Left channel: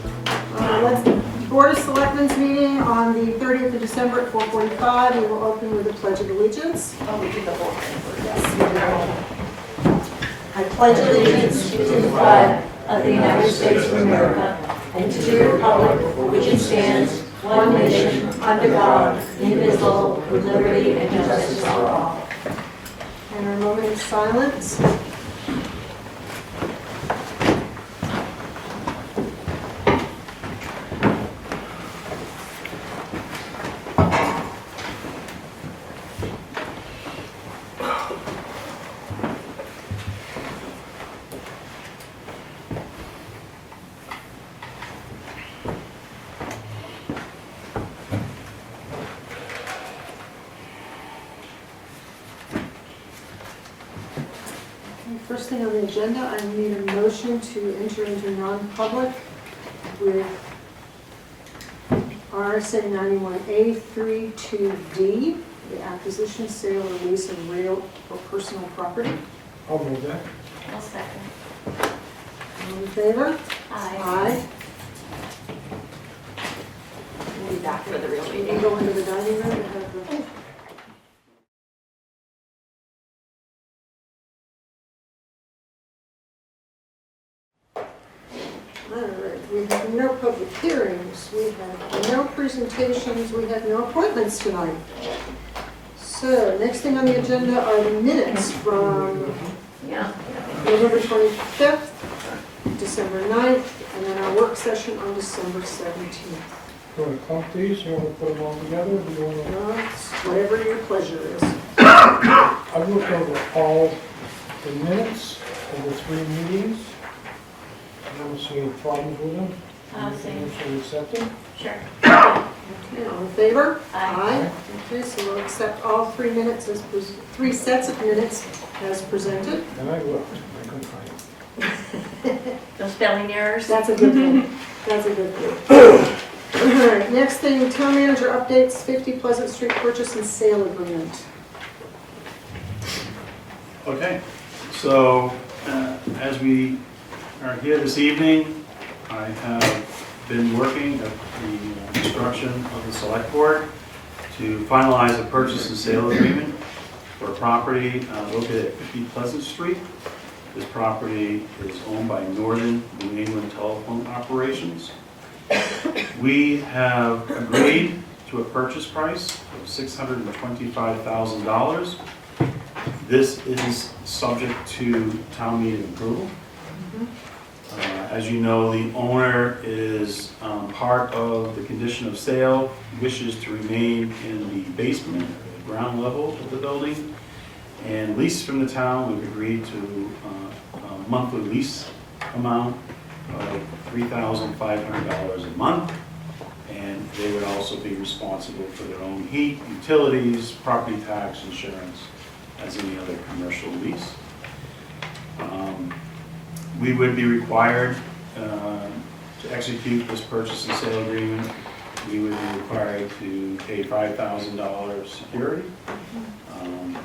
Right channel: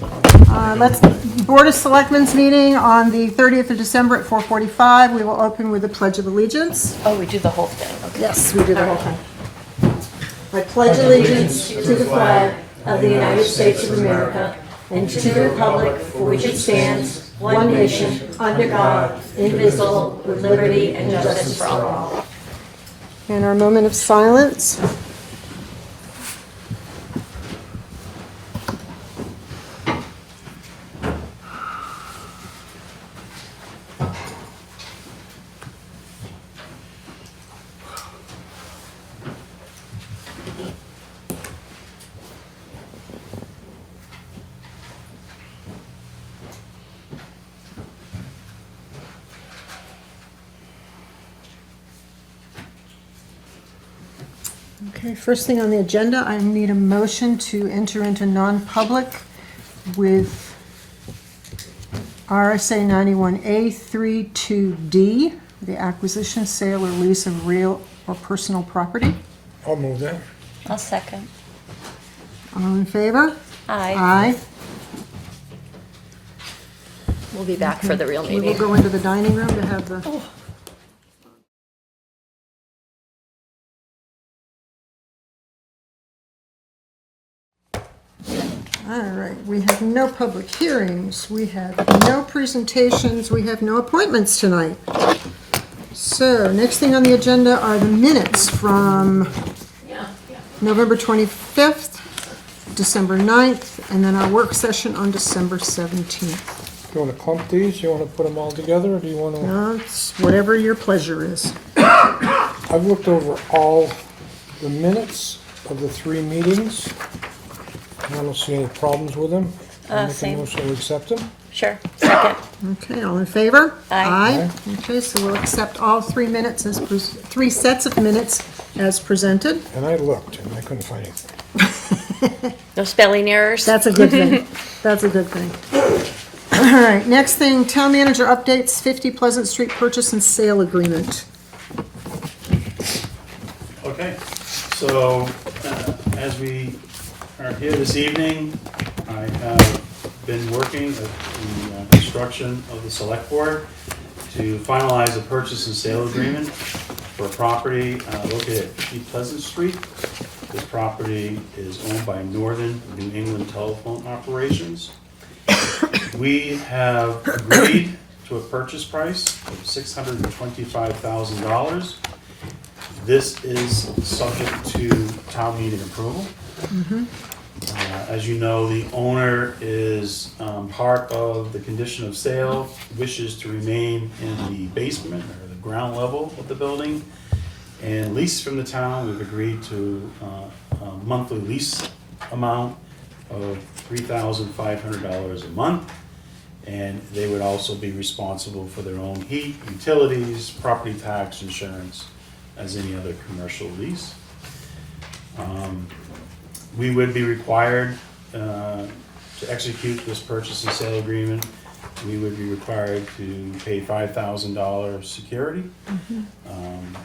Let's Board of Selectmen's meeting on the 30th of December at 4:45. We will open with the Pledge of Allegiance. Oh, we did the whole thing. Yes, we did the whole thing. I pledge allegiance to the flag of the United States of America and to the republic for which it stands, one nation, under God, indivisible, with liberty and justice for all. And our moment of silence. Okay, first thing on the agenda, I need a motion to enter into non-public with RSA 91A 32D, the acquisition, sale, or lease of real or personal property. I'll move that. I'll second. All in favor? Aye. Aye. We'll be back for the real We will meeting. go into the dining room to have the... All right, we have no public hearings, we have no presentations, we have no appointments tonight. So, next thing on the agenda are the minutes from November 25th, December 9th, and then our work session on December 17th. You want to clump these? You want to put them all together, or do you want to? No, it's whatever your pleasure is. I've looked over all the minutes of the 3 meetings. I don't see any problems with them. Same. Motion to accept them. Sure. Second. Okay, all in favor? Aye. Okay, so we'll accept all 3 minutes as, 3 sets of minutes as presented. And I looked, and I couldn't find them. No spelling errors? That's a good thing. That's a good thing. All right, next thing, town manager updates, 50 Pleasant Street purchase and sale agreement. Okay, so as we are here this evening, I have been working at the construction of the select board to finalize a purchase and sale agreement for a property located at 50 Pleasant Street. This property is owned by Northern New England Telephone Operations. We have agreed to a purchase price of $625,000. This is subject to town meeting approval. As you know, the owner is part of the condition of sale, wishes to remain in the basement, or the ground level of the building, and lease from the town. We've agreed to a monthly lease amount of $3,500 a month, and they would also be responsible for their own heat, utilities, property tax, insurance, as any other commercial lease. We would be required to execute this purchase and sale agreement. We would be required to pay $5,000 security.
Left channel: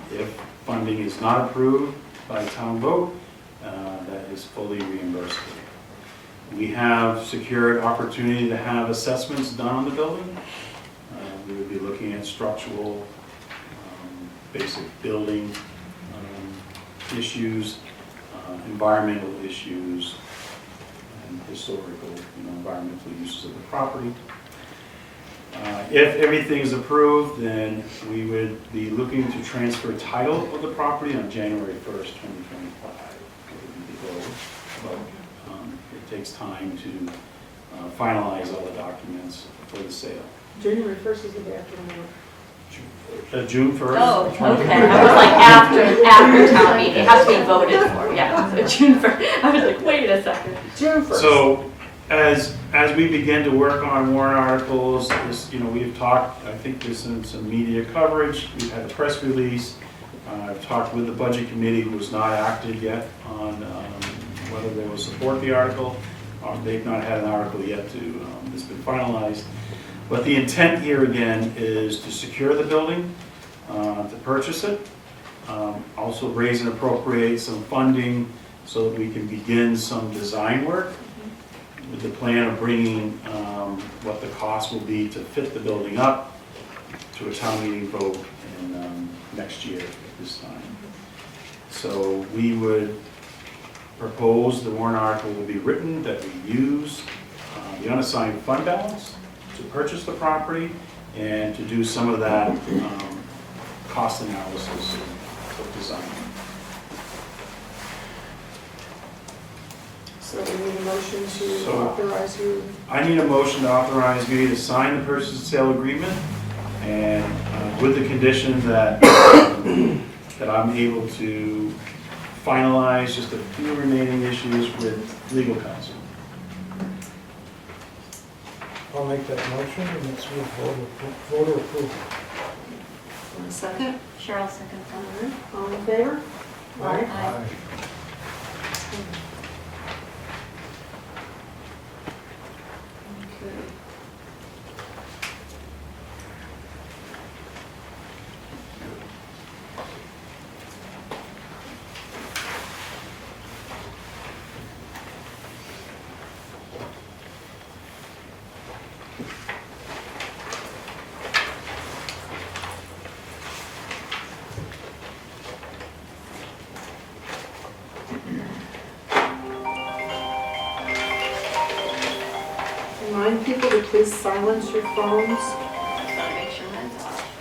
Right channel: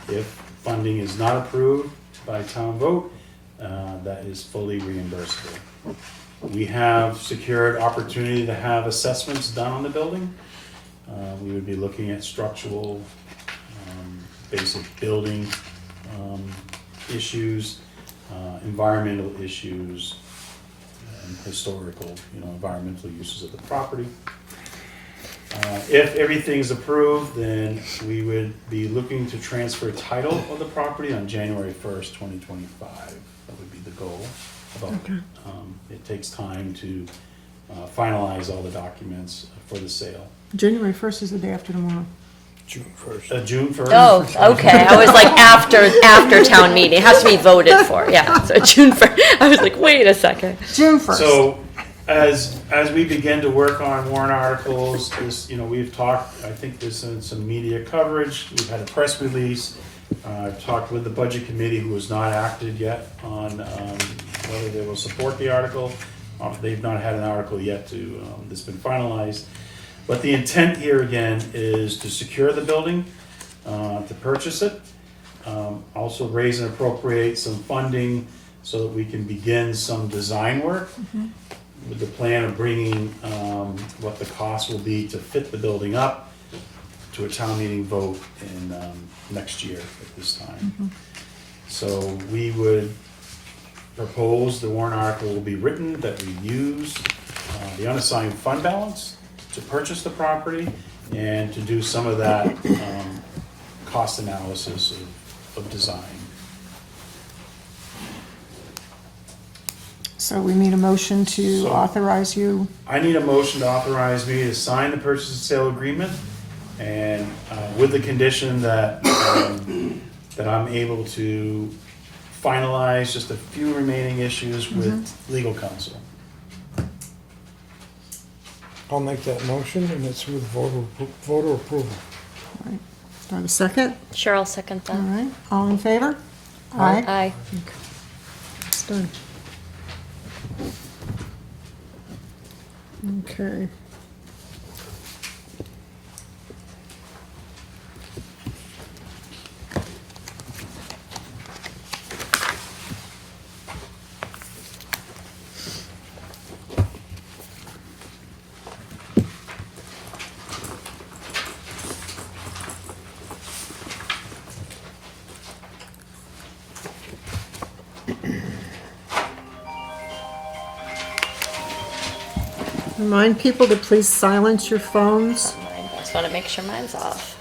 If funding is not approved by town vote, that is fully reimbursable. We have secured opportunity to have assessments done on the building. We would be looking at structural, basic building issues, environmental issues, and historical, environmental uses of the property. If everything is approved, then we would be looking to transfer title of the property on January 1st, 2025. That would be the goal. But it takes time to finalize all the documents for the sale. January 1st is the day after tomorrow. June 1st. June 1st. Oh, okay. I was like after town meeting. It has to be voted for. Yeah. So June 1st. I was like, wait a second. June 1st. So as we begin to work on warrant articles, this, we've talked, I think there's some media coverage. We've had a press release. I've talked with the budget committee, who has not acted yet on whether they will support the article. They've not had an article yet that's been finalized. But the intent here again is to secure the building, to purchase it, also raise and appropriate some funding so that we can begin some design work. with the plan of bringing what the cost will be to fit the building up to a town meeting vote in next year at this time. So we would propose the warrant article will be written that we use the unassigned fund balance to purchase the property and to do some of that cost analysis of design. So we need a motion to So- authorize you. I need a motion to authorize me to sign the purchase and sale agreement, and with the condition that, that I'm able to finalize just a few remaining issues with legal counsel. I'll make that motion, and it's with voter approval. Have a second? Sure, I'll second All that. right, all in favor? Aye. Aye. It's done. Okay. Remind people to please silence your phones. Just want to make sure mine's off.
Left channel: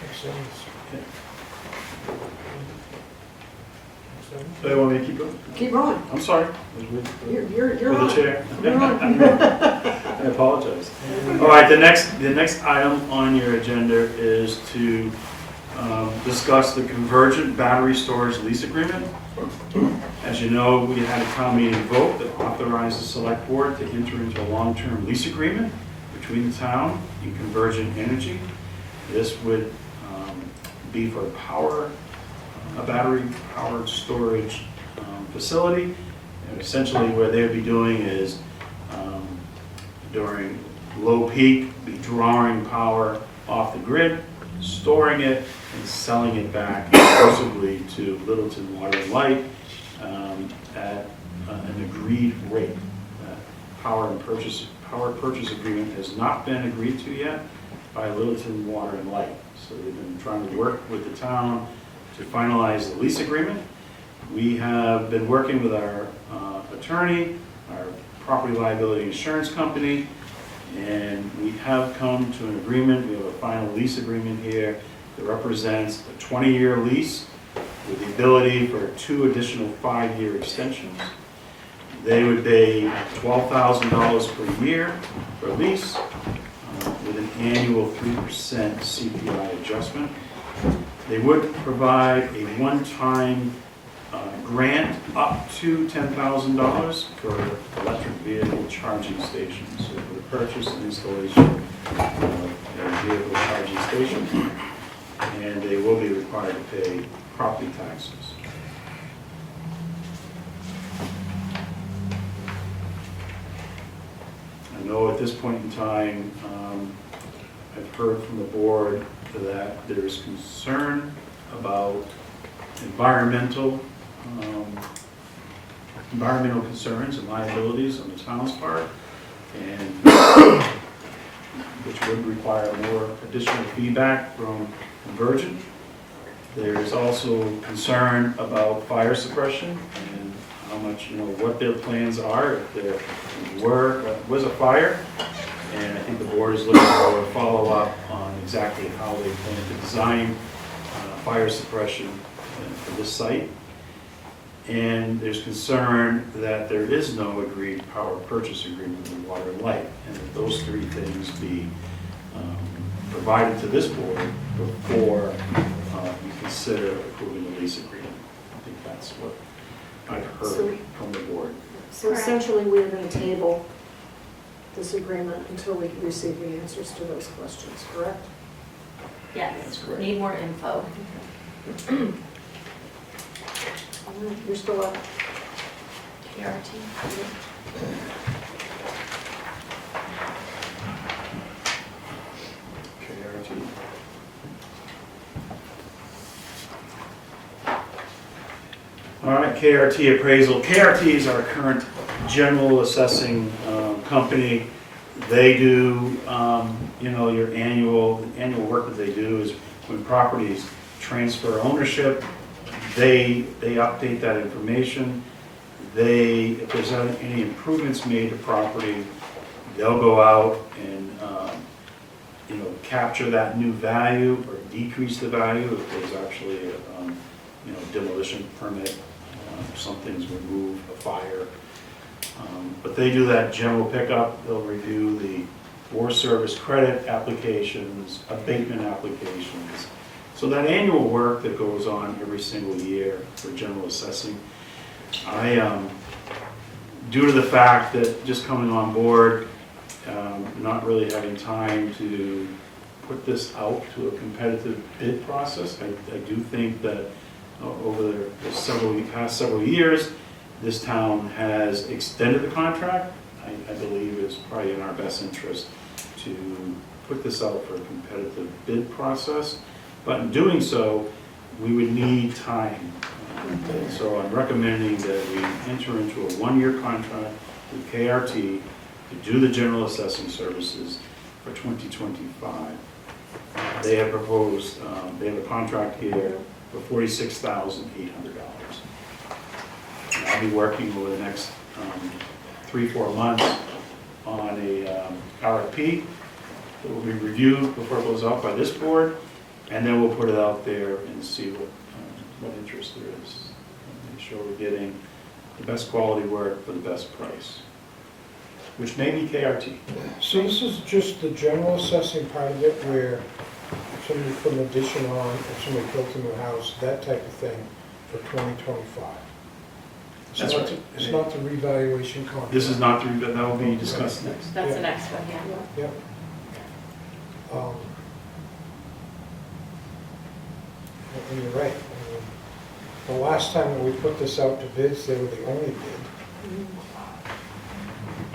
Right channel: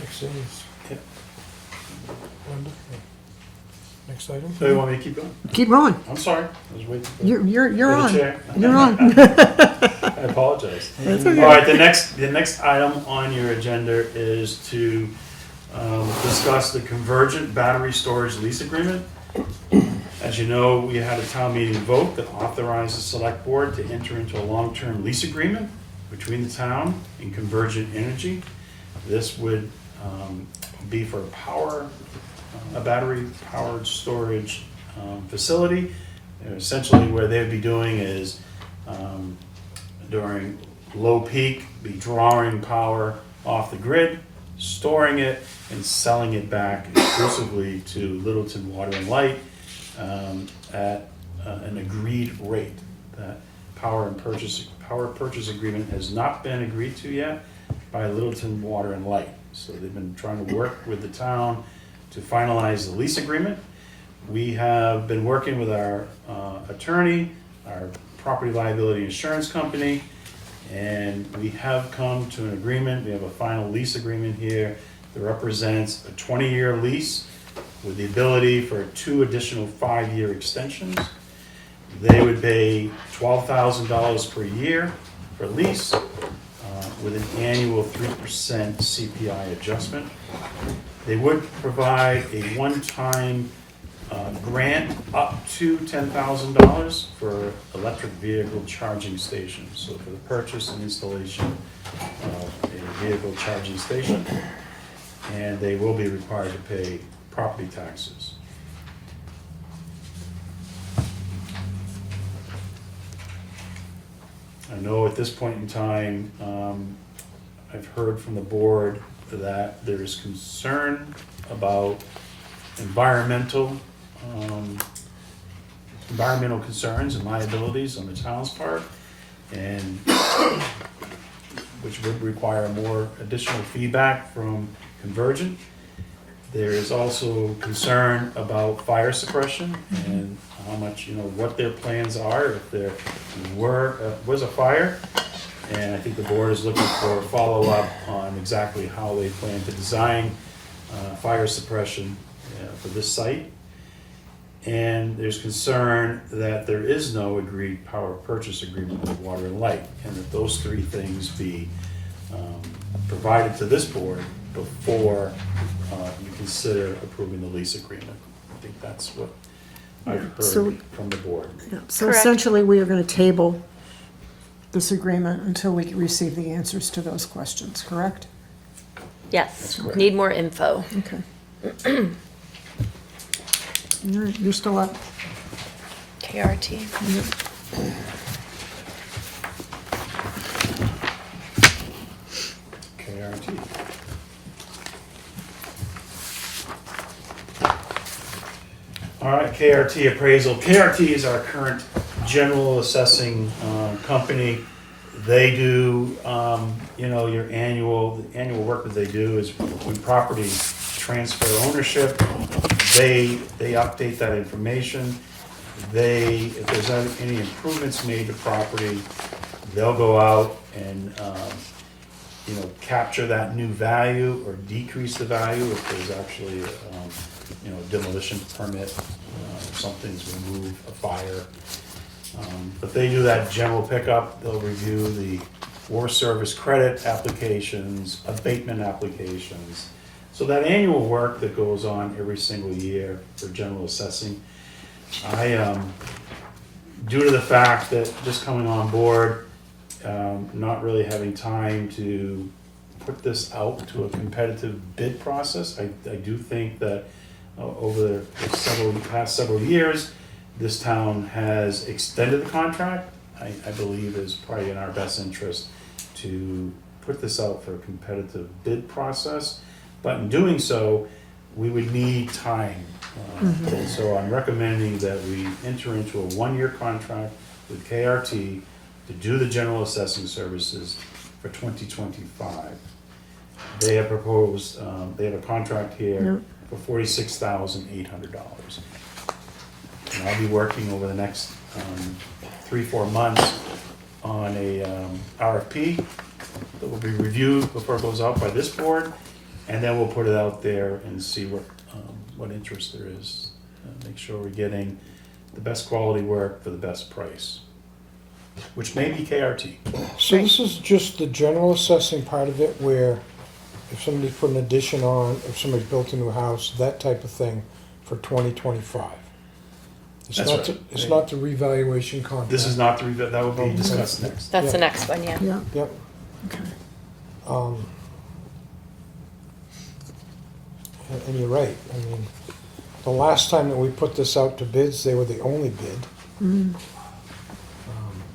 Makes sense. Yeah. Next item? So you want me to keep going? Keep going. I'm sorry. I was waiting for- You're for the on. chair. You're on. I apologize. That's All okay. right, the next item on your agenda is to discuss the convergent battery storage lease agreement. As you know, we had a town meeting vote that authorized the select board to enter into a long-term lease agreement between the town and Convergent Energy. This would be for a battery-powered storage facility. You know, essentially, what they'd be doing is during low peak, be drawing power off the grid, storing it, and selling it back exclusively to Littleton Water and Light at an agreed rate. That power purchase agreement has not been agreed to yet by Littleton Water and Light. So they've been trying to work with the town to finalize the lease agreement. We have been working with our attorney, our property liability insurance company, and we have come to an agreement. We have a final lease agreement here that represents a 20-year lease with the ability for 2 additional 5-year extensions. They would pay $12,000 per year for lease with an annual 3% CPI adjustment. They would provide a one-time grant up to $10,000 for electric vehicle charging stations. So for the purchase and installation of a vehicle charging station, and they will be required to pay property taxes. I know at this point in time, I've heard from the board that there's concern about environmental concerns and liabilities on the town's part, and which would require more additional feedback from Convergent. There is also concern about fire suppression and how much, what their plans are if there was a fire. And I think the board is looking for a follow-up on exactly how they plan to design fire suppression for this site. And there's concern that there is no agreed power purchase agreement with Water and Light, and that those 3 things be provided to this board before you consider approving the lease agreement. I think that's what I've heard from the board. So Correct. essentially, we are going to table this agreement until we can receive the answers to those questions, correct? Yes, That's correct. need more info. Okay. All right, you're still up. KRT. KRT. KRT Appraisal. KRT is our current general assessing company. They do, your annual work that they do is when properties transfer ownership, they update that information. If there's any improvements made to property, they'll go out and, capture that new value or decrease the value if there's actually a demolition permit, something's removed, a fire. But they do that general pickup. They'll review the Forest Service credit applications, abatement applications. So that annual work that goes on every single year for general assessing, due to the fact that just coming on board, not really having time to put this out to a competitive bid process, I do think that over the past several years, this town has extended the contract. I believe is probably in our best interest to put this out for a competitive bid process. But in doing so, we would need time. So I'm recommending that we enter into a one-year contract with KRT to do the general assessing services for 2025. They have proposed, they have a contract here for $46,800. And I'll be working over the next 3-4 months on a RFP that will be reviewed before it goes out by this board, and then we'll put it out there and see what interest there is. Make sure we're getting the best quality work for the best price, which may be KRT. So this is just the general assessing part of it, where if somebody put an addition on, if somebody built a new house, that type of thing for 2025. It's not the revaluation contract. This is not the, that will be discussed next. That's the next one, yeah. Yep. Okay. And you're right. I mean, the last time that we put this out to bids, they were the only bid.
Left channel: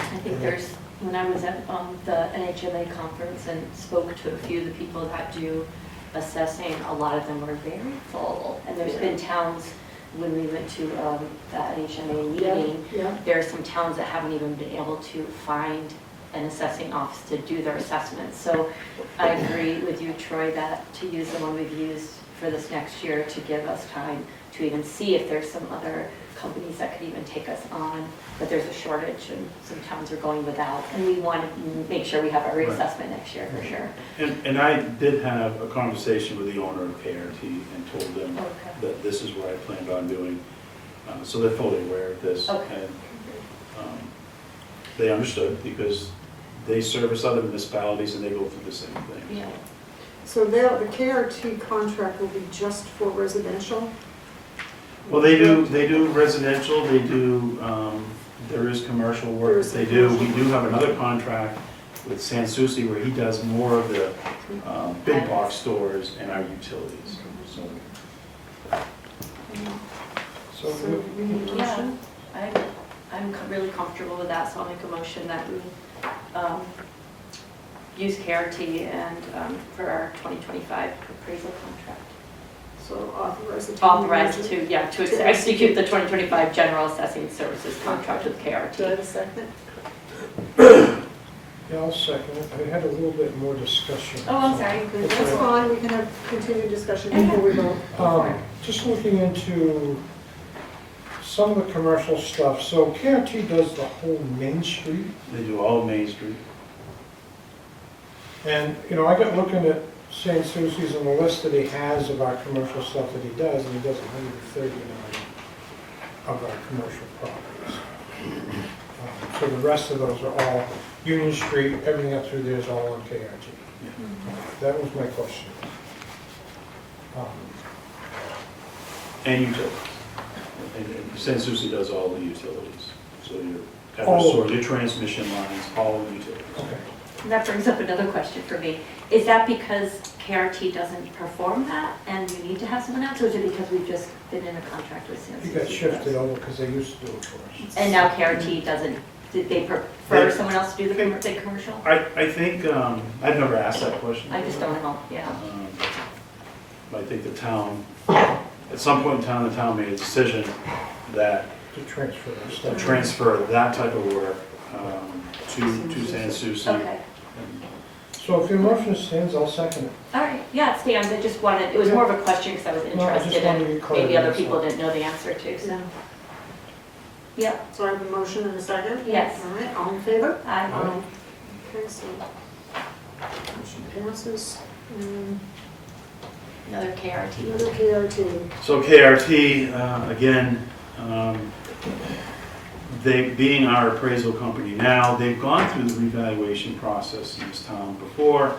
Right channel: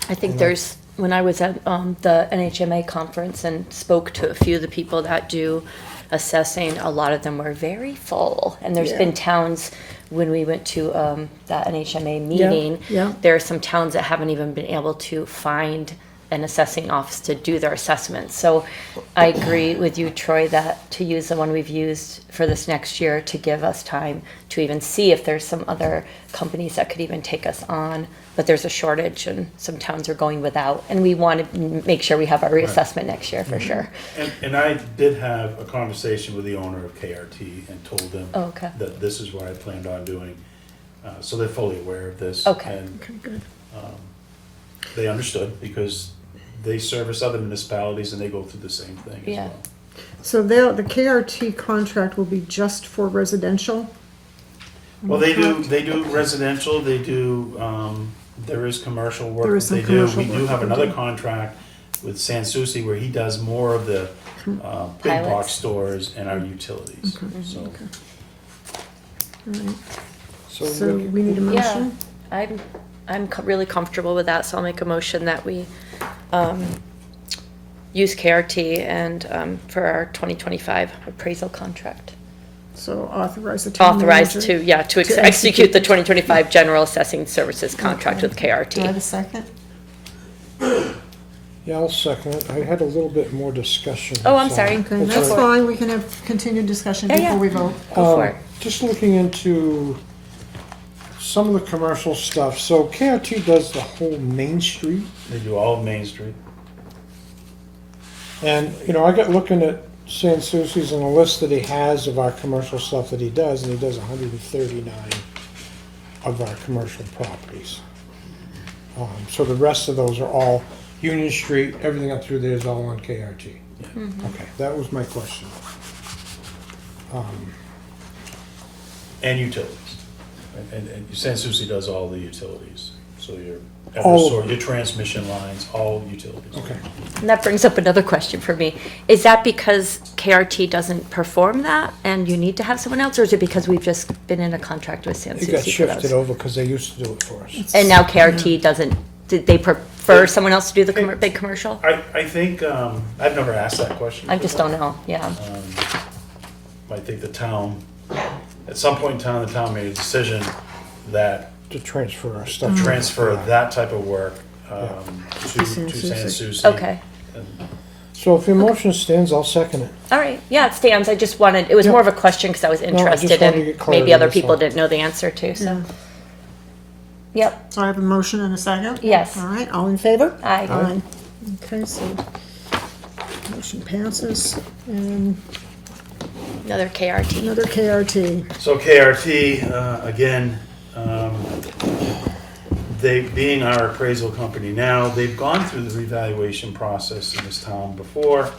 I think there's, when I was at the NHMA conference and spoke to a few of the people that do assessing, a lot of them were very full. And there's been towns, when we went to that NHMA meeting, there are some towns that haven't even been able to find an assessing office to do their assessments. So I agree with you, Troy, that to use the one we've used for this next year to give us time to even see if there's some other companies that could even take us on. But there's a shortage and some towns are going without. And we want to make sure we have our reassessment next year for sure. And I did have a conversation with the owner of KRT and told them that this is what I planned on doing. So they're fully aware of this. And they understood because they service other municipalities and they go through the same thing. Yeah. So the KRT contract will be just for residential? Well, they do residential, they do, there is commercial work that they do. We do have another contract with Sanssouci where he does more of the big box stores and our utilities. So we need a motion? I'm really comfortable with that, so I'll make a motion that we use KRT and for our 2025 appraisal contract. So authorize the town Authorized manager to execute the 2025 general assessing services contract with Do I have KRT. a second? Yeah, I'll second it. I had a little bit more discussion. Oh, I'm so- sorry. Okay, that's fine, we can have continued discussion Yeah, before we vote. Go for it. Just looking into some of the commercial stuff. So KRT does the whole Main Street. They do all of Main Street. And, I got looking at Sanssouci's and the list that he has of our commercial stuff that he does, and he does 139 of our commercial properties. So the rest of those are all Union Street, everything up through there is all on KRT. Okay, that was my question. And utilities. And Sanssouci does all the utilities. So your All Eversource, your transmission lines, all utilities. Okay. And that brings up another question for me. Is that because KRT doesn't perform that and you need to have someone else, or is it because we've just been in a contract with Sanssouci? It got for shifted those? over because they used to do it for us. And now KRT doesn't, did they prefer someone else to do the big commercial? I think, I've never asked that question. I just don't know, yeah. I think the town, at some point in time, the town made a decision that To transfer our stuff. transfer that type of work to Sans Souci. Okay, And So if your motion stands, I'll second it. all right, yeah, it stands, I just wanted, it was more of a question because I was I just interested wanted to and get clarity, maybe other that's people all. didn't know the answer to, so. Yeah. Yep, So I have a motion and a second? yes, All right, all in favor? aye. Aye. Okay, so motion passes. And Another KRT. another KRT. So KRT, again, they, being our appraisal company now, they've gone through the revaluation process in this town before.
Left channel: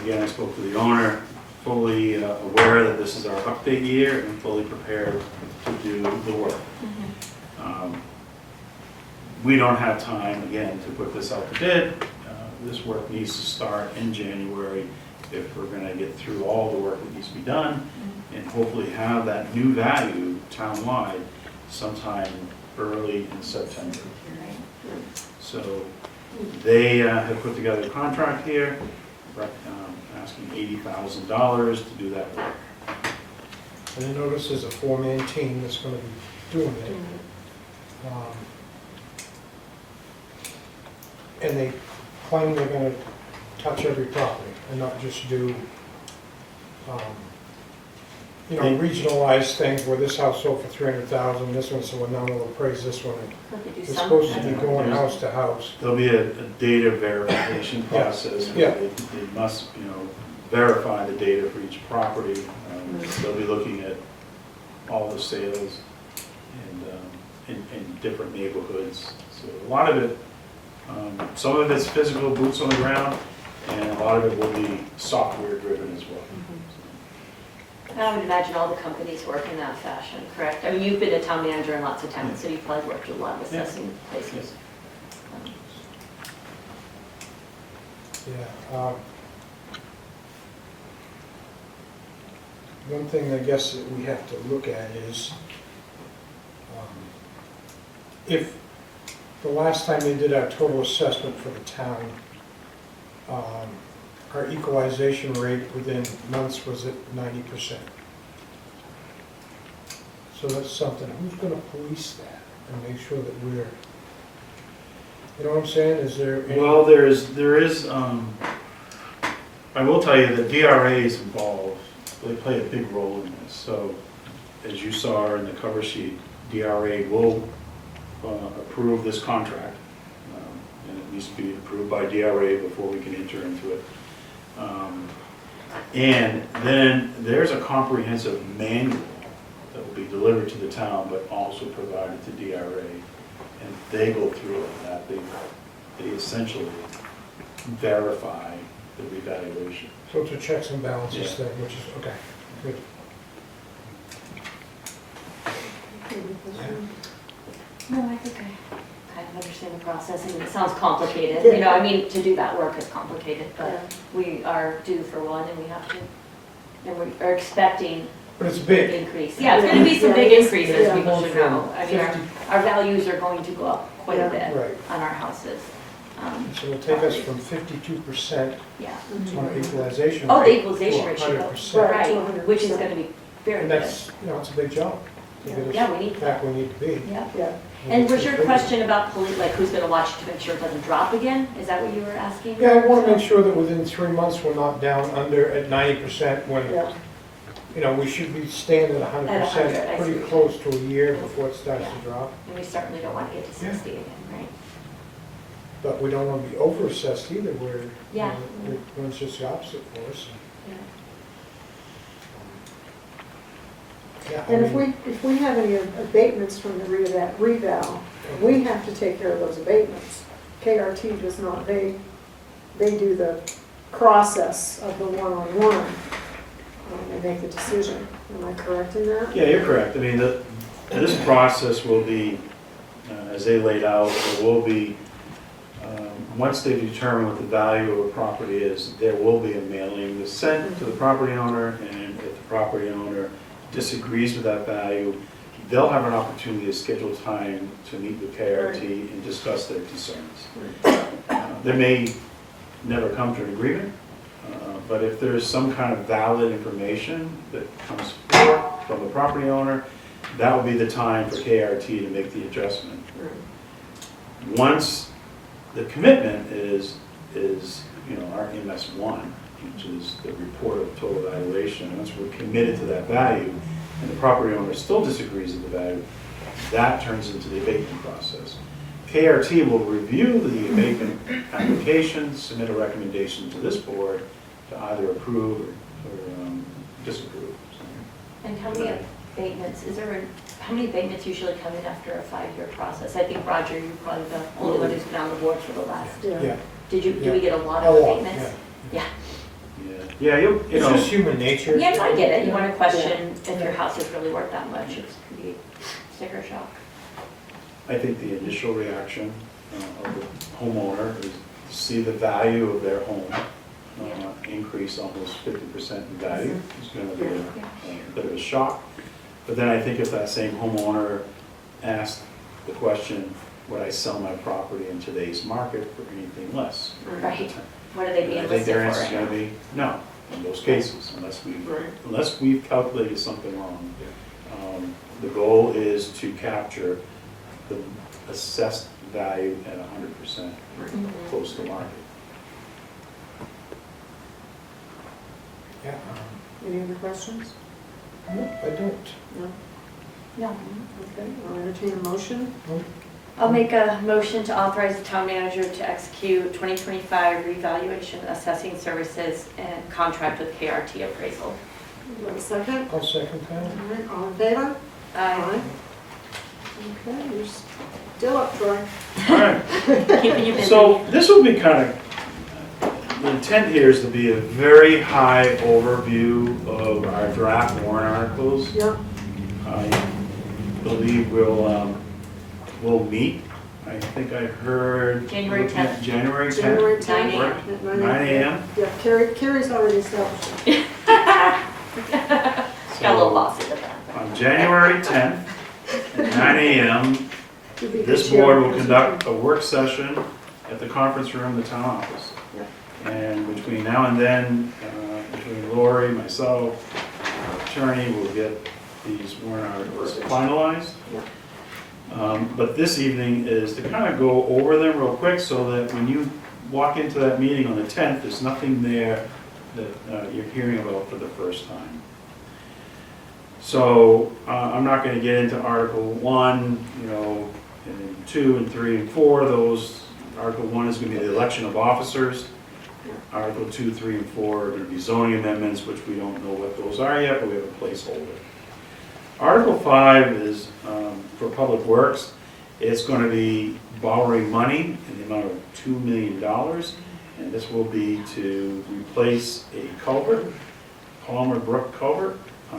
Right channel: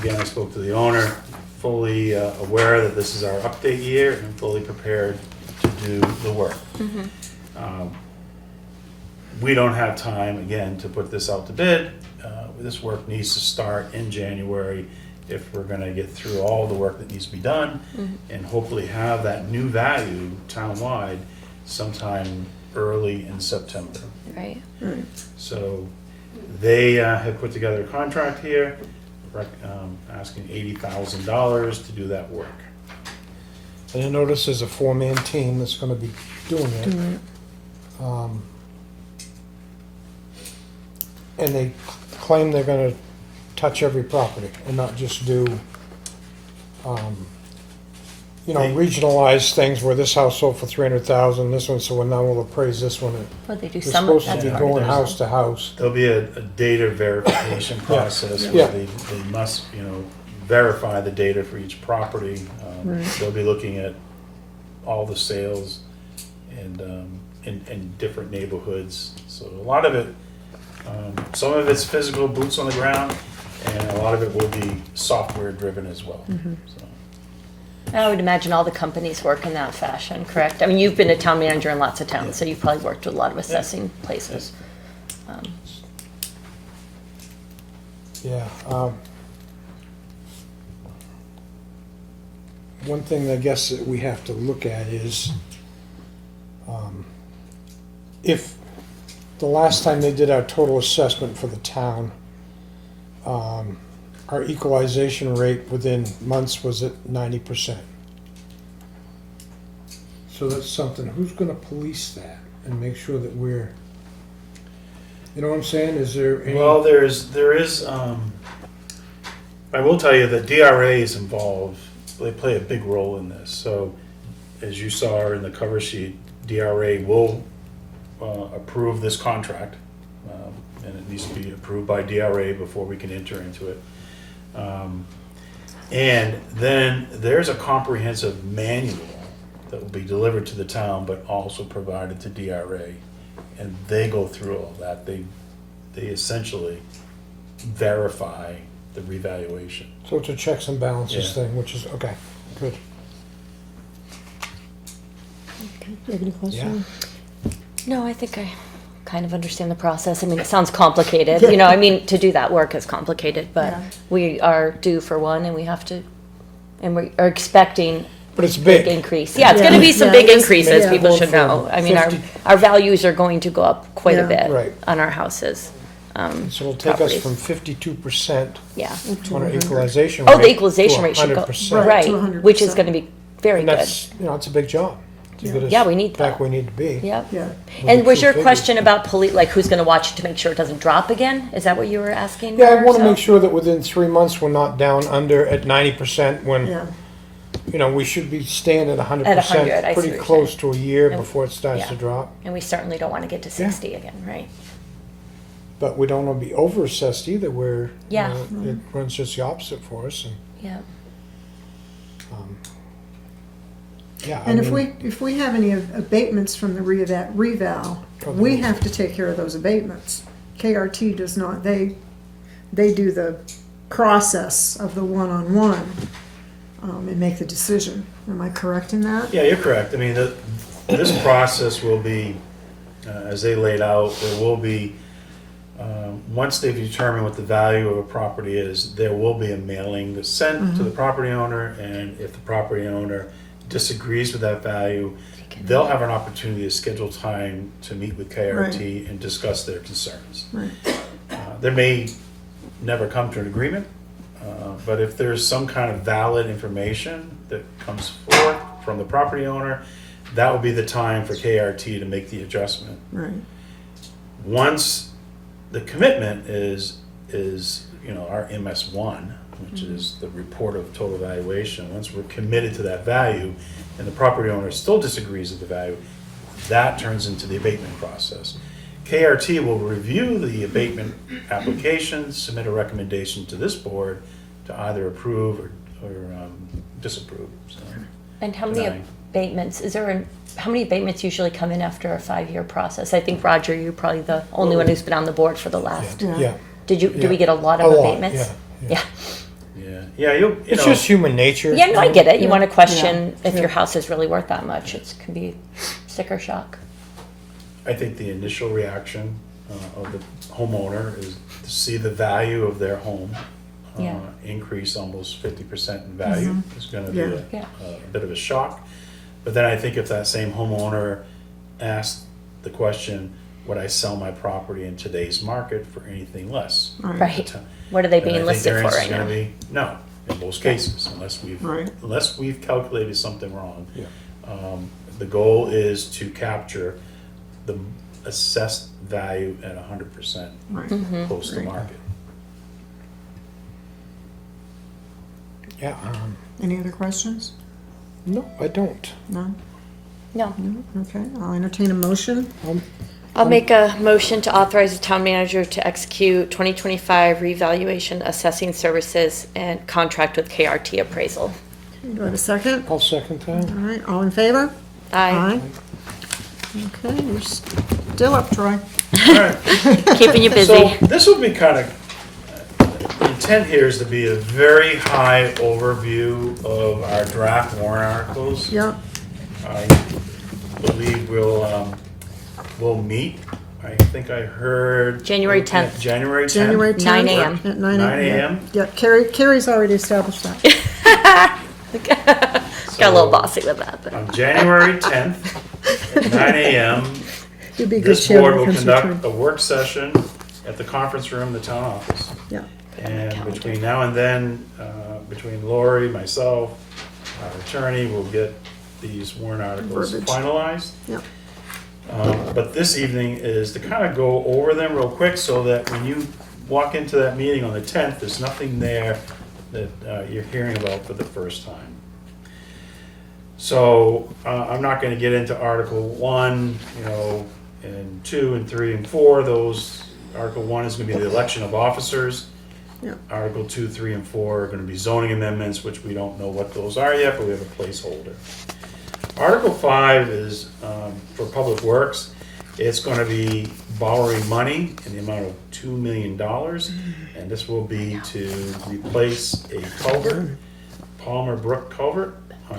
Again, I spoke to the owner, fully aware that this is our update year and fully prepared to do the work. We don't have time, again, to put this out to bid. This work needs to start in January if we're gonna get through all the work that needs to be done and hopefully have that new value townwide sometime early in September. Right, So they have put together a contract here, asking $80,000 to do that work. And I notice there's a four-man team that's gonna be doing it. Doing it. And they claim they're gonna touch every property and not just do, regionalized things where this house sold for 300,000, this one, so now we'll appraise this one. well, they do They're some. supposed to be Yeah, going there's- house to house. There'll be a data verification process Yeah. where they must, verify the data for each property. They'll be looking at all the sales and in different neighborhoods. So a lot of it, some of it's physical, boots on the ground, and a lot of it will be software driven as well. So, I would imagine all the companies work in that fashion, correct? I mean, you've been a town manager in lots of towns, so you've probably worked with a lot of assessing places. Yeah. One thing I guess that we have to look at is, if the last time they did our total assessment for the town, our equalization rate within months was at 90%. So that's something, who's gonna police that and make sure that we're, you know what I'm saying, is there any? Well, there is, I will tell you that DRA is involved, they play a big role in this. So as you saw in the cover sheet, DRA will approve this contract. And it needs to be approved by DRA before we can enter into it. And then there's a comprehensive manual that will be delivered to the town, but also provided to DRA. And they go through all of that. They essentially verify the revaluation. So it's a checks and balances Yeah. thing, which is, okay, good. Any question? No, I think I kind of understand the process. I mean, it sounds complicated, I mean, to do that work is complicated, but Yeah. we are due for one and we have to, and we are expecting But it's big big. increase. Yeah, it's gonna be some Yeah, big it is. increases, Yeah. people should know. I mean, our values are going to go up quite a Yeah. bit Right. on our houses. So it'll take us properties. from 52% Yeah. on our equalization rate. Oh, the equalization to rate should go, 100%. Right, to right, 100%. which is gonna be very And good. that's, it's a big job to get us Yeah, we need back that. where we need to be. Yeah. Yeah. And was your Two figures. question about like who's gonna watch it to make sure it doesn't drop again? Is that what you were asking? Yeah, I want to So- make sure that within 3 months, we're not down under at 90% when, Yeah. we should be staying at 100%. At 100, I see Pretty what you're close to a year Yeah. before it starts to Yeah. drop. And we certainly don't wanna get to Yeah. 60 again, right? But we don't want to be over-assessed either, where Yeah. it runs just the opposite for us. Yeah. Yeah, I And mean, if we have any abatements from the reval, we have to take care of those abatements. KRT does not, they do the process of the one-on-one and make the decision. Am I correct in that? Yeah, you're correct. I mean, this process will be, as they laid out, there will be, once they've determined what the value of a property is, there will be a mailing that's sent to the property owner, and if the property owner disagrees with that value, they'll have an opportunity to schedule time to meet with KRT and discuss their concerns. Right. They may never come to an agreement, but if there's some kind of valid information that comes forth from the property owner, that will be the time for KRT to make the adjustment. Right. Once the commitment is, our MS1, which is the report of total valuation, once we're committed to that value, and the property owner still disagrees with the value, that turns into the abatement process. KRT will review the abatement application, submit a recommendation to this board to either approve or disapprove. So, And how many abatements, how many abatements usually come in after a 5-year process? I think, Roger, you're probably the only one who's been on the board for the last. Yeah. Did we get a lot of abatements? Yeah. Yeah, It's just human nature. Yeah, no, I get it. You want to Yeah. question if Yeah. your house is really worth that much. It can be sticker shock. I think the initial reaction of the homeowner is to see the value of their home Yeah. increase almost 50% in value. It's going to be Yeah. a bit of a shock. But then I think if that same homeowner asked the question, would I sell my property in today's market for anything less? Right. What are they And I being think listed their for answer's right now? gonna be no, in most cases, Right. unless we've calculated something wrong. Yeah. The goal is to capture the assessed value at 100% Right. Mhm. post the Right. market. Yeah, Any other questions? no, I don't. No? No. Okay, I'll entertain a motion. I'll make a motion to authorize the town manager to execute 2025 revaluation assessing services and contract with KRT appraisal. Do I have a second? I'll second that. All right, all in favor? Aye. Okay, you're still up, Troy. All right, Keeping you busy. so this will be kind of, the intent here is to be a very high overview of our draft warrant articles. Yeah, I believe we'll meet, I think I heard. January 10th. January 10th. January 10th. 9 a.m. At 9 9 a.m. Yeah, Carrie's already established that. Got a little bossy with that. But. On January 10th, at 9 a.m., You'd be a good this chair board will because conduct a work session at the conference room in the town office. Yeah. And between now and then, between Lori, myself, our attorney, we'll get these warrant articles Verbiage. finalized. Yeah. But this evening is to kind of go over them real quick so that when you walk into that meeting on the 10th, there's nothing there that you're hearing about for the first time. So I'm not going to get into Article 1, and 2 and 3 and 4. Those, Article 1 is going to be the election of officers. Yeah. Article 2, 3, and 4 are going to be zoning amendments, which we don't know what those are yet, but we have a placeholder. Article 5 is for Public Works. It's going to be borrowing money in the amount of $2 million, and this will be to replace a culvert, Palmer Brook culvert on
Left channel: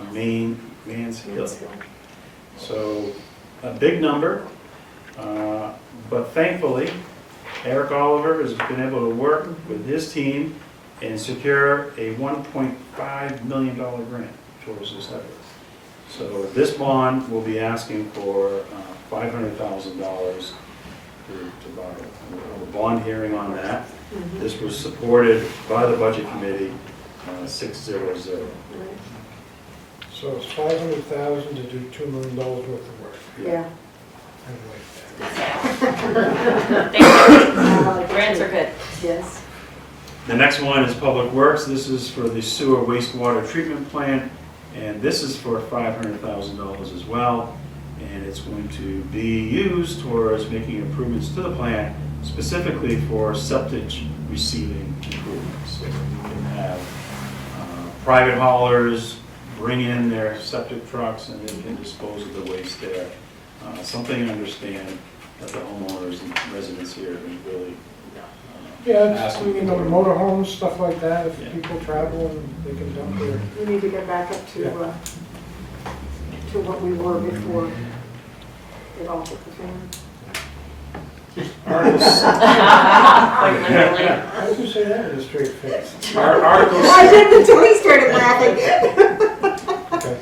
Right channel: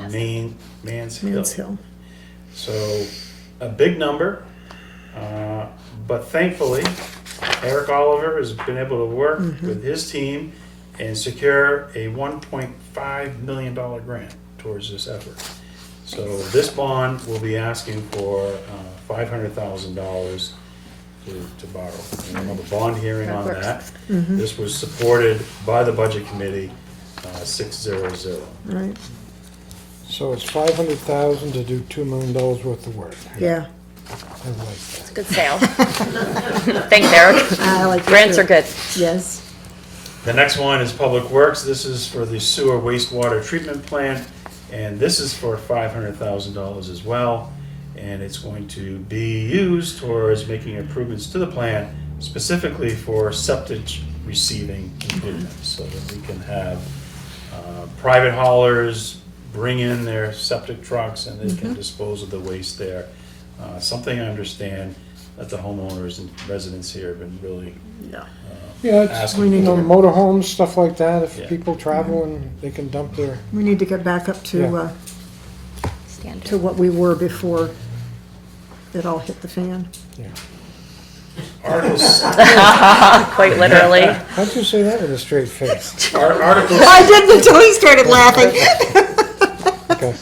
Mans Hill. Mans Hill. So a big number, but thankfully Eric Oliver has been able to work with his team and secure a $1.5 million grant towards this effort. So this bond will be asking for $500,000 to borrow. And we'll have a bond hearing on that. This was supported by the Budget Committee, 6-0-0. Right, So it's 500,000 to do $2 million worth of work. yeah. I like that. Good sale. Thank you, Eric. I like that Grants too. are good. Yes. The next one is Public Works. This is for the sewer wastewater treatment plant, and this is for $500,000 as well. And it's going to be used towards making improvements to the plant, specifically for septic receiving improvements, so that we can have private haulers bring in their septic trucks and they can dispose of the waste there. Something I understand that the homeowners and residents here have been really Yeah, it's, asking for. motorhomes, stuff like that, if Yeah. people travel, they can dump their, We need to get back up to, Yeah. to what we were before it all hit the fan. Articles, Quite literally. how'd you say that with a straight face? articles, I didn't until he started laughing. Okay.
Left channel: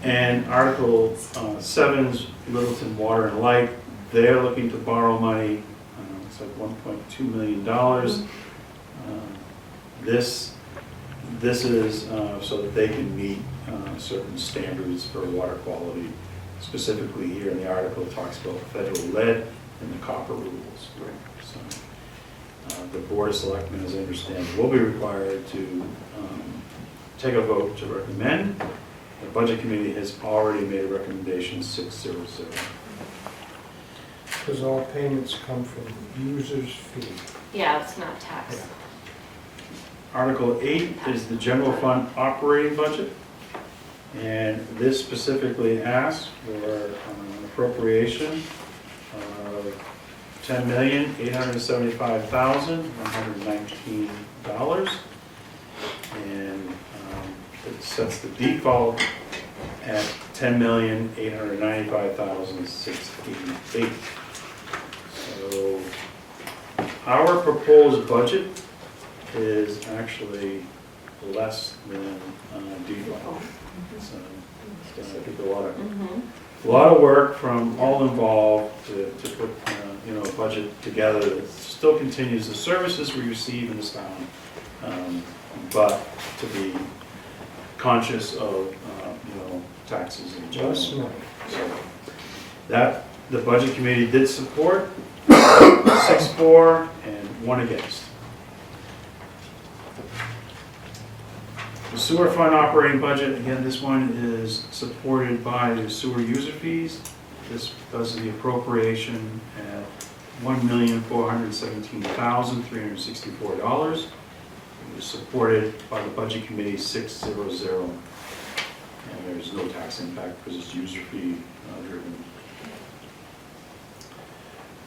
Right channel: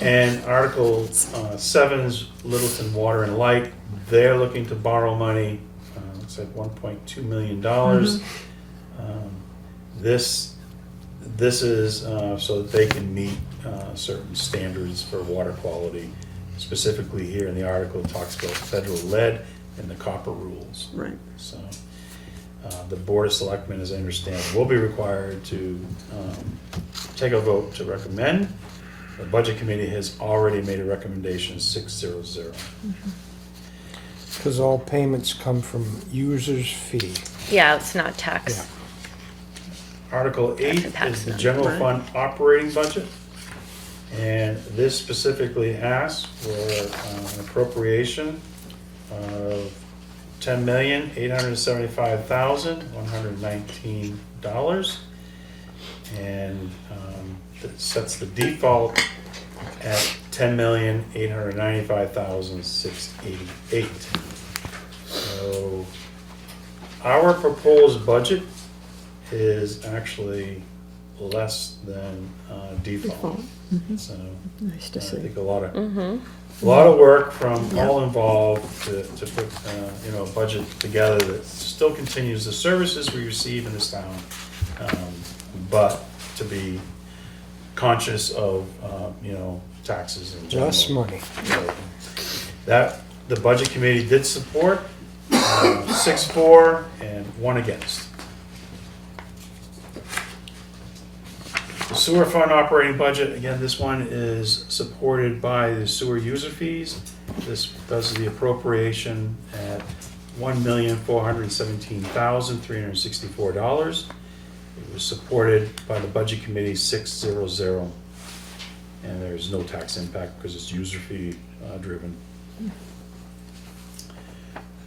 and Article 7's Littleton Water and Light, they're looking to borrow money, it's like $1.2 million. This is so that they can meet certain standards for water quality. Specifically here in the article, it talks about federal lead and the copper rules. Right. So the Board of Selectmen, as I understand, will be required to take a vote to recommend. The Budget Committee has already made a recommendation, 6-0-0. Because all payments come from user's fee. Yeah, it's not tax. Yeah. Article 8 is the general fund operating budget. And this specifically asks for an appropriation of $10,875,119. And it sets the default at $10,895,688. So our proposed budget is actually less than default. So Nice to I see. think a lot of Mm-hmm. work from all involved to put a budget together that still continues the services we receive in this town, but to be conscious of taxes in general. Less money. That the Budget Committee did support, 6-4 and 1 against. The sewer fund operating budget, again, this one is supported by the sewer user fees. This does the appropriation at $1,417,364. It was supported by the Budget Committee 6-0-0. And there's no tax impact because it's user fee driven.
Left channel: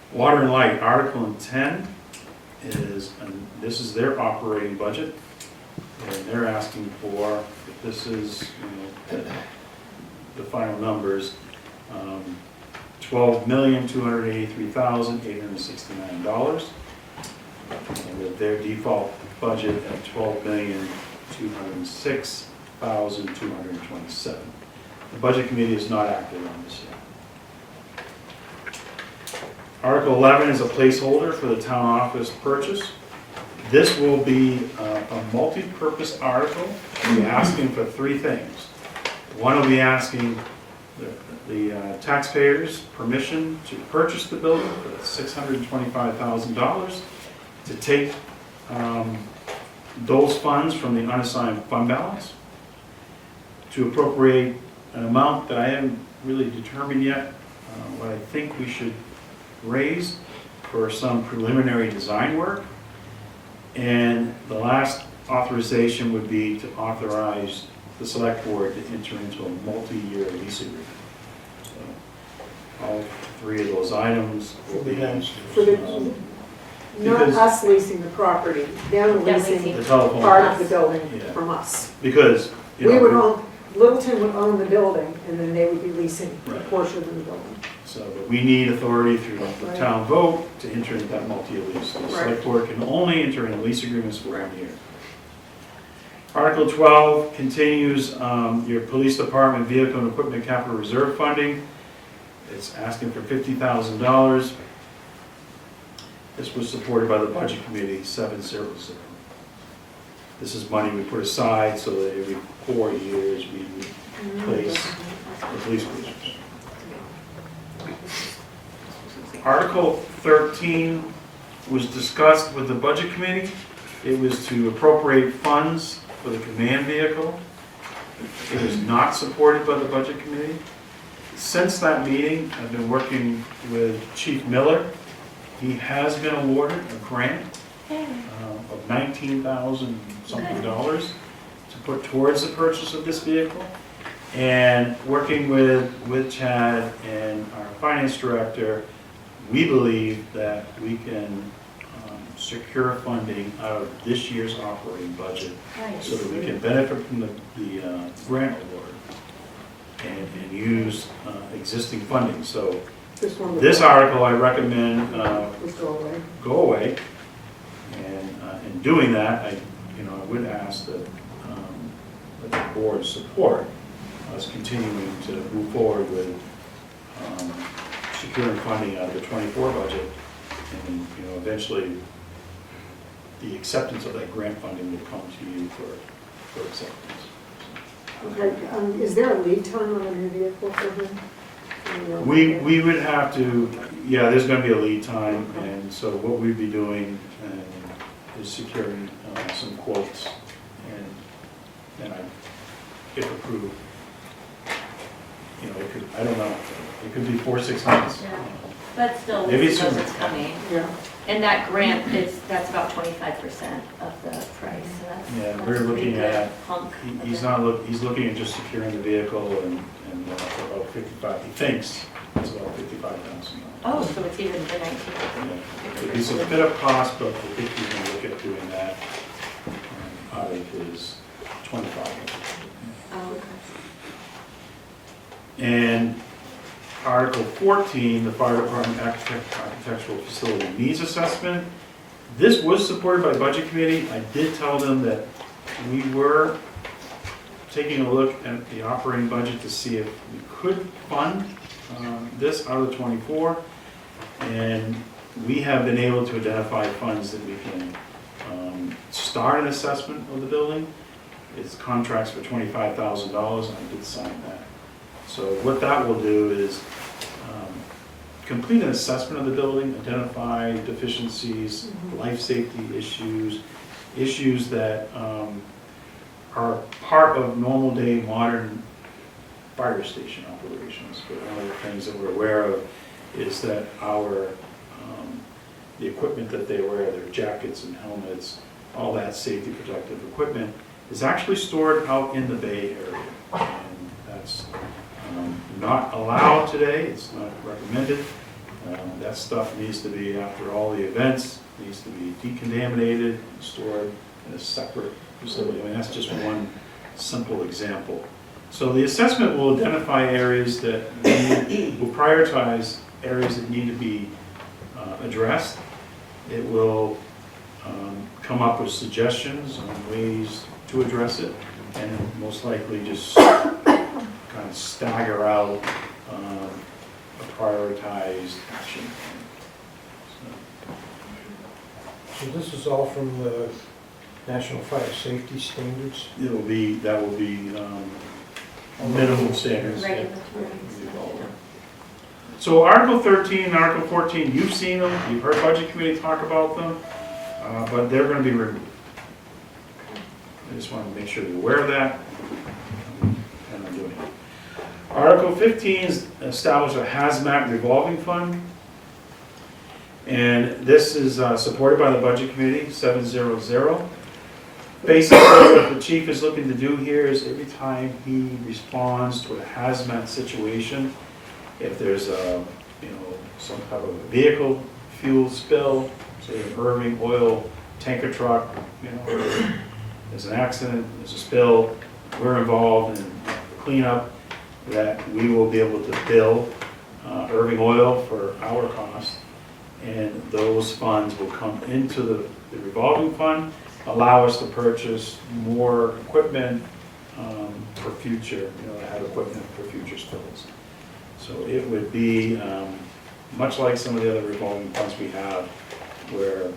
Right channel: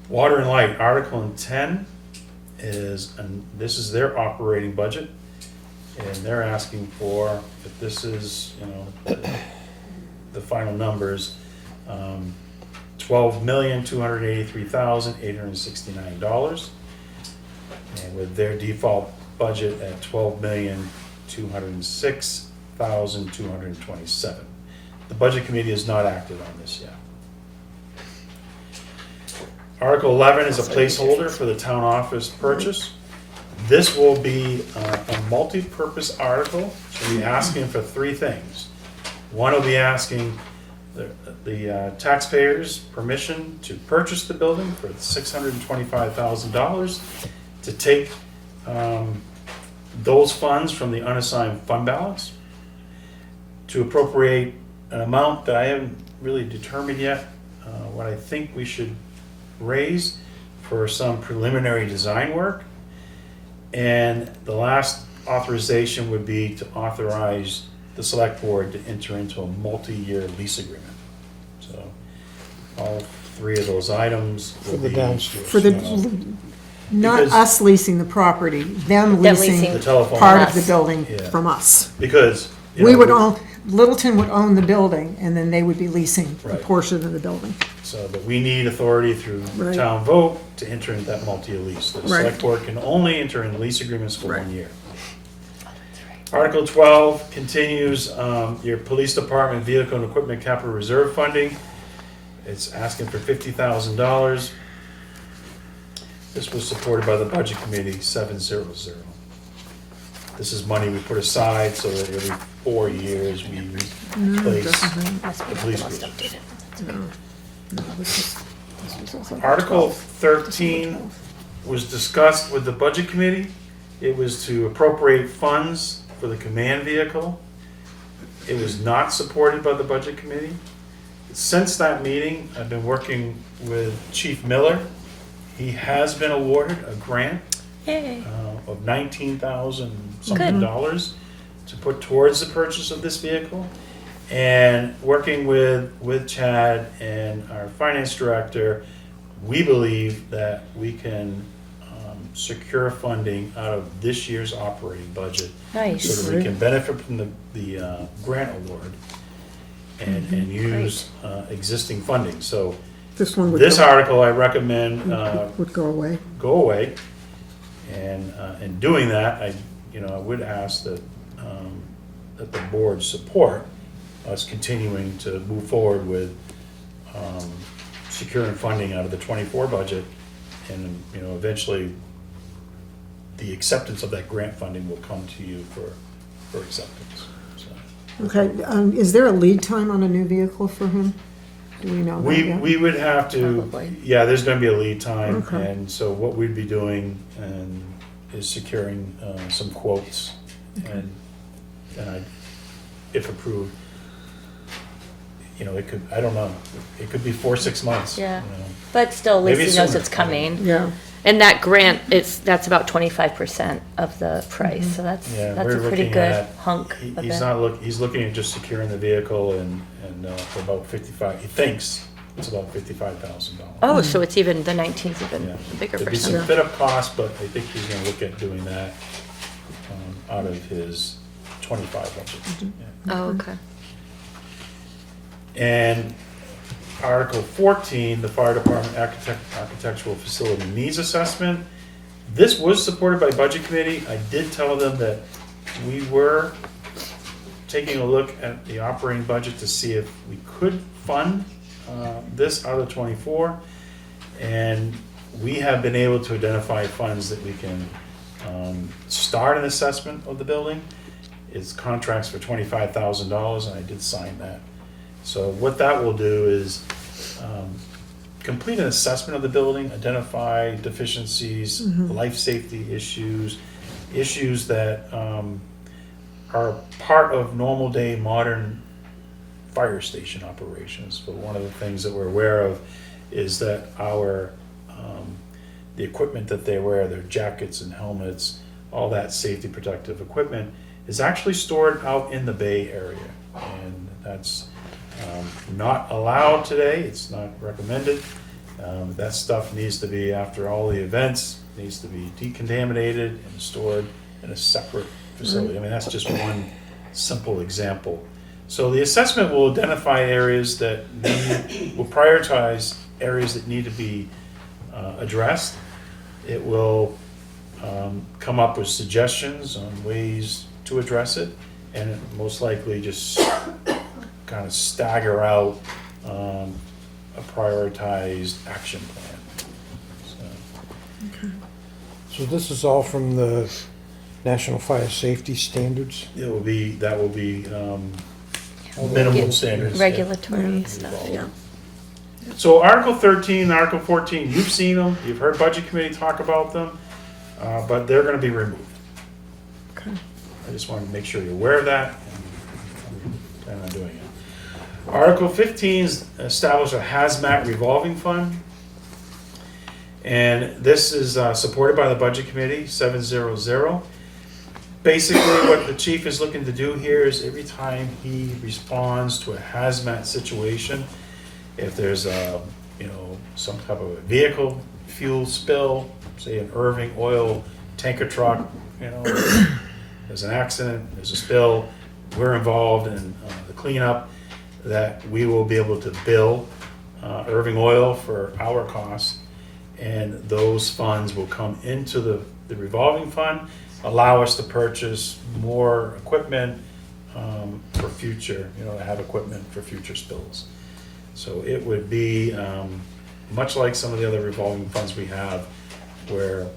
Water and Light, Article 10 is, and this is their operating budget. And they're asking for, if this is, the final numbers, $12,283,869. And with their default budget at $12,206,227. The Budget Committee has not acted on this yet. Article 11 is a placeholder for the town office purchase. This will be a multi-purpose article. We'll be asking for 3 things. One will be asking the taxpayers permission to purchase the building for $625,000, to take those funds from the unassigned fund balance, to appropriate an amount that I haven't really determined yet, what I think we should raise for some preliminary design work. And the last authorization would be to authorize the select board to enter into a multi-year lease agreement. So all 3 of those items For will the be downstairs. For the, not Because- us leasing the property, them Them leasing leasing. the telephone. part of the building Yeah. from us. Because, We would own, Littleton would own the building, and then they would be leasing a Right. portion of the building. so that we need authority through Right. town vote to enter into that multi-year lease. The select Right. board can only enter into lease agreements for Right. 1 year. Article 12 continues your police department vehicle and equipment capital reserve funding. It's asking for $50,000. This was supported by the Budget Committee, 7-0-0. This is money we put aside so that every 4 years we replace the police cruisers. Article 13 was discussed with the Budget Committee. It was to appropriate funds for the command vehicle. It was not supported by the Budget Committee. Since that meeting, I've been working with Chief Miller. He has been awarded a grant Yay. of $19,000 something dollars to put towards the purchase of this vehicle. And working with Chad and our finance director, we believe that we can secure funding out of this year's operating budget so Nice. that we can benefit from the grant award and use existing funding. So This one would, this article, I recommend would go away. go away. And in doing that, I would ask that that the board support us continuing to move forward with securing funding out of the '24 budget, and eventually the acceptance of that grant funding will come to you for for acceptance. So Okay, is there a lead time on a new vehicle for him? Do you know that yet? We would have to, yeah, there's gonna be a lead time, Okay. and so what we'd be doing is securing some quotes, and if approved, you know, it could, I don't know, it could be 4 or 6 months. Yeah. But still, at Maybe least he knows sooner. it's coming. Yeah, And that grant that's about 25% of the price, so that's Yeah, a we're pretty looking good at- hunk of He's it. not he's looking at just securing the vehicle and for about 55, he thinks it's about $55,000. Oh, so it's even, the 19's a Yeah. bigger There'd be some percent. fit up costs, but I think he's gonna look at doing that out of his 25 budget. Oh, okay. And Article 14, the Fire Department Architectural Facility Needs Assessment. This was supported by Budget Committee. I did tell them that we were taking a look at the operating budget to see if we could fund this out of 24. And we have been able to identify funds that we can start an assessment of the building. It's contracts for $25,000, and I did sign that. So what that will do is complete an assessment of the building, identify deficiencies, life safety issues, issues that are part of normal day modern fire station operations. But one of the things that we're aware of is that the equipment that they wear, their jackets and helmets, all that safety protective equipment, is actually stored out in the Bay Area. And that's not allowed today, it's not recommended. That stuff needs to be, after all the events, needs to be decontaminated and stored in a separate facility. I mean, that's just one simple example. So the assessment will identify areas that will prioritize areas that need to be addressed. It will come up with suggestions on ways to address it, and most likely just kind of stagger out a prioritized action plan. So this is all from the National Fire Safety Standards? So that will be minimum standards. Regulatory stuff, yeah. So Article 13 and Article 14, you've seen them, you've heard Budget Committee talk about them, but they're gonna be removed. okay. I just want to make sure you're aware of that. Plan on doing it. Article 15 is establish a hazmat revolving fund. And this is supported by the Budget Committee, 700. Basically, what the chief is looking to do here is every time he responds to a hazmat situation, if there's some type of vehicle fuel spill, say an Irving oil tanker truck, there's an accident, there's a spill, we're involved in the cleanup, that we will be able to bill Irving Oil for our cost, and those funds will come into the revolving fund, allow us to purchase more equipment for future, have equipment for future spills. So it would be much like some of the other revolving funds we have, where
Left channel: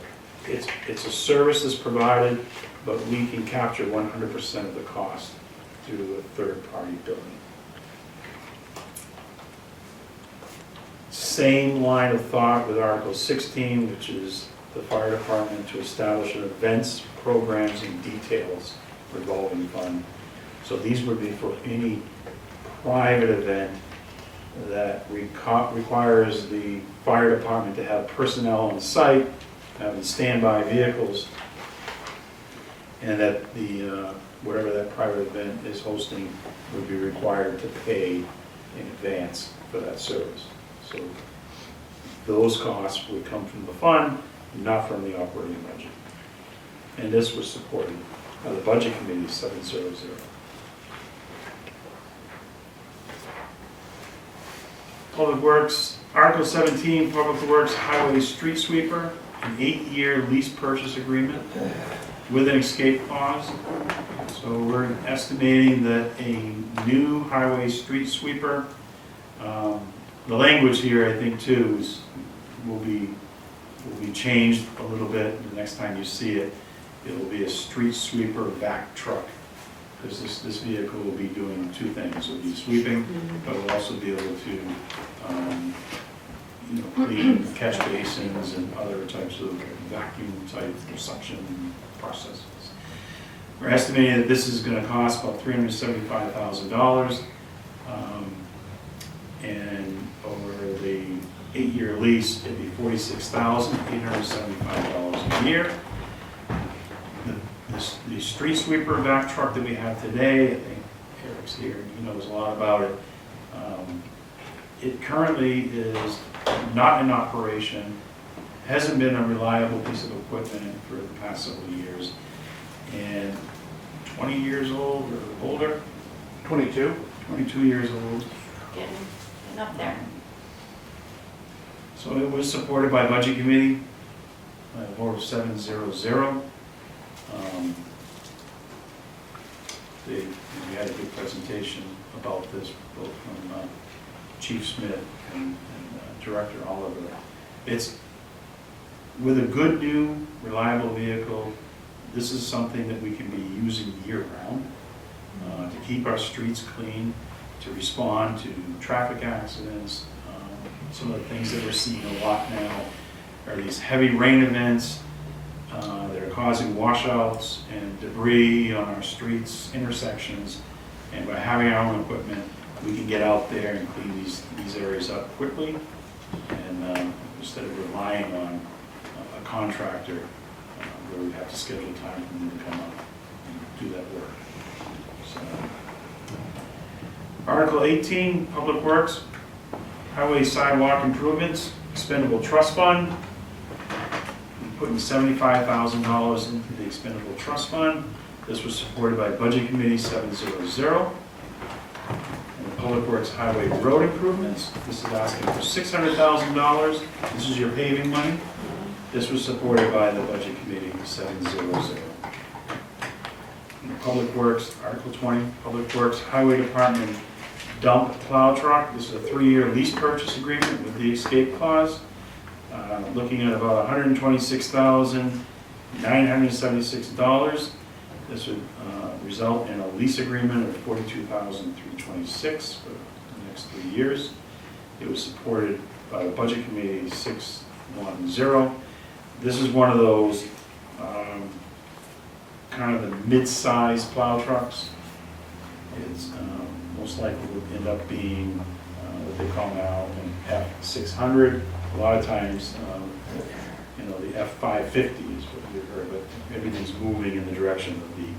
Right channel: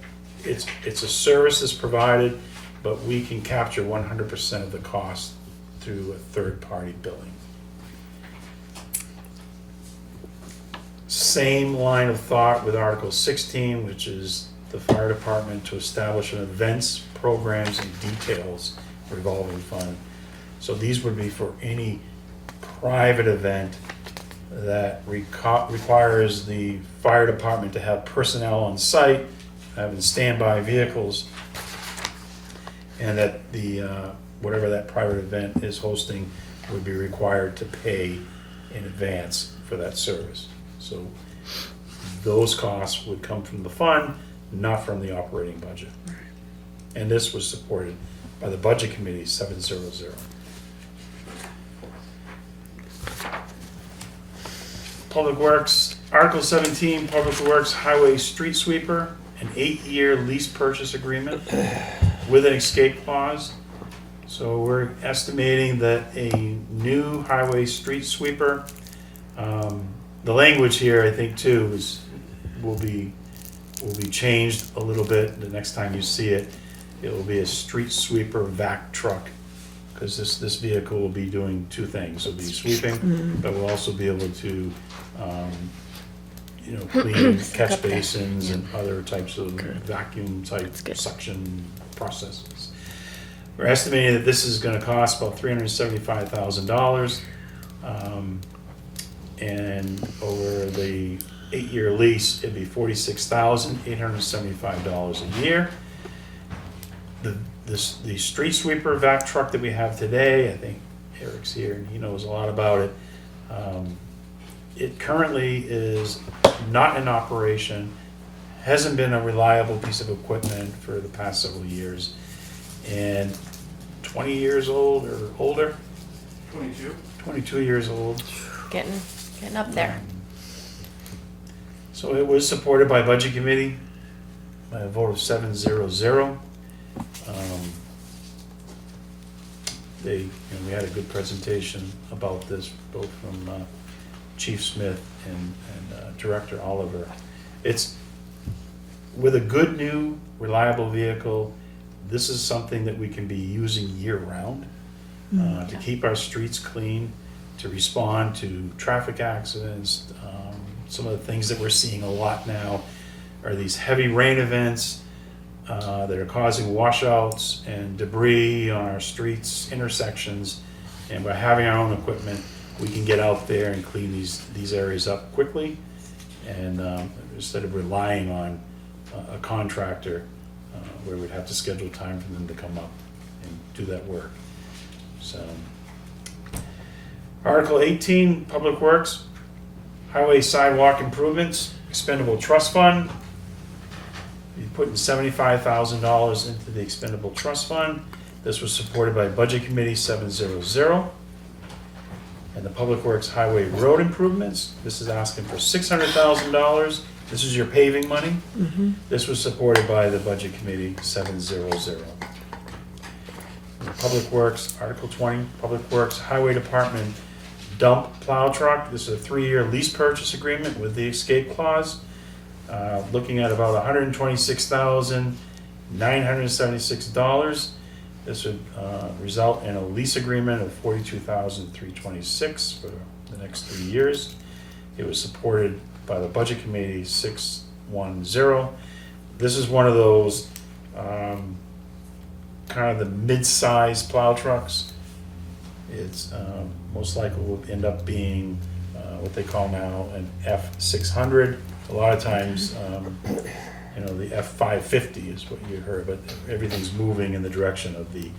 it's a service that's provided, but we can capture 100% of the cost through a third-party billing. Same line of thought with Article 16, which is the fire department to establish an events, programs, and details revolving fund. So these would be for any private event that requires the fire department to have personnel on site, having standby vehicles, and that the whatever that private event is hosting would be required to pay in advance for that service. So those costs would come from the fund, not from the operating budget. And this was supported by the Budget Committee, 700. Public Works, Article 17, Public Works Highway Street Sweeper, an 8-year lease purchase agreement with an escape clause. So we're estimating that a new highway street sweeper, the language here, I think too, will be changed a little bit. The next time you see it, it will be a street sweeper vac truck because this vehicle will be doing two things. It'll be sweeping, but we'll also be able to, clean catch basins and other types of vacuum type suction processes. We're estimating that this is gonna cost about $375,000. And over the 8-year lease, it'd be $46,875 a year. The street sweeper vac truck that we have today, I think Eric's here, and he knows a lot about it. It currently is not in operation, hasn't been a reliable piece of equipment for the past several years, and 20 years old or older. 22 years old. Getting up there. So it was supported by Budget Committee, by a vote of 7-0-0. We had a good presentation about this, both from Chief Smith and Director Oliver. It's, with a good new reliable vehicle, this is something that we can be using year-round to keep our streets clean, to respond to traffic accidents. Some of the things that we're seeing a lot now are these heavy rain events that are causing washouts and debris on our streets, intersections, and by having our own equipment, we can get out there and clean these areas up quickly, and instead of relying on a contractor where we have to schedule time for them to come up and do that work. So, Article 18, Public Works, Highway Sidewalk Improvements, Expendable Trust Fund. We're putting $75,000 into the Expendable Trust Fund. This was supported by Budget Committee 7-0-0. And the Public Works Highway Road Improvements, this is asking for $600,000. This is your paving money. This was supported by the Budget Committee 7-0-0. Public Works, Article 20, Public Works Highway Department dump plow truck. This is a 3-year lease purchase agreement with the escape clause. Looking at about $126,976. This would result in a lease agreement of $42,326 for the next 3 years. It was supported by the Budget Committee 6-1-0. This is one of those kind of the mid-size plow trucks. It's most likely would end up being what they call now an F600. A lot of times, the F550 is what you heard, but everything's moving in the direction of the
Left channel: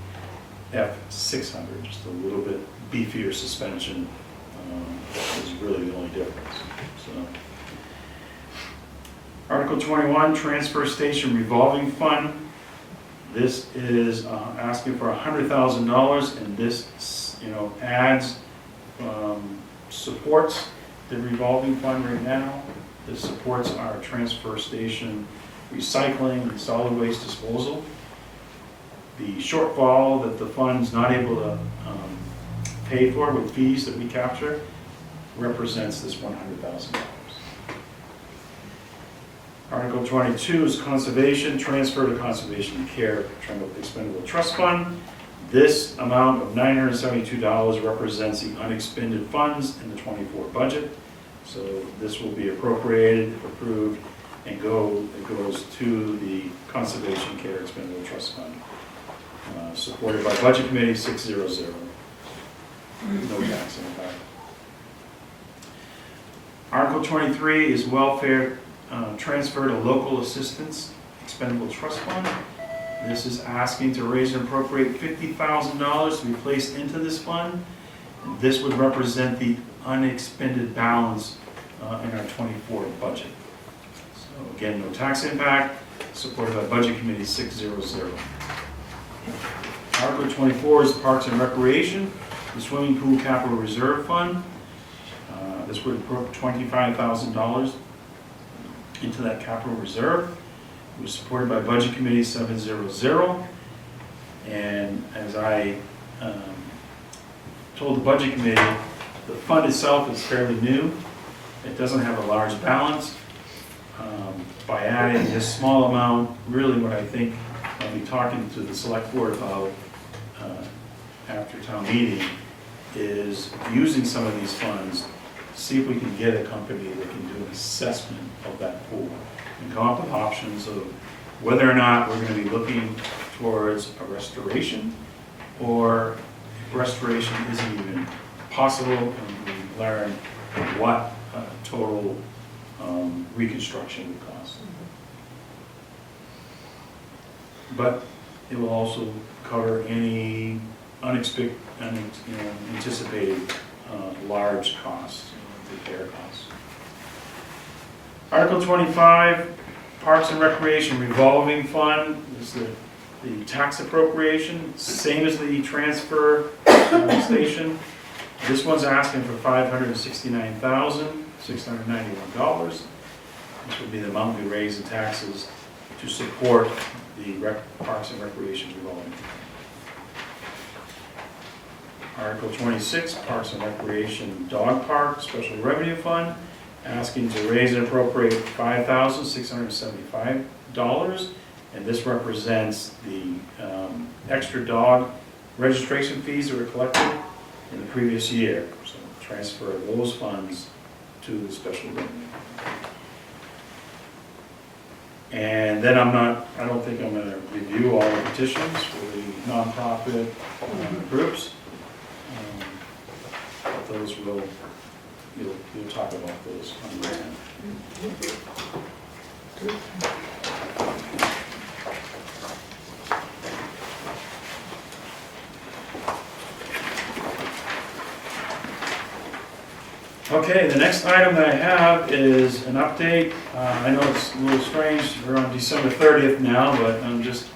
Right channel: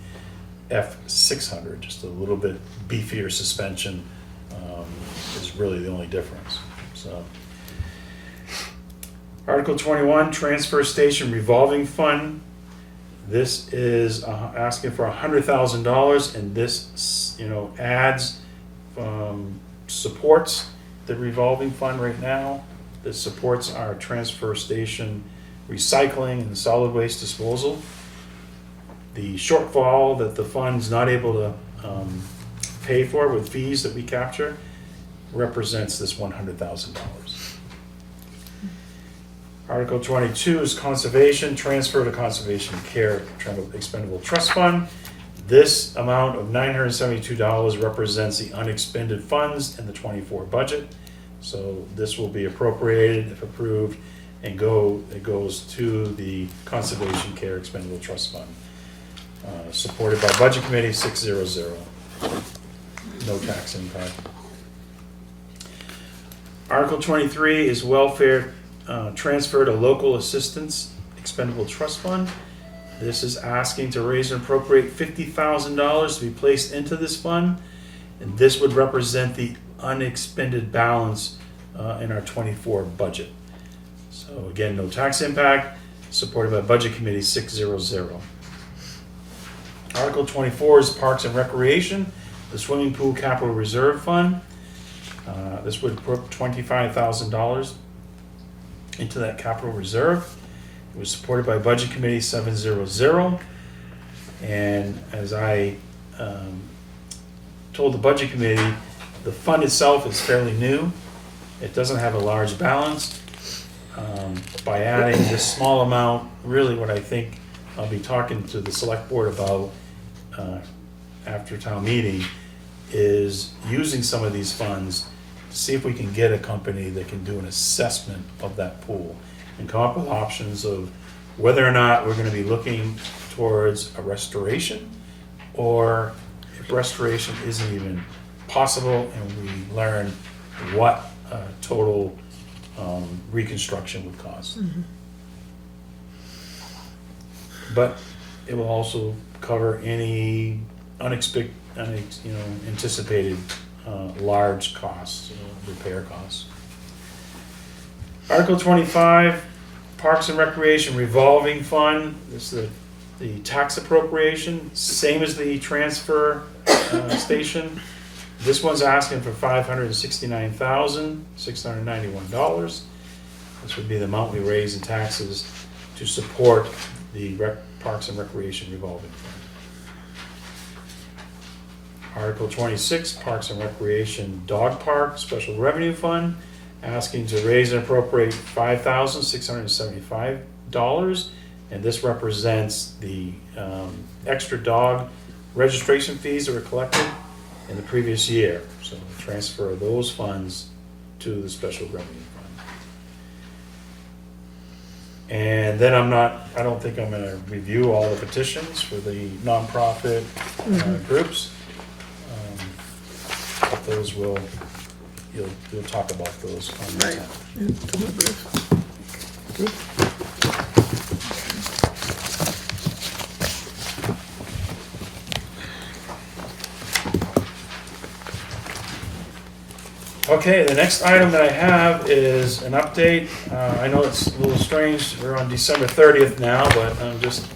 F600, just a little bit beefier suspension is really the only difference. So, Article 21, Transfer Station Revolving Fund. This is asking for $100,000, and this, adds, supports the revolving fund right now. This supports our transfer station recycling and solid waste disposal. The shortfall that the fund's not able to pay for with fees that we capture represents this $100,000. Article 22 is conservation, transfer to conservation care expendable trust fund. This amount of $972 represents the unexpended funds in the 24 budget. So this will be appropriated, if approved, and it goes to the conservation care expendable trust fund. Supported by Budget Committee 6-0-0. No tax impact. Article 23 is welfare transfer to local assistance expendable trust fund. This is asking to raise and appropriate $50,000 to be placed into this fund, and this would represent the unexpended balance in our 24 budget. So again, no tax impact, supported by Budget Committee 6-0-0. Article 24 is Parks and Recreation, the Swimming Pool Capital Reserve Fund. This would put $25,000 into that capital reserve. It was supported by Budget Committee 7-0-0. And as I told the Budget Committee, the fund itself is fairly new. It doesn't have a large balance. By adding this small amount, really what I think I'll be talking to the Select Board about after town meeting is using some of these funds to see if we can get a company that can do an assessment of that pool and come up with options of whether or not we're gonna be looking towards a restoration, or if restoration isn't even possible, and we learn what total reconstruction would cost. But it will also cover any anticipated large costs, repair costs. Article 25, Parks and Recreation revolving fund. This is the tax appropriation, same as the transfer station. This one's asking for $569,691. This would be the amount we raise the taxes to support the Parks and Recreation revolving fund. Article 26, Parks and Recreation Dog Park Special Revenue Fund, asking to raise and appropriate $5,675, and this represents the extra dog registration fees that were collected in the previous year. So transfer those funds to the special revenue fund. And then I don't think I'm gonna review all the petitions for the nonprofit groups. But those we'll talk about those on the time. Okay, the next item that I have is an update. I know it's a little strange, we're on December 30th now, but I'm just,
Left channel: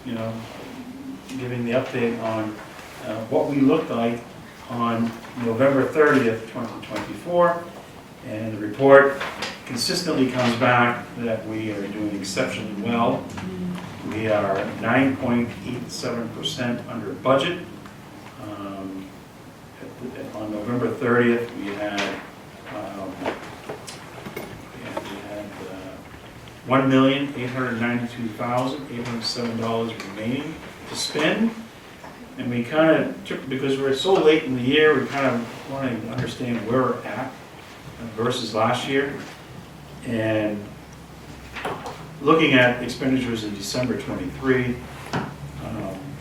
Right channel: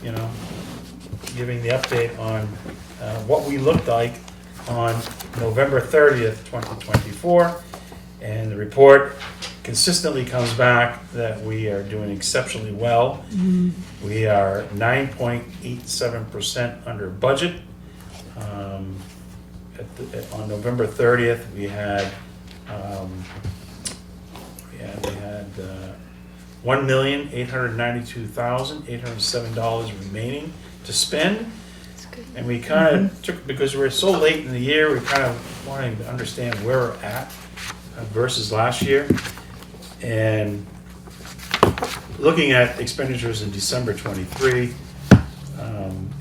giving the update on what we looked like on November 30th, 2024. And the report consistently comes back that we are doing exceptionally well. We are 9.87% under budget. On November 30th, we had $1,892,807 remaining to spend. And we kind of took, because we're so late in the year, we kind of wanted to understand where we're at versus last year. And looking at expenditures in December 23,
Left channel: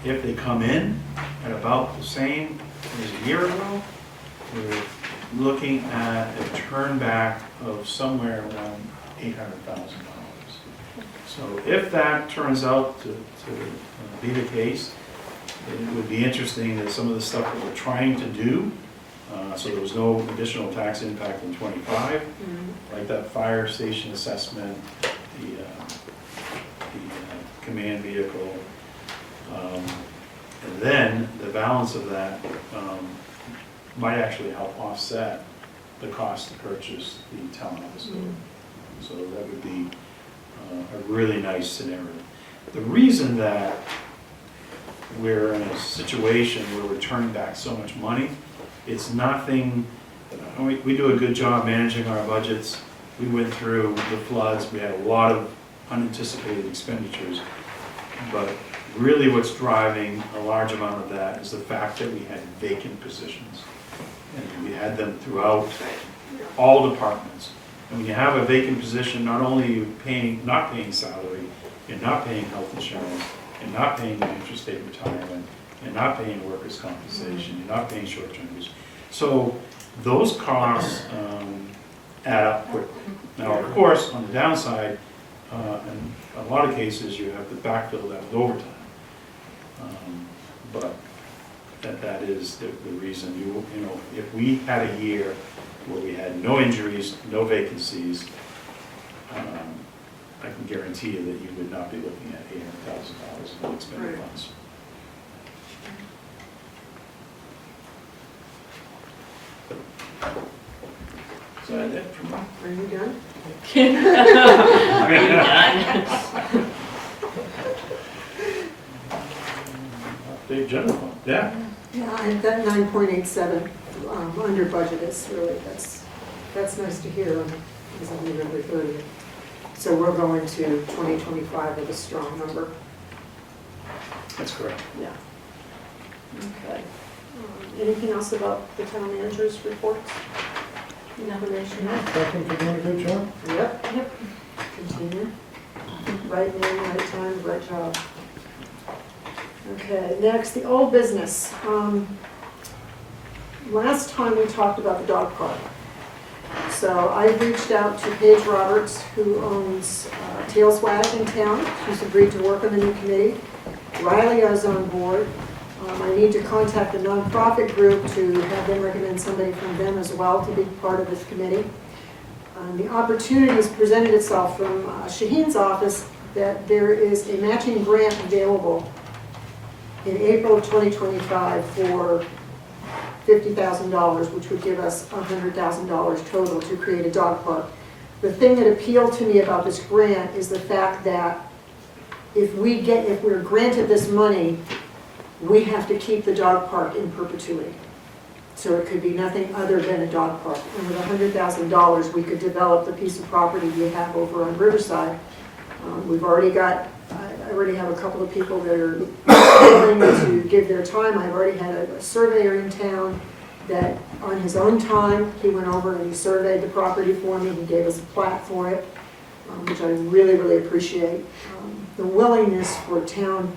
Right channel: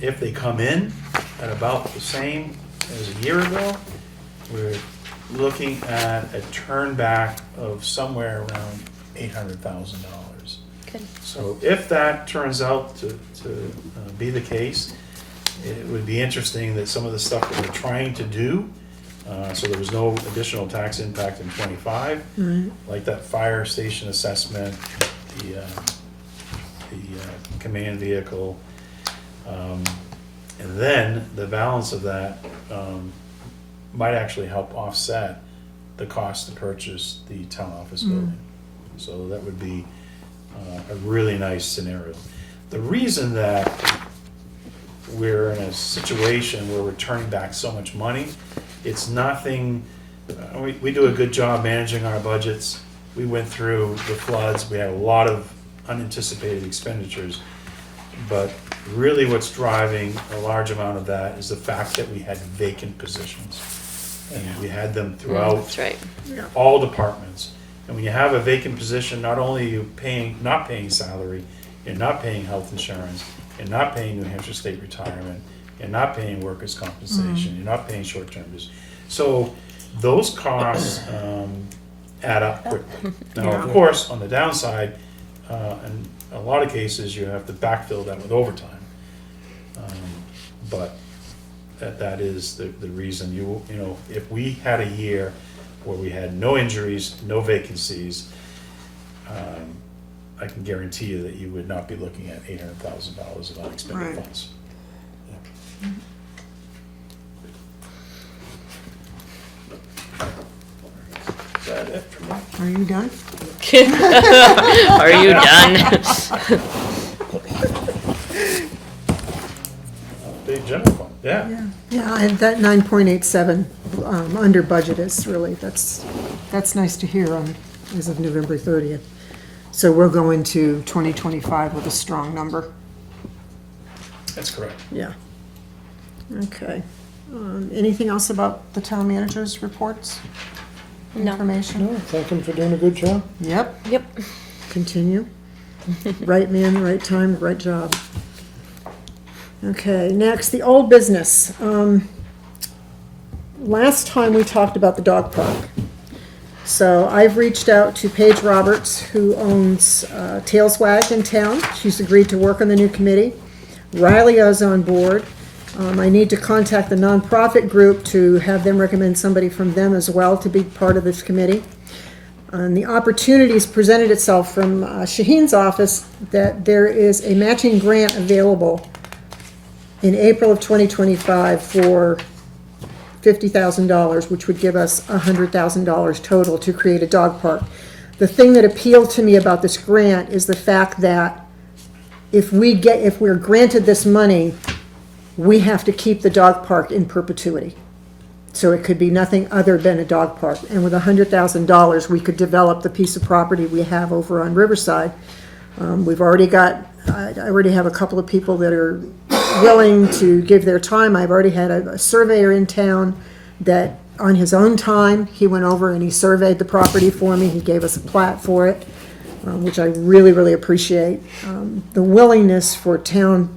if they come in at about the same as a year ago, we're looking at a turn back of somewhere around $800,000. Okay. So if that turns out to be the case, it would be interesting that some of the stuff that we're trying to do, so there was no additional tax impact in 25, like that fire station assessment, the command vehicle, and then the balance of that might actually help offset the cost to purchase the town office building. So that would be a really nice scenario. The reason that we're in a situation where we're turning back so much money, it's nothing, we do a good job managing our budgets. We went through the floods, we had a lot of unanticipated expenditures, but really what's driving a large amount of that is the fact that we had vacant positions. And we had them throughout That's right. all departments. And when you have a vacant position, not only are you not paying salary, and not paying health insurance, and not paying the interstate retirement, and not paying workers' compensation, you're not paying short-term use. So those costs add up quickly. Now, of course, on the downside, in a lot of cases, you have to backfill that with overtime. But that is the reason if we had a year where we had no injuries, no vacancies, I can guarantee you that you would not be looking at $800,000 of unexpended funds. Is that it for me? Are you done? Are you done? Big general fund, yeah. Yeah, and that 9.87 under budget is really, that's nice to hear as of November 30th. So we'll go into 2025 with a strong number. That's correct. Yeah. Okay. Anything else about the town manager's reports? No. Information? Yeah, thank him for doing a good job. Yep, Yep. continue. Right man, right time, right job. Okay, next, the old business. Last time we talked about the dog park. So I've reached out to Paige Roberts, who owns Tails Wag in town. She's agreed to work on the new committee. Riley is on board. I need to contact the nonprofit group to have them recommend somebody from them as well to be part of this committee. And the opportunities presented itself from Shaheen's office that there is a matching grant available in April of 2025 for $50,000, which would give us $100,000 total to create a dog park. The thing that appealed to me about this grant is the fact that if we're granted this money, we have to keep the dog park in perpetuity. So it could be nothing other than a dog park. And with $100,000, we could develop the piece of property we have over on Riverside. We've already got, I already have a couple of people that are willing to give their time. I've already had a surveyor in town that on his own time, he went over and he surveyed the property for me. He gave us a plat for it, which I really, really appreciate. The willingness for town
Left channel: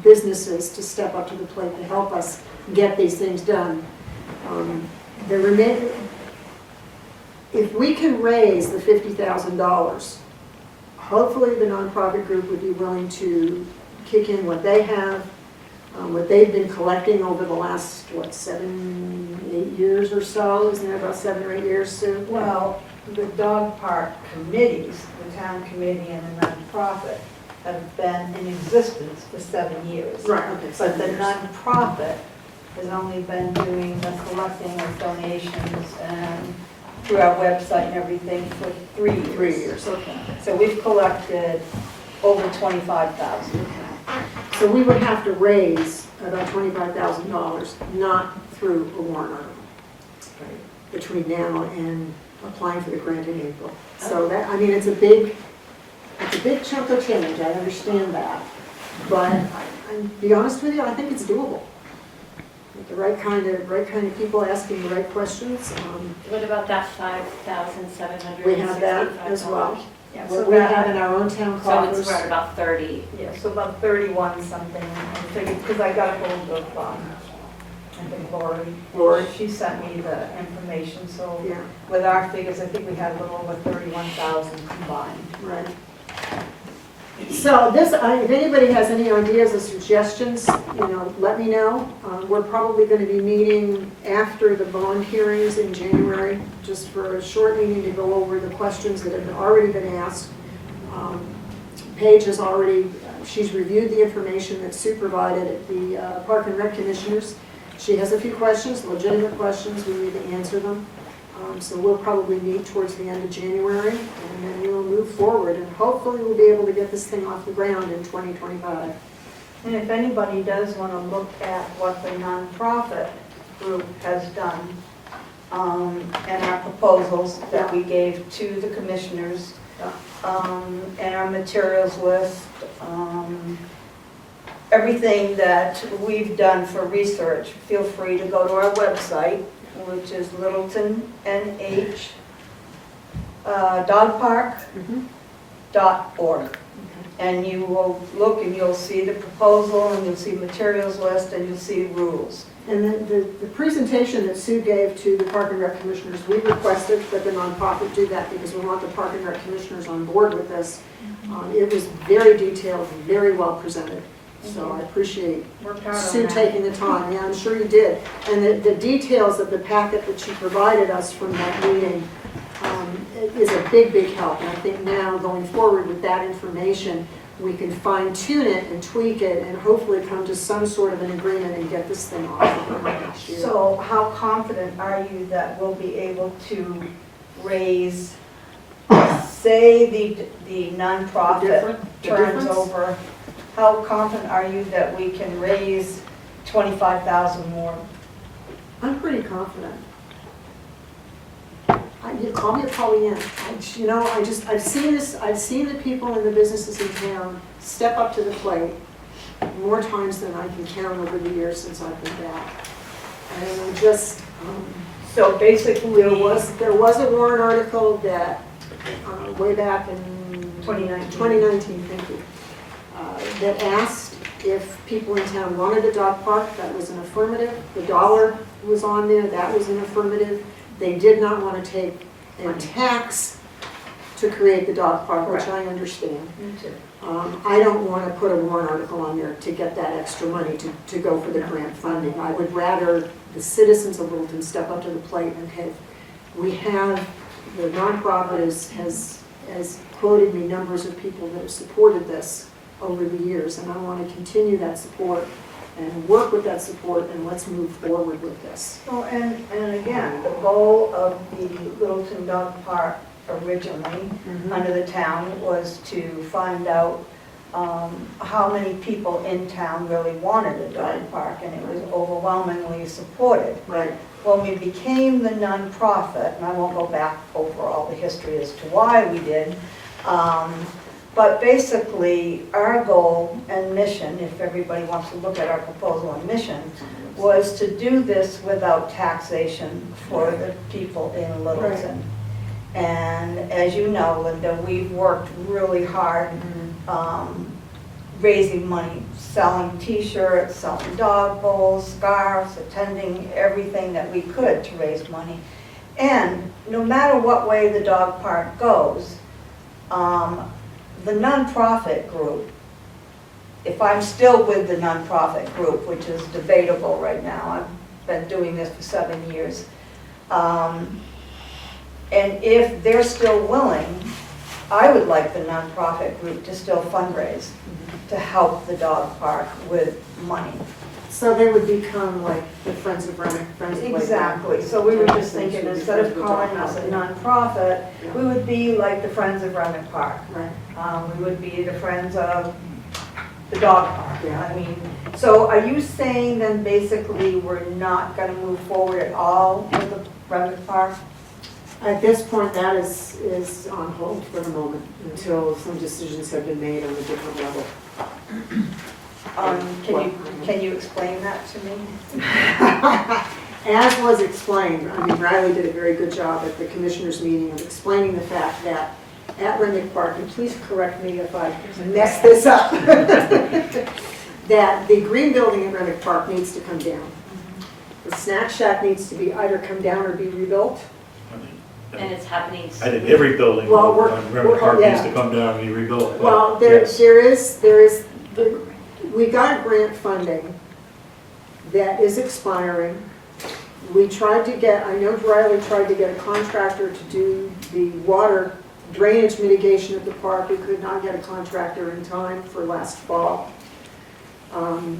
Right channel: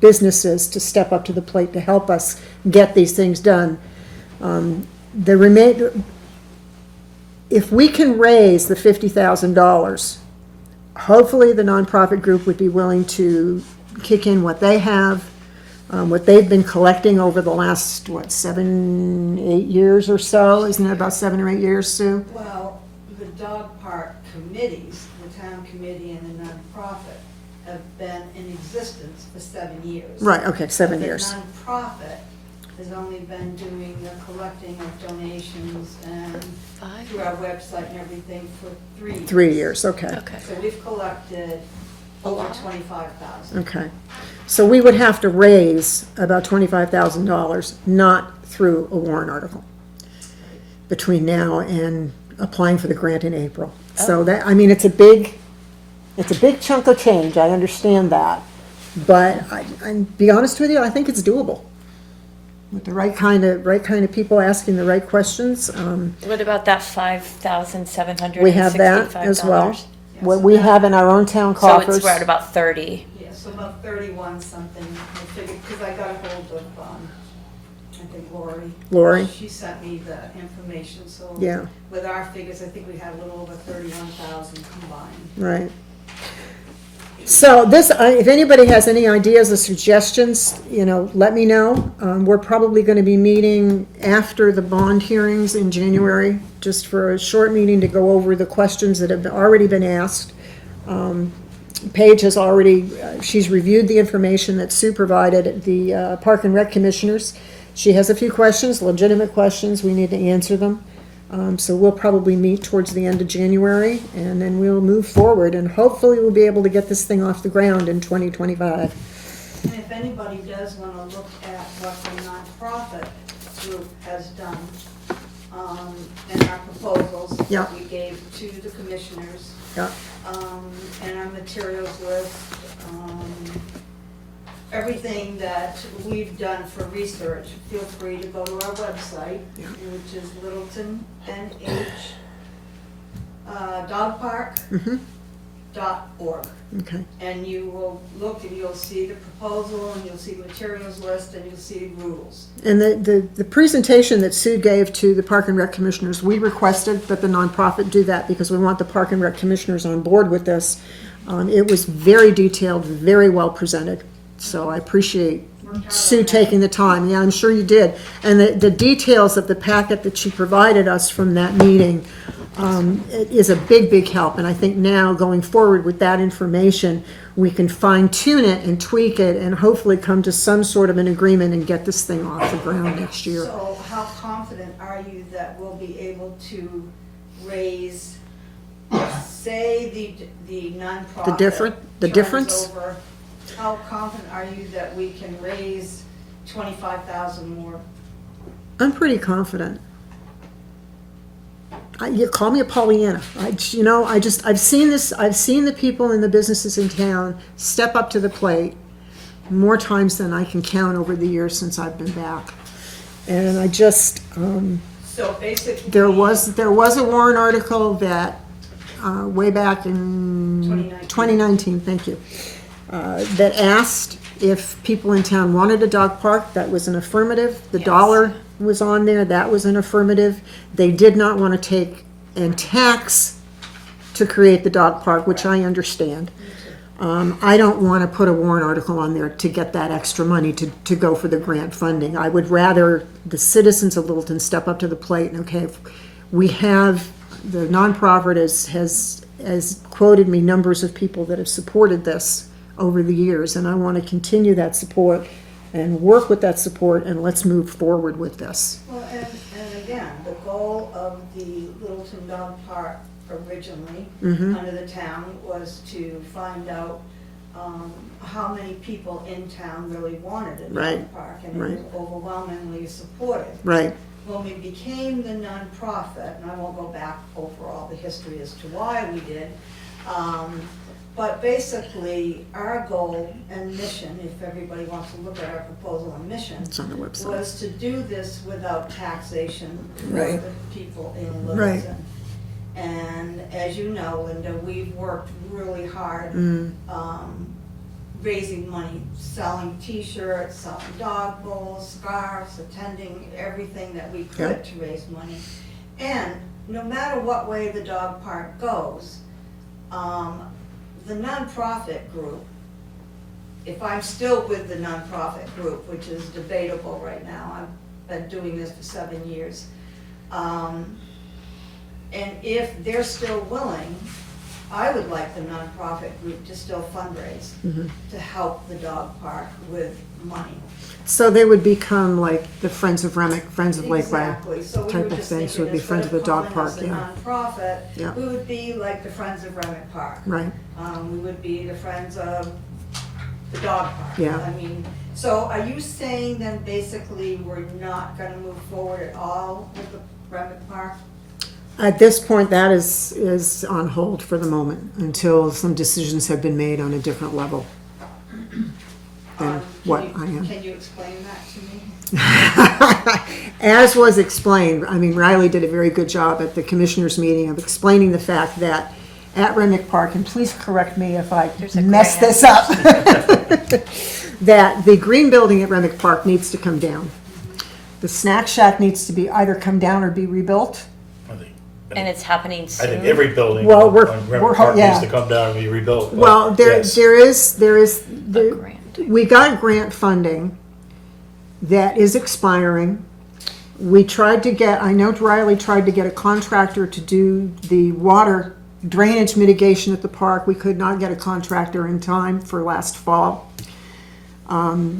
businesses to step up to the plate to help us get these things done. The remainder, if we can raise the $50,000, hopefully the nonprofit group would be willing to kick in what they have, what they've been collecting over the last, 7, 8 years or so. Isn't that about 7 or 8 years, Sue? Well, the dog park committees, the town committee and the nonprofit, have been in existence for 7 years. Right, okay, 7 But years. the nonprofit has only been doing the collecting of donations and through our website and everything for 3 years. 3 years, okay. So we've collected over 25,000. Okay. So we would have to raise about $25,000, not through a warrant article, between now and applying for the grant in April. So that, I mean, it's a big chunk of change, I understand that. But I be honest with you, I think it's doable. With the right kind of people asking the right questions. What about that $5,765? We have that as well. Yeah, What so we that- have in our own town So coffers. it's right about 30. Yeah, so about 31 something, I figured, because I got a hold of, I think Lori. She sent me the information, so Yeah, with our figures, I think we had a little over 31,000 combined. right. So this, if anybody has any ideas or suggestions, let me know. We're probably going to be meeting after the bond hearings in January, just for a short meeting to go over the questions that have already been asked. Paige has already, she's reviewed the information that Sue provided the Park and Rec commissioners. She has a few questions, legitimate questions, we need to answer them. So we'll probably meet towards the end of January, and then we'll move forward, and hopefully we'll be able to get this thing off the ground in 2025. And if anybody does want to look at what the nonprofit group has done, and our proposals Yeah. that we gave to the commissioners, Yeah. and our materials list, everything that we've done for research, feel free to go to our website, which is Littleton NH Mhm. dogpark.org. Okay. And you will look and you'll see the proposal and you'll see materials list and you'll see rules. And the presentation that Sue gave to the Park and Rec commissioners, we requested that the nonprofit do that because we want the Park and Rec commissioners on board with this. It was very detailed, very well presented. So I appreciate Worked hard Sue on that. taking the time. Yeah, I'm sure you did. And the details of the packet that she provided us from that meeting it is a big, big help. And I think now going forward with that information, we can fine tune it and tweak it and hopefully come to some sort of an agreement and get this thing off the ground next year. So how confident are you that we'll be able to raise, say the nonprofit The turns difference? over, how confident are you that we can raise 25,000 more? I'm pretty confident. You call me a Pollyanna. I've seen this, I've seen the people in the businesses in town step up to the plate more times than I can count over the years since I've been back. And I just, So basically. there was a warrant article that, way back in 2019. 2019, thank you, that asked if people in town wanted a dog park. That was an affirmative. The dollar was on there, that was an affirmative. They did not want to take and tax to create the dog park, which I understand. Me too. I don't want to put a warrant article on there to get that extra money to go for the grant funding. I would rather the citizens of Littleton step up to the plate and, okay, we have, the nonprofit has quoted me numbers of people that have supported this over the years, and I want to continue that support and work with that support, and let's move forward with this. Well, and again, the goal of the Littleton Dog Park originally, Mhm. under the town, was to find out how many people in town really wanted a dog Right. park, and it was Right. overwhelmingly supported. Right, When we became the nonprofit, and I won't go back over all the history as to why we did, but basically, our goal and mission, if everybody wants to look at our proposal and mission, it's on the website. was to do this without taxation for Right. the people in Littleton. And as you know, Linda, we've worked really hard Mm. raising money, selling T-shirts, selling dog bowls, scarves, attending everything that we could to raise money. And no matter what way the dog park goes, the nonprofit group, if I'm still with the nonprofit group, which is debatable right now, I've been doing this for 7 years, and if they're still willing, I would like the nonprofit group to still fundraise Mhm. to help the dog park with money. So they would become like the Friends of Remick, Friends of Lake Brown. Exactly, so we were type of just things thinking, would be instead Friends of of the Dog calling us a Park, yeah. nonprofit, Yeah. we would be like the Friends of Remick Park. Right, We would be the Friends of the Dog Park. Yeah. I mean, so are you saying then basically we're not gonna move forward at all with the Remick Park? at this point, that is on hold for the moment, until some decisions have been made on a different level. What I am. Can you explain that to me? As was explained, I mean, Riley did a very good job at the commissioners' meeting of explaining the fact that at Remick Park, and please correct me if I There's a mess grant. this up, that the green building at Remick Park needs to come down. The snack shack needs to be either come down or be rebuilt. And it's happening I soon. think every building Well, on we're- Railroad Park yeah. needs to come down and be rebuilt. Well, Yes. there is, A grant. we got grant funding that is expiring. We tried to get, I know Riley tried to get a contractor to do the water drainage mitigation at the park. We could not get a contractor in time for last fall.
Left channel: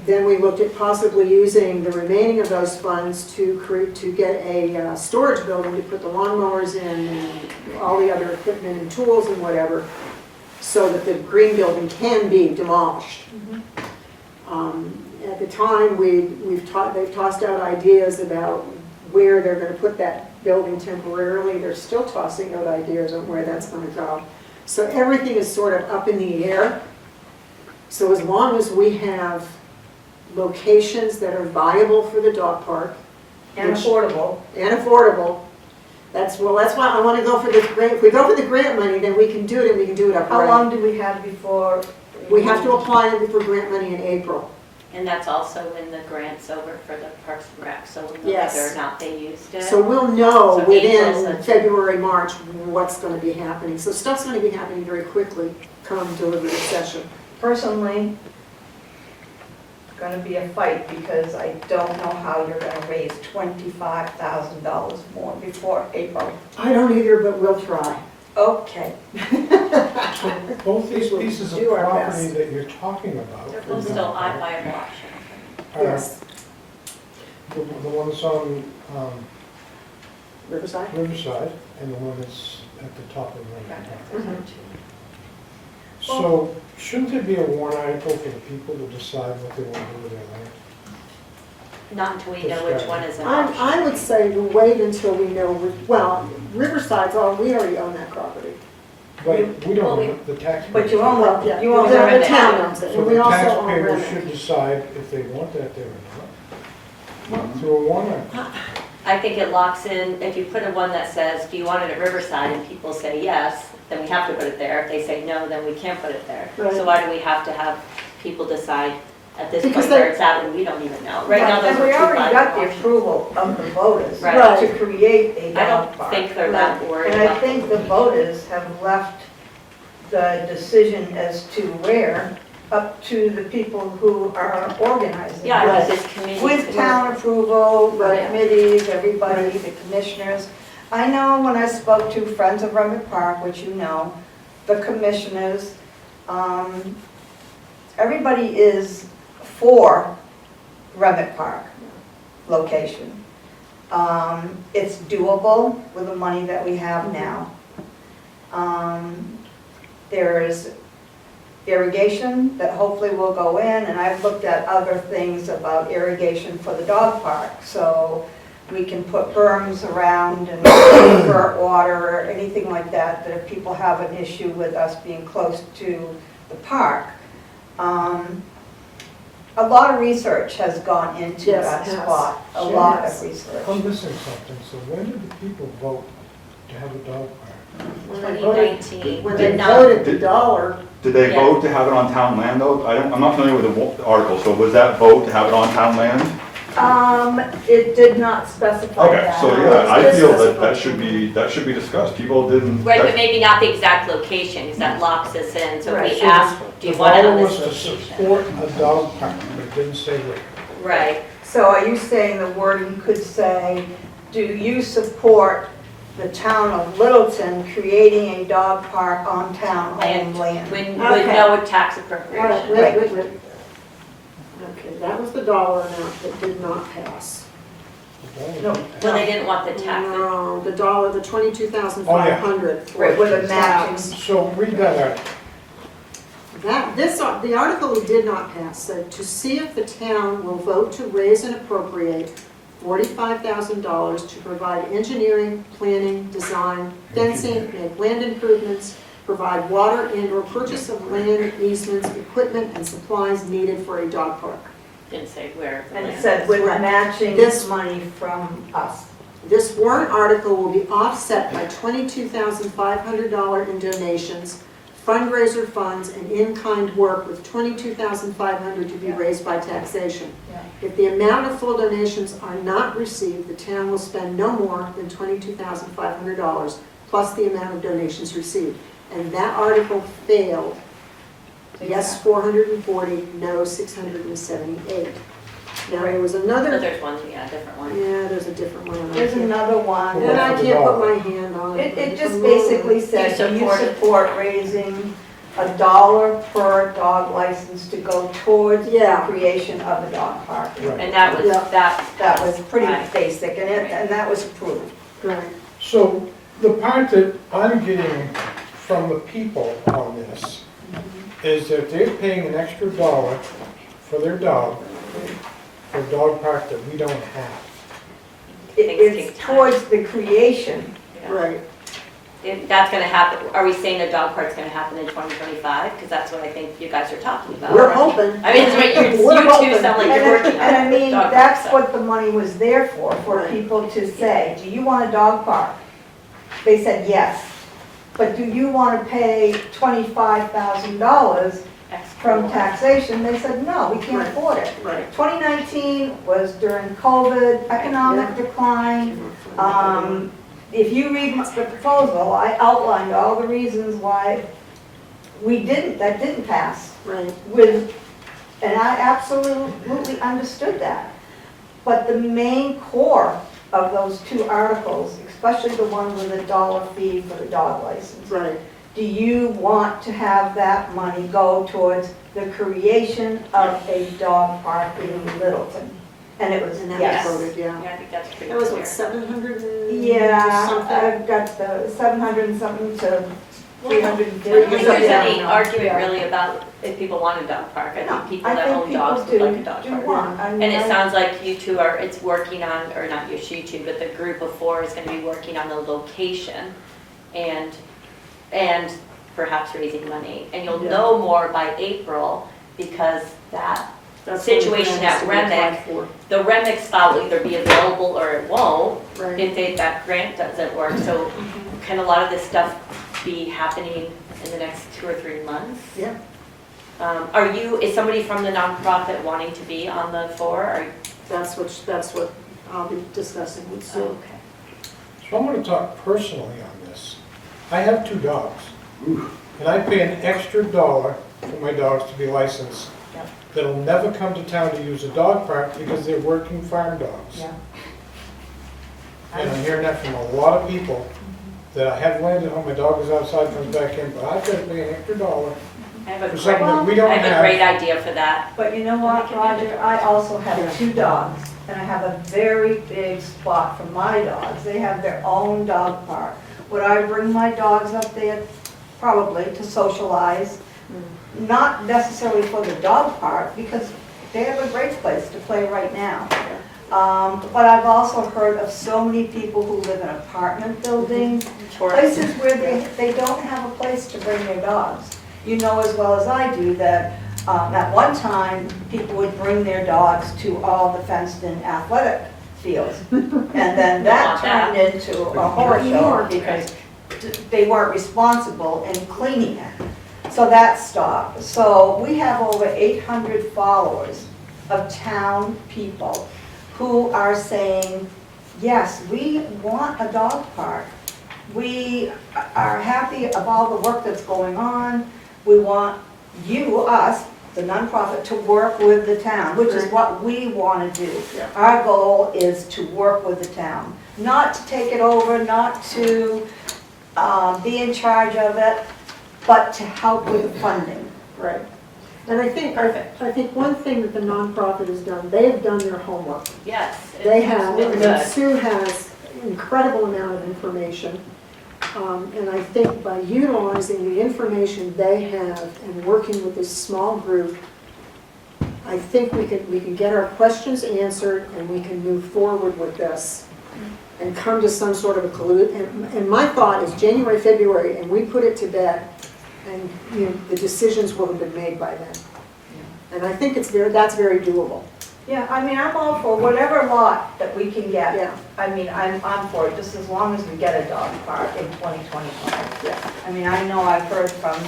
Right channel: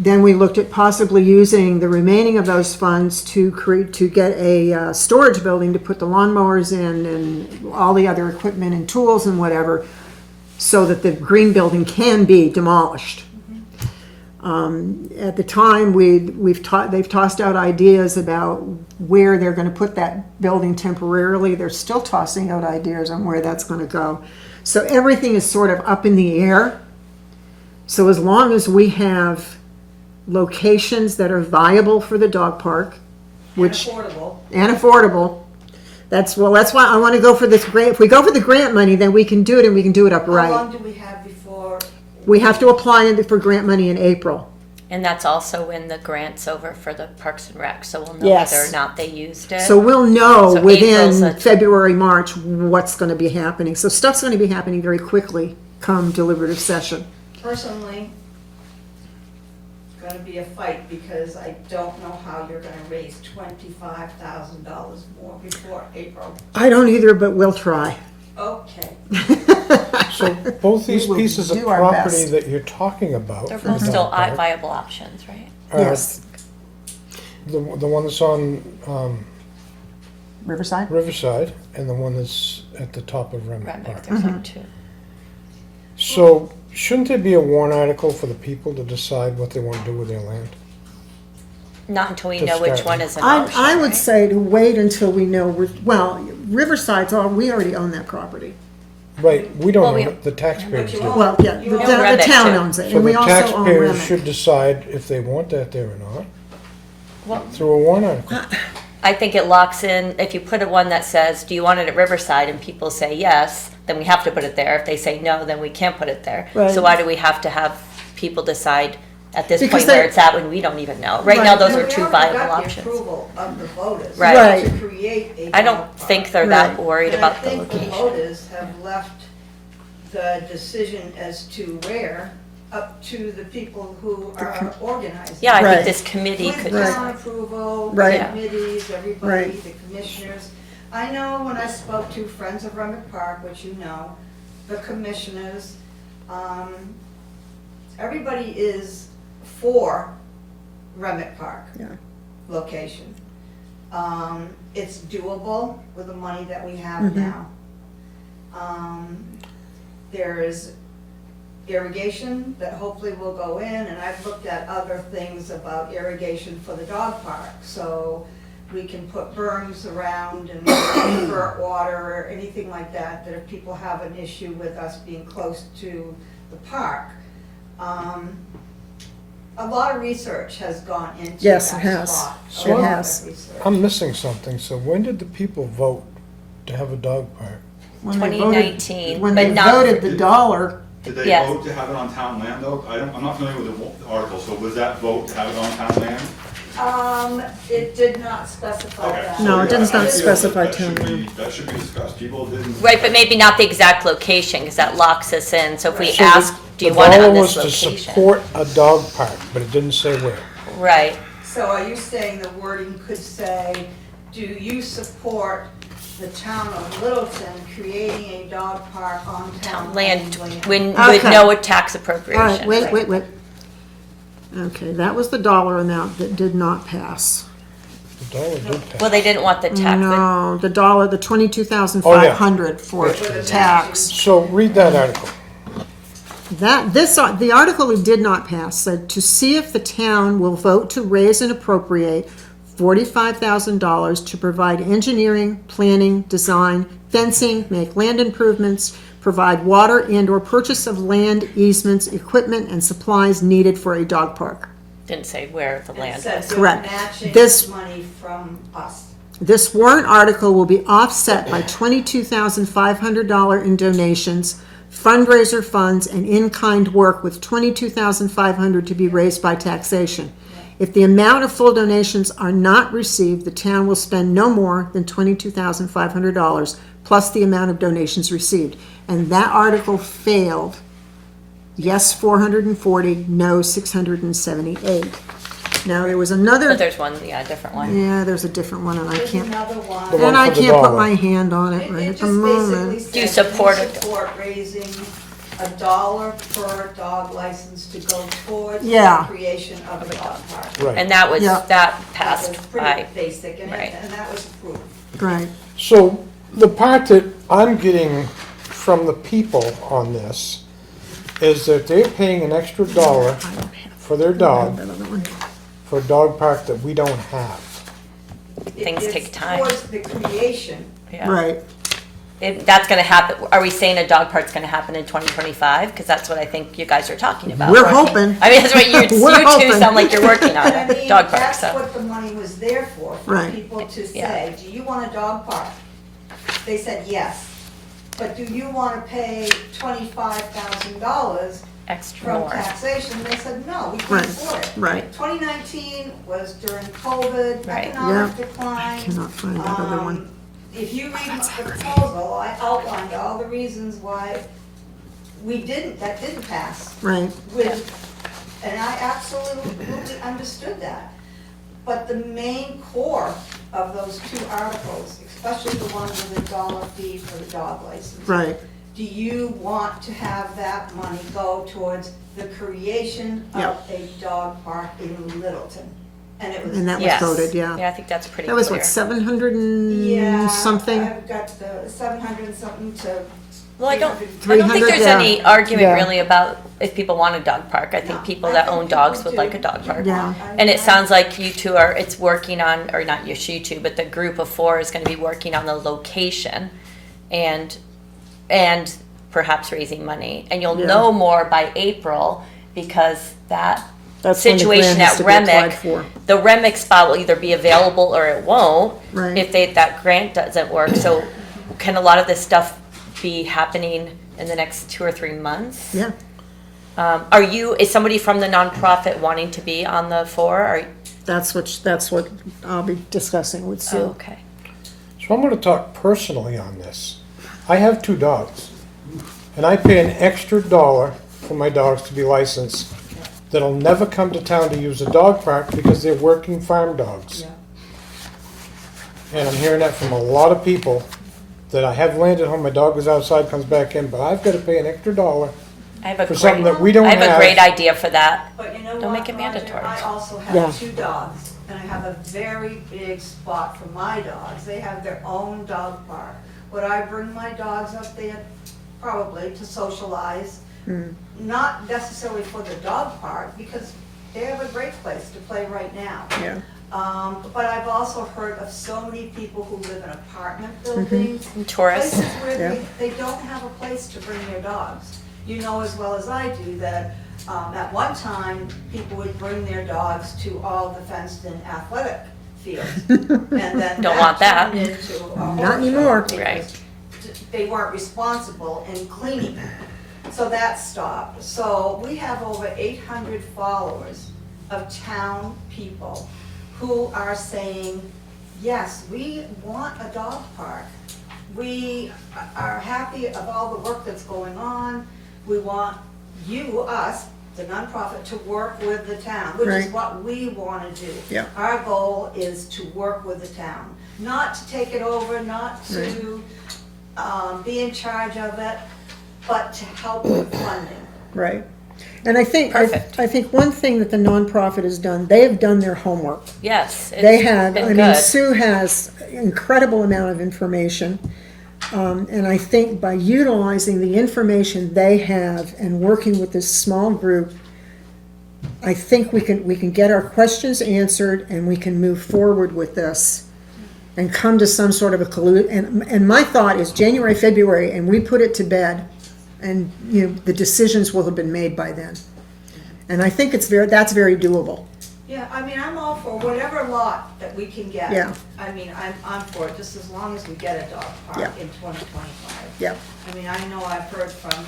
Then we looked at possibly using the remaining of those funds to get a storage building to put the lawnmowers in and all the other equipment and tools and whatever, so that the green building can be demolished. At the time, they've tossed out ideas about where they're gonna put that building temporarily. They're still tossing out ideas on where that's gonna go. So everything is sort of up in the air. So as long as we have locations that are viable for the dog park, And which, affordable. and affordable, that's why I wanna go for this grant. If we go for the grant money, then we can do it, and we can do it How upright. long do we have before? We have to apply for grant money in April. And that's also when the grant's over for the Parks and Rec, so we'll know Yes. whether or not they used it. So we'll know So April's within a- February, March, what's gonna be happening. So stuff's gonna be happening very quickly come deliberative session. Personally, it's gonna be a fight because I don't know how you're gonna raise $25,000 more before April. I don't either, but we'll try. Okay. So both these We will pieces of do our property best. that you're talking about. They're for both the still dog park, viable options, right? are Yes. The one that's on Riverside? Riverside and the one that's at the top of Remick Right, Park. there's Mhm. some too. So shouldn't there be a warrant article for the people to decide what they want to do with their land? Not until we To know which start. one is an option. I would right? say to wait until we know, well, Riverside's all, we already own that property. Right, we Well, don't, we- own it, the taxpayers But you do. own Well, yeah, You own the Remick. town owns it, So and we the also own taxpayers Remick. should decide if they want that there or not. through a warrant article. I think it locks in, if you put a one that says, do you want it at Riverside, and people say yes, then we have to put it there. If they say no, then we can't put it there. Right. So why do we have to have people decide at this Because point where they- it's at when we don't even know? Right now, those And are two we already viable got the options. approval of the voters Right. to create a I dog don't park. think they're that Right. worried And I about the think the location. voters have left the decision as to where up to the people who are organizing. Yeah, I Right. think this committee With could, town approval, the Right. committees, everybody, Right. the commissioners. I know when I spoke to Friends of Remick Park, which you know, the commissioners, everybody is for Remick Park Yeah. location. It's doable with the money that we have Mhm. now. There is irrigation that hopefully will go in, and I've looked at other things about irrigation for the dog park. So we can put berms around and divert water or anything like that, that if people have an issue with us being close to the park. A lot of research has gone into Yes, that it has. spot, a It lot has. of research. I'm missing something, so when did the people vote to have a dog park? When they voted- 2019, When they but not- voted the dollar, Did they Yes. vote to have it on town land though? I'm not familiar with the article, so was that vote to have it on town land? It did not specify Okay, that. so No, it yeah, didn't I feel specify that that should be discussed. People didn't. right, but maybe not the exact location, because that locks us in. So if we Right. ask, do you want it on this The vote was to location? support a dog park, but it didn't say where. Right, So are you saying the wording could say, do you support the town of Littleton creating a dog park on town land, land? with Okay. no tax all right, appropriation. wait. Okay, that was the dollar amount that did not pass. The dog didn't pass. Well, they didn't want the tax. No, the dollar, the 22,500 for With a tax. So read that article. The article we did not pass said to see if the town will vote to raise and appropriate $45,000 to provide engineering, planning, design, fencing, make land improvements, provide water and/or purchase of land, easements, equipment, and supplies needed for a dog park. Didn't say where the And it land said is. with Correct. matching This- money from us. This warrant article will be offset by $22,500 in donations, fundraiser funds, and in-kind work with $22,500 to be raised by taxation. If the amount of full donations are not received, the town will spend no more than $22,500 plus the amount of donations received. And that article failed. Yes, 440, no, 678. Now, there was But another, there's one, yeah, a different one. yeah, there's a different one, and I There's can't, another one. The and I for the can't put dollar. my hand on it It right at the just basically moment. says, Do you you support it? support raising $1 per dog license to go towards the Yeah. creation of a dog park. Right. And that was, Yeah. that That passed. was pretty Aye. basic, and Right. that was approved. Right, So the part that I'm getting from the people on this is that they're paying an extra $1 for their dog for a dog park that we don't have. Things It's take time. towards the creation. Yeah. right. That's gonna happen, are we saying a dog park's gonna happen in 2025? Because that's what I think you guys are talking about. We're hoping. I mean, that's what you We're two hoping. sound like you're working on And I it, mean, dog park, that's so. what the money was there for Right. people to Yeah. say, do you want a dog park? They said yes. But do you want to pay $25,000 Extra from more. taxation? They said, no, we can't Right. afford it. Right. 2019 was during COVID, Right. economic Yeah. decline. Cannot find the other one. If you read the proposal, I outlined all the reasons why that didn't pass Right, and I absolutely understood that. But the main core of those two articles, especially the one with the dollar fee for the dog license, right, do you want to have that money go towards the creation of a dog park in Littleton? And it was and that was Yes. voted, yeah. Yeah, I think that's pretty That was clear. what, 700 Yeah, and something? I've got the 700 and something to Well, I don't 300. think there's Yeah. any argument Yeah. really about if people want a dog park. I think people that own dogs would like a dog park. Yeah. And it sounds like you two are, it's working on, or not you two, but the group of four is gonna be working on the location and perhaps raising money. And you'll Yeah. know more by April because that That's when the situation grant has at to be applied Remick, for. the Remick spot will either be available or it won't, Right. if that grant doesn't work. So can a lot of this stuff be happening in the next 2 or 3 months? Yeah, Is somebody from the nonprofit wanting to be on the floor? that's what I'll be discussing with Sue. Okay. So I'm gonna talk personally on this. I have 2 dogs, and I pay an extra $1 for my dogs to be licensed. Yep. That'll never come to town to use a dog park because they're working farm dogs. Yeah. And I'm hearing that from a lot of people, that I have land at home, my dog is outside, comes back in, but I've gotta pay an extra $1 I have for a something great, that we don't I have. have a great idea for that. But you know Don't what, make it Roger, mandatory. I also have Yeah. 2 dogs, and I have a very big spot for my dogs. They have their own dog park. Would I bring my dogs up there? Probably, to socialize. Not necessarily for the dog park, because they have a great place to play right now. But I've also heard of so many people who live in apartment buildings, Tourists. places where they don't have a place to bring their dogs. You know as well as I do that at one time, people would bring their dogs to all the fenced-in athletic fields. And then Don't want that that. turned into a Not horror anymore. show because they weren't responsible in cleaning it. So that stopped. So we have over 800 followers of town people who are saying, yes, we want a dog park. We are happy about all the work that's going on. We want you, us, the nonprofit, to work with the town, which is Right. what we want to do. Yeah. Our goal is to work with the town, not to take it over, not to be in charge of it, but to help with funding. Right. And I think Perfect. one thing that the nonprofit has done, they have done their homework. Yes. They it's have, been I mean, good. Sue has incredible amount of information. And I think by utilizing the information they have and working with this small group, I think we can get our questions answered and we can move forward with this and come to some sort of a and my thought is January, February, and we put it to bed, and you know the decisions will have been made by then. And I think that's very doable. Yeah, I mean, I'm all for whatever lot that we can get. Yeah. I mean, I'm for it, just as long as we get a dog park in 2025. Yeah. I mean, I know I've heard from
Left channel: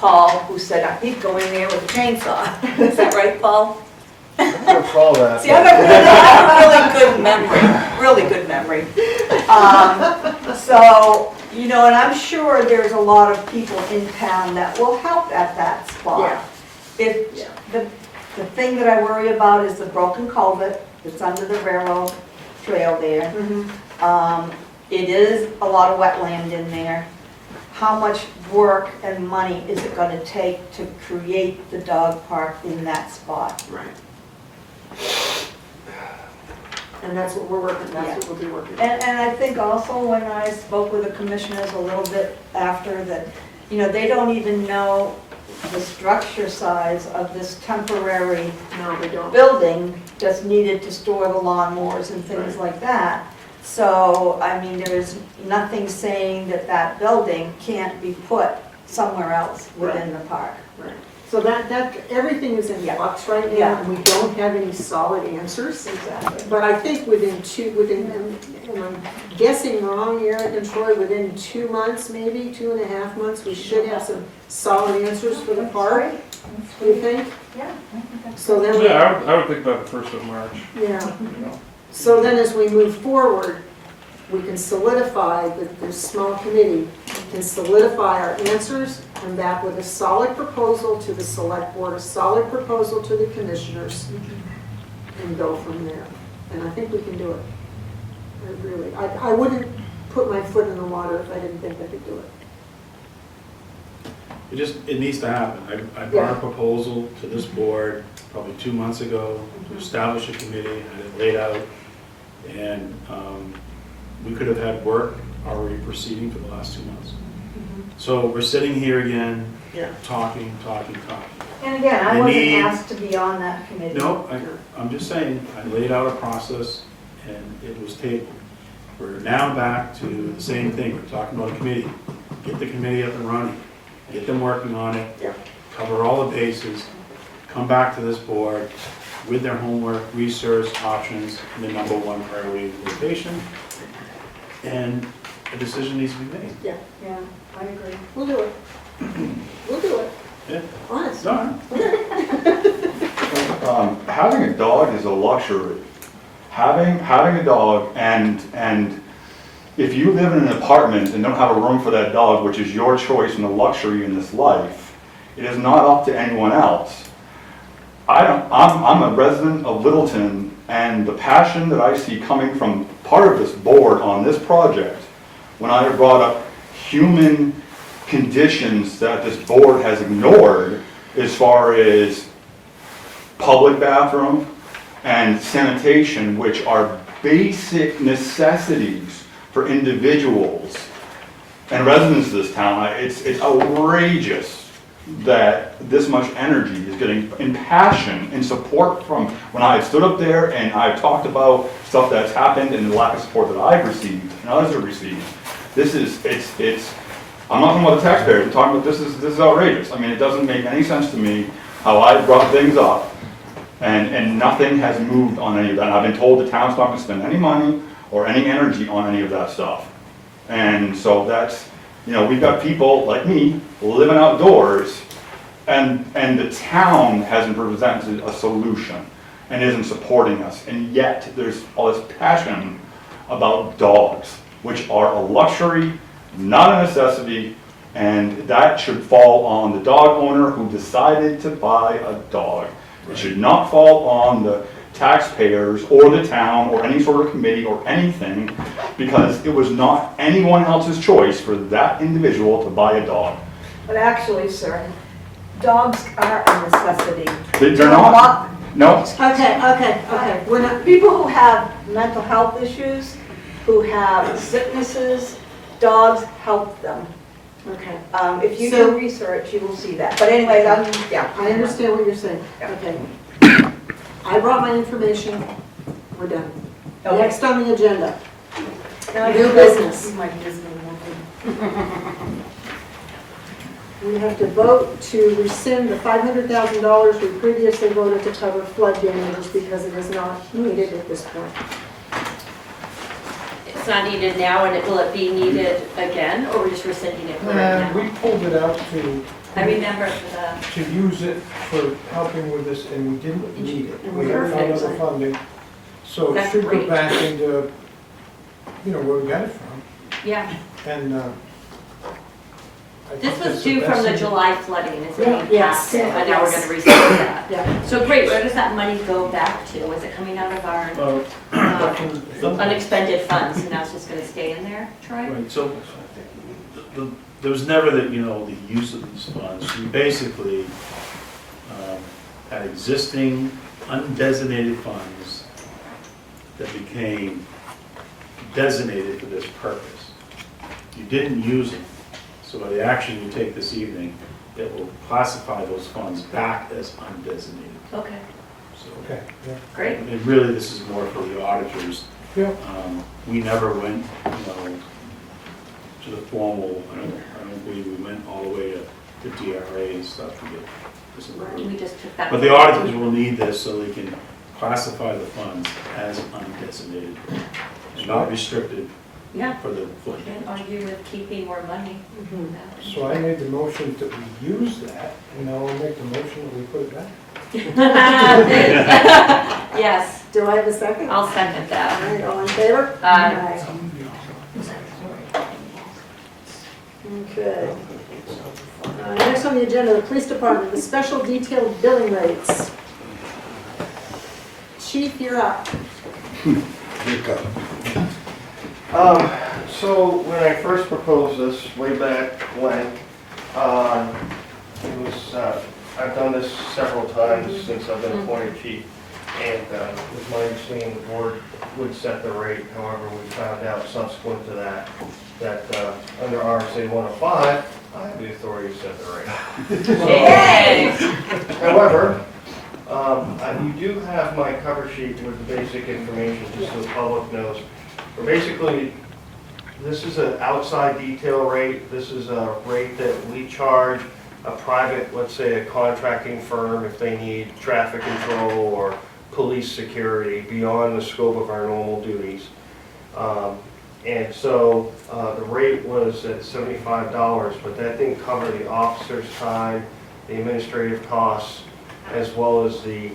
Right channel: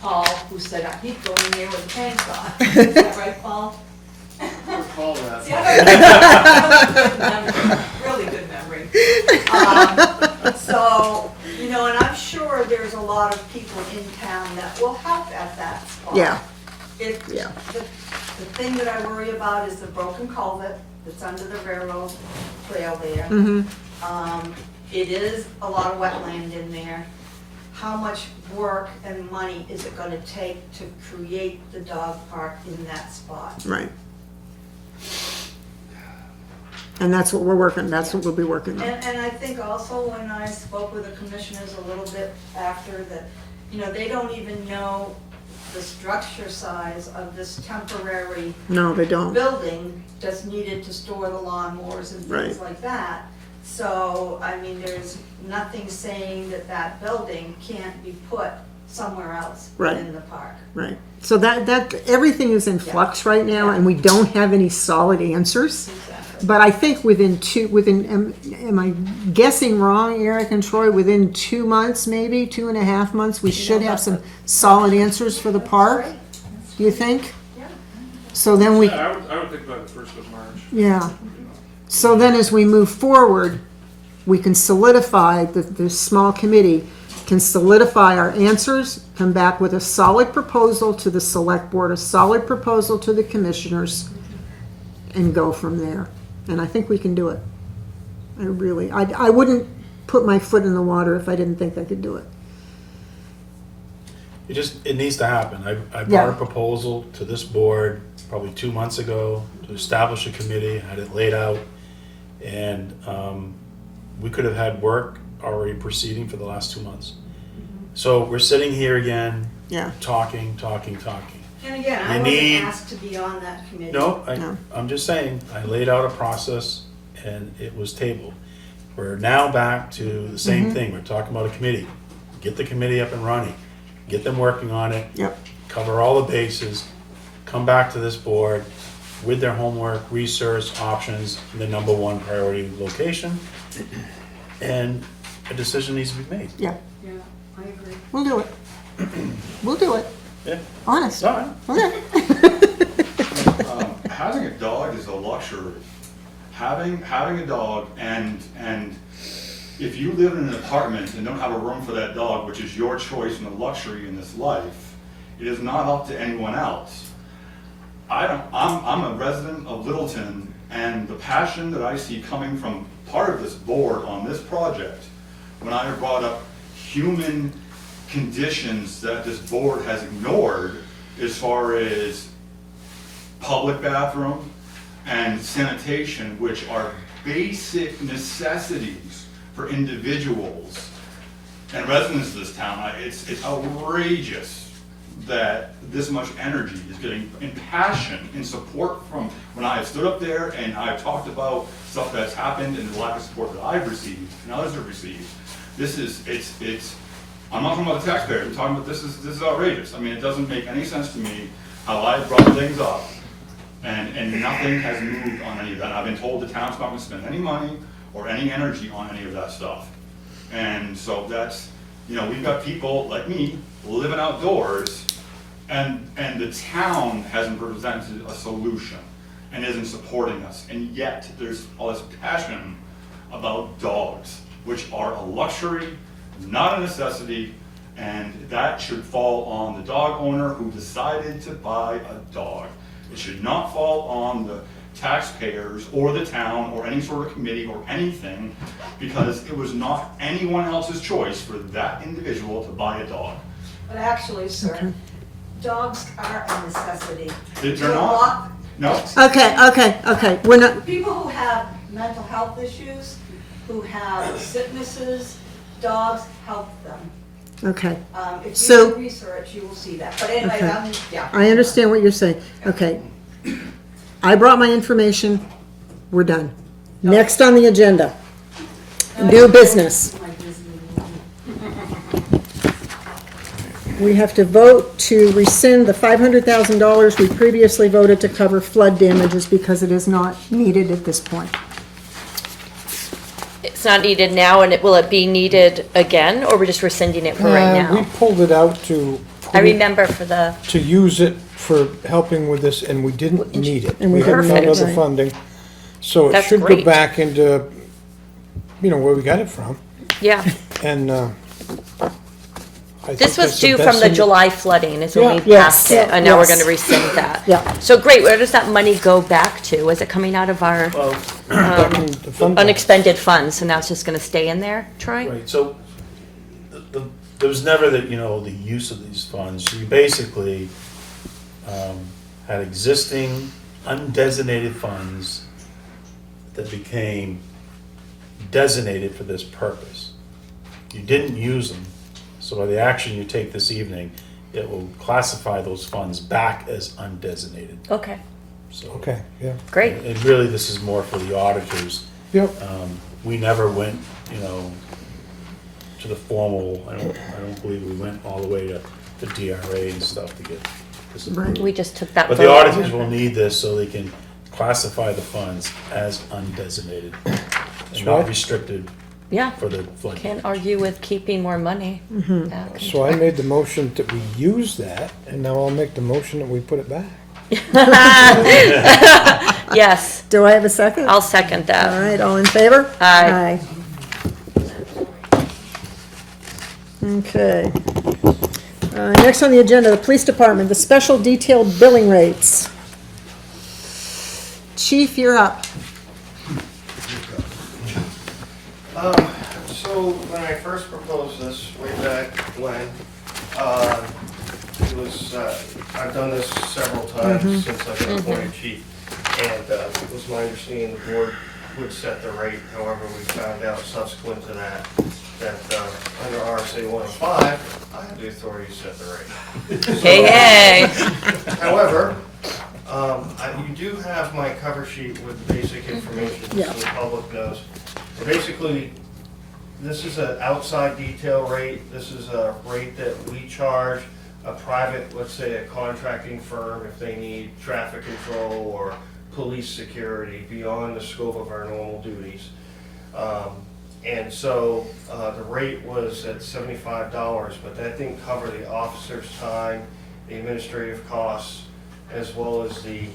Paul, who said he'd go in there with a chainsaw. Is that right, Paul? Recall that. See, I got really good memory. So, you know, and I'm sure there's a lot of people in town that will help at that spot. Yeah. If, Yeah. the thing that I worry about is the broken culvert that's under the railroad trail there. It is a lot of wetland in there. How much work and money is it gonna take to create the dog park in that spot? Right. And that's what we're working, that's what we'll be working on. And I think also when I spoke with the commissioners a little bit after that, you know, they don't even know the structure size of this temporary No, they don't. building that's needed to store the lawnmowers and things Right. like that. So, I mean, there is nothing saying that that building can't be put somewhere else Right. within the park. Right. So that everything is in Yeah. flux right now, Yeah. and we don't have any solid answers. Exactly. But I think am I guessing wrong, Eric and Troy, within 2 months, maybe 2.5 months, we should have some solid answers for the park, you think? Yeah. So then we, Yeah, I would think by the 1st of March, yeah. you know. So then as we move forward, we can solidify, the small committee can solidify our answers, come back with a solid proposal to the select board, a solid proposal to the commissioners, and go from there. And I think we can do it. I wouldn't put my foot in the water if I didn't think I could do it. It needs to happen. I Yeah. brought a proposal to this board probably 2 months ago to establish a committee, had it laid out, and we could have had work already proceeding for the last 2 months. So we're sitting here again, Yeah. talking. And again, I I wasn't need- asked to be on that committee. No, No. I'm just saying, I laid out a process and it was tabled. We're now back to the same thing, we're talking about a committee. Get the committee up and running, get them working on it. Yep. Cover all the bases, come back to this board, with their homework, research options, and the number one priority location. And a decision needs to be made. Yeah, Yeah, I agree. we'll do it. We'll do it, Yeah. honest. Sorry. Okay. Having a dog is a luxury. Having a dog, and if you live in an apartment and don't have a room for that dog, which is your choice and a luxury in this life, it is not up to anyone else. I'm a resident of Littleton, and the passion that I see coming from part of this board on this project, when I brought up human conditions that this board has ignored as far as public bathroom and sanitation, which are basic necessities for individuals and residents of this town. It's outrageous that this much energy is getting in passion and support from, when I stood up there and I've talked about stuff that's happened and the lack of support that I've received and others have received. I'm not talking about the taxpayers, I'm talking about this is outrageous. I mean, it doesn't make any sense to me how I brought things up and nothing has moved on any of that. And I've been told the town's not gonna spend any money or any energy on any of that stuff. And so that's, we've got people like me living outdoors, and the town hasn't presented a solution and isn't supporting us. And yet there's all this passion about dogs, which are a luxury, not a necessity, and that should fall on the dog owner who decided to buy a dog. It should not fall on the taxpayers or the town or any sort of committee or anything, because it was not anyone else's choice for that individual to buy a dog. But actually, sir, dogs are a necessity. They're not. No. Okay, we're not, People who have mental health issues, who have sicknesses, dogs help them. okay. If you So- do research, you will see that. But anyway, yeah. I understand what you're saying. Okay. I brought my information, we're done. Okay. Next on the agenda, Now, new business. My Disney movie. We have to vote to rescind the $500,000 we previously voted to cover flood damages because it is not needed at this point. It's not needed now, and will it be needed again, or we're just rescinding it for right We now? pulled it out to. I remember for the, To use it for helping with this, and we didn't need it. And we We had none Perfect. other funding. So it That's should go great. back into, where we got it from. yeah. And, I think This was that's the due best from the thing- July flooding, is when we Yeah. passed it, Yes. and now we're Yes. gonna rescind that. Yeah. So great, where does that money go back to? Was it coming out of our Well, The funding. unexpended funds, and now it's just gonna stay in there, Troy? right, so there was never the use of these funds. You basically had existing undesignated funds that became designated for this purpose. You didn't use them, so by the action you take this evening, it will classify those funds back as undesignated. Okay, So, Okay, yeah. great. and really, this is more for the auditors. Yep. We never went, to the formal, I don't believe we went all the way to DRA and stuff to get this approved. We just took that. But the vote. auditors will need this so they can classify the funds as undesignated and not right. restricted Yeah, for the flood. can't argue with keeping more money. Mhm. back. So I made the motion that we use that, and now I'll make the motion that we put it back. Yes, Do I have a second? I'll second All that. right, all in favor? Aye. Okay. Next on the agenda, the police department, the special detailed billing rates. Chief, you're up. So when I first proposed this way back when, it was, I've done this several times since I've been appointed chief. And it was my understanding the board would set the rate. However, we found out subsequent to that, under RSA 105, I have the authority to set the rate. Hey, However, you do have my cover sheet with the basic information, Yeah. just so the public knows. We're basically, this is an outside detail rate. This is a rate that we charge a private, let's say a contracting firm, if they need traffic control or police security beyond the scope of our normal duties. And so the rate was at $75, but that didn't cover the officer's time, the administrative costs, as well as the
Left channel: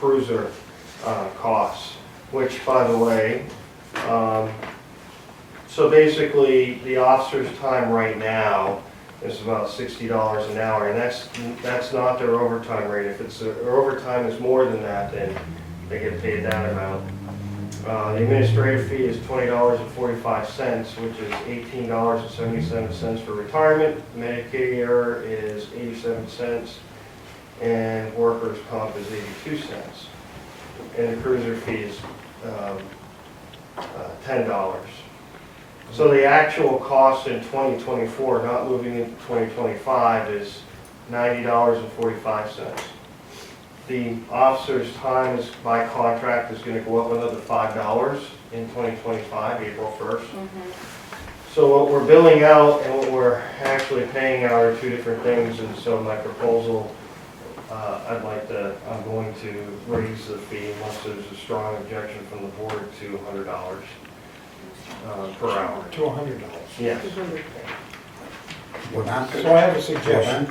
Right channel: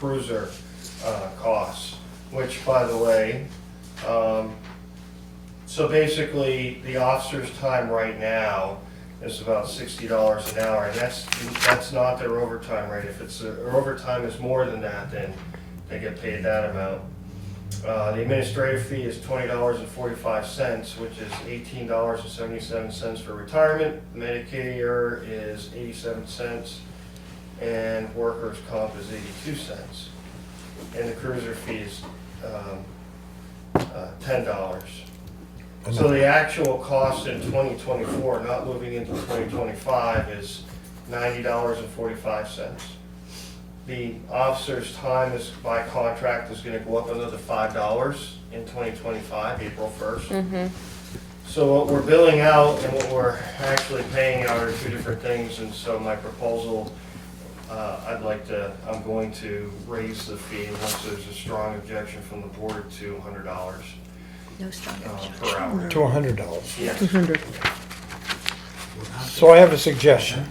cruiser costs, which, by the way, so basically the officer's time right now is about $60 an hour, and that's not their overtime rate. If it's their overtime is more than that, then they get paid that amount. The administrative fee is $20.45, which is $18.77 for retirement. Medicare is 87 cents, and workers' comp is 82 cents. And the cruiser fee is $10. So the actual cost in 2024, not moving into 2025, is $90.45. The officer's time is, by contract, is gonna go up another $5 in 2025, April 1st. So what we're billing out and what we're actually paying out are two different things, and so my proposal, I'm going to raise the fee unless there's a strong objection from the board to $100 per hour. To $100. Yes. So I have a suggestion.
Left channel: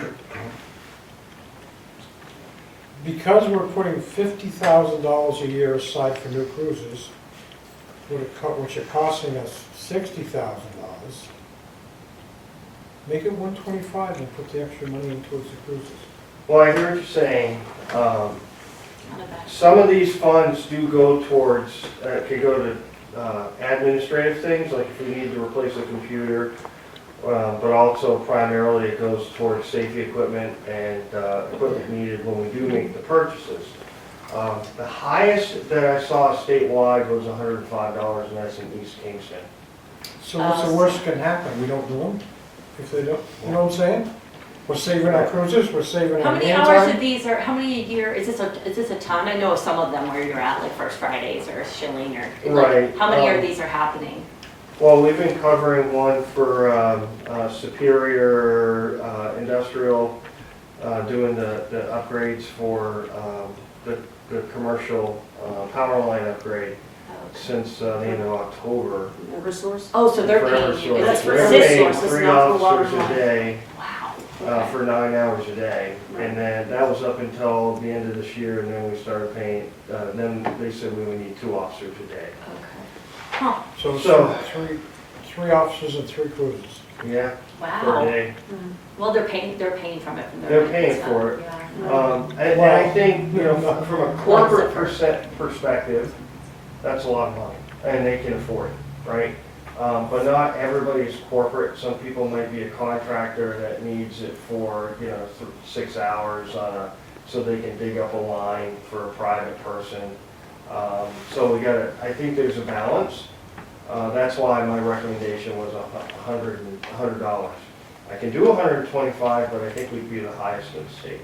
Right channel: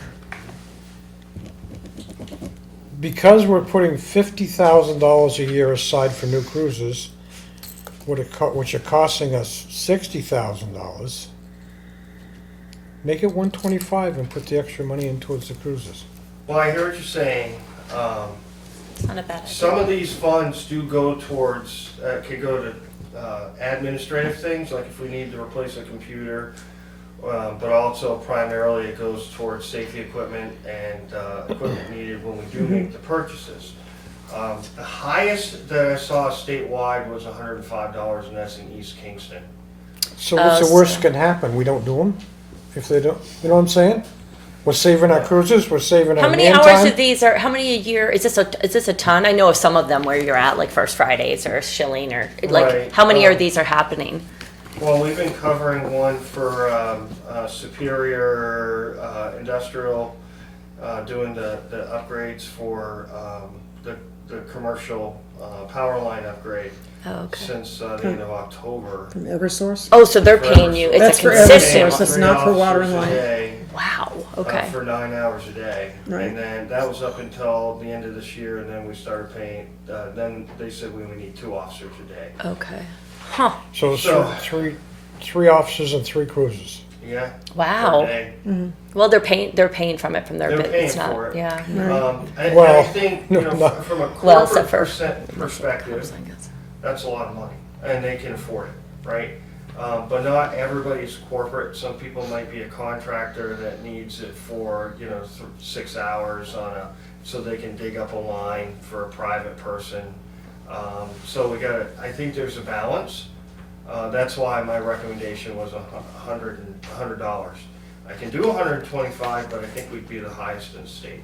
Because we're putting $50,000 a year aside for new cruisers, which are costing us $60,000, make it $125 and put the extra money in towards the cruisers. Well, I hear what you're saying. It's not a bad. Some of these funds do go towards, could go to administrative things, like if we need to replace a computer, but also primarily it goes towards safety equipment and equipment needed when we do make the purchases. The highest that I saw statewide was $105, and that's in East Kingston. So what's the worst can happen? We don't do them? If they don't, you know what I'm saying? We're saving our cruisers, we're saving How our many man hours time. of these are, how many a year, is this a ton? I know of some of them where you're at, like First Fridays or Shilling, or like, Right. how many of these are happening? Well, we've been covering one for Superior Industrial, doing the upgrades for the commercial power line upgrade Oh, okay. since the end of October. Eversource? Oh, so they're paying you, That's it's a for consistent, Eversource. That's not for water and Three officers a light. day, wow, okay. for 9 hours a day. Right. And then that was up until the end of this year, and then we started paying, then they said we would need 2 officers a day. Okay. Huh, So So- three officers and 3 cruisers. Yeah, per wow. day. Well, they're paying from it from their. They're it's paying not- for it. Yeah. And I Well, think, you know, from a Well, except corporate for- perspective, that's a lot of money, and they can afford it, right? But not everybody's corporate. Some people might be a contractor that needs it for, 6 hours so they can dig up a line for a private person. So I think there's a balance. That's why my recommendation was $100. I can do 125, but I think we'd be the highest in the state.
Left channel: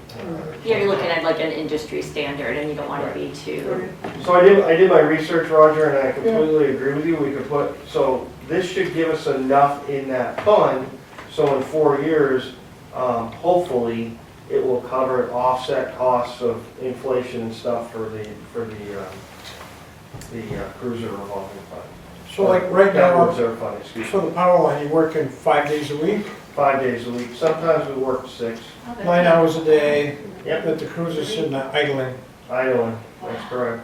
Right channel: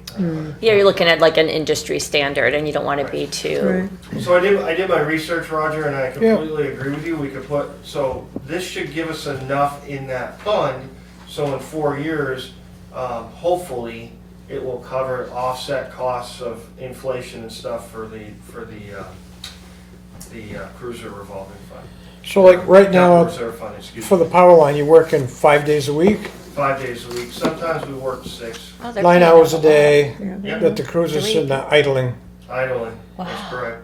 Yeah, you're looking at like an industry standard and you don't want to be too. Right. So I did my research, Roger, and I completely agree with you. We could so this should give us enough in that fund, so in 4 years, hopefully, it will cover offset costs of inflation and stuff for the cruiser revolving fund. So like right now, Reserve fund, excuse for me. the power line, you're working 5 days a week, 5 days a week. Sometimes we work 6. Oh, they're 9 paying. hours a day, Yep, that the cruiser's sitting there idling. idling. Wow. That's correct.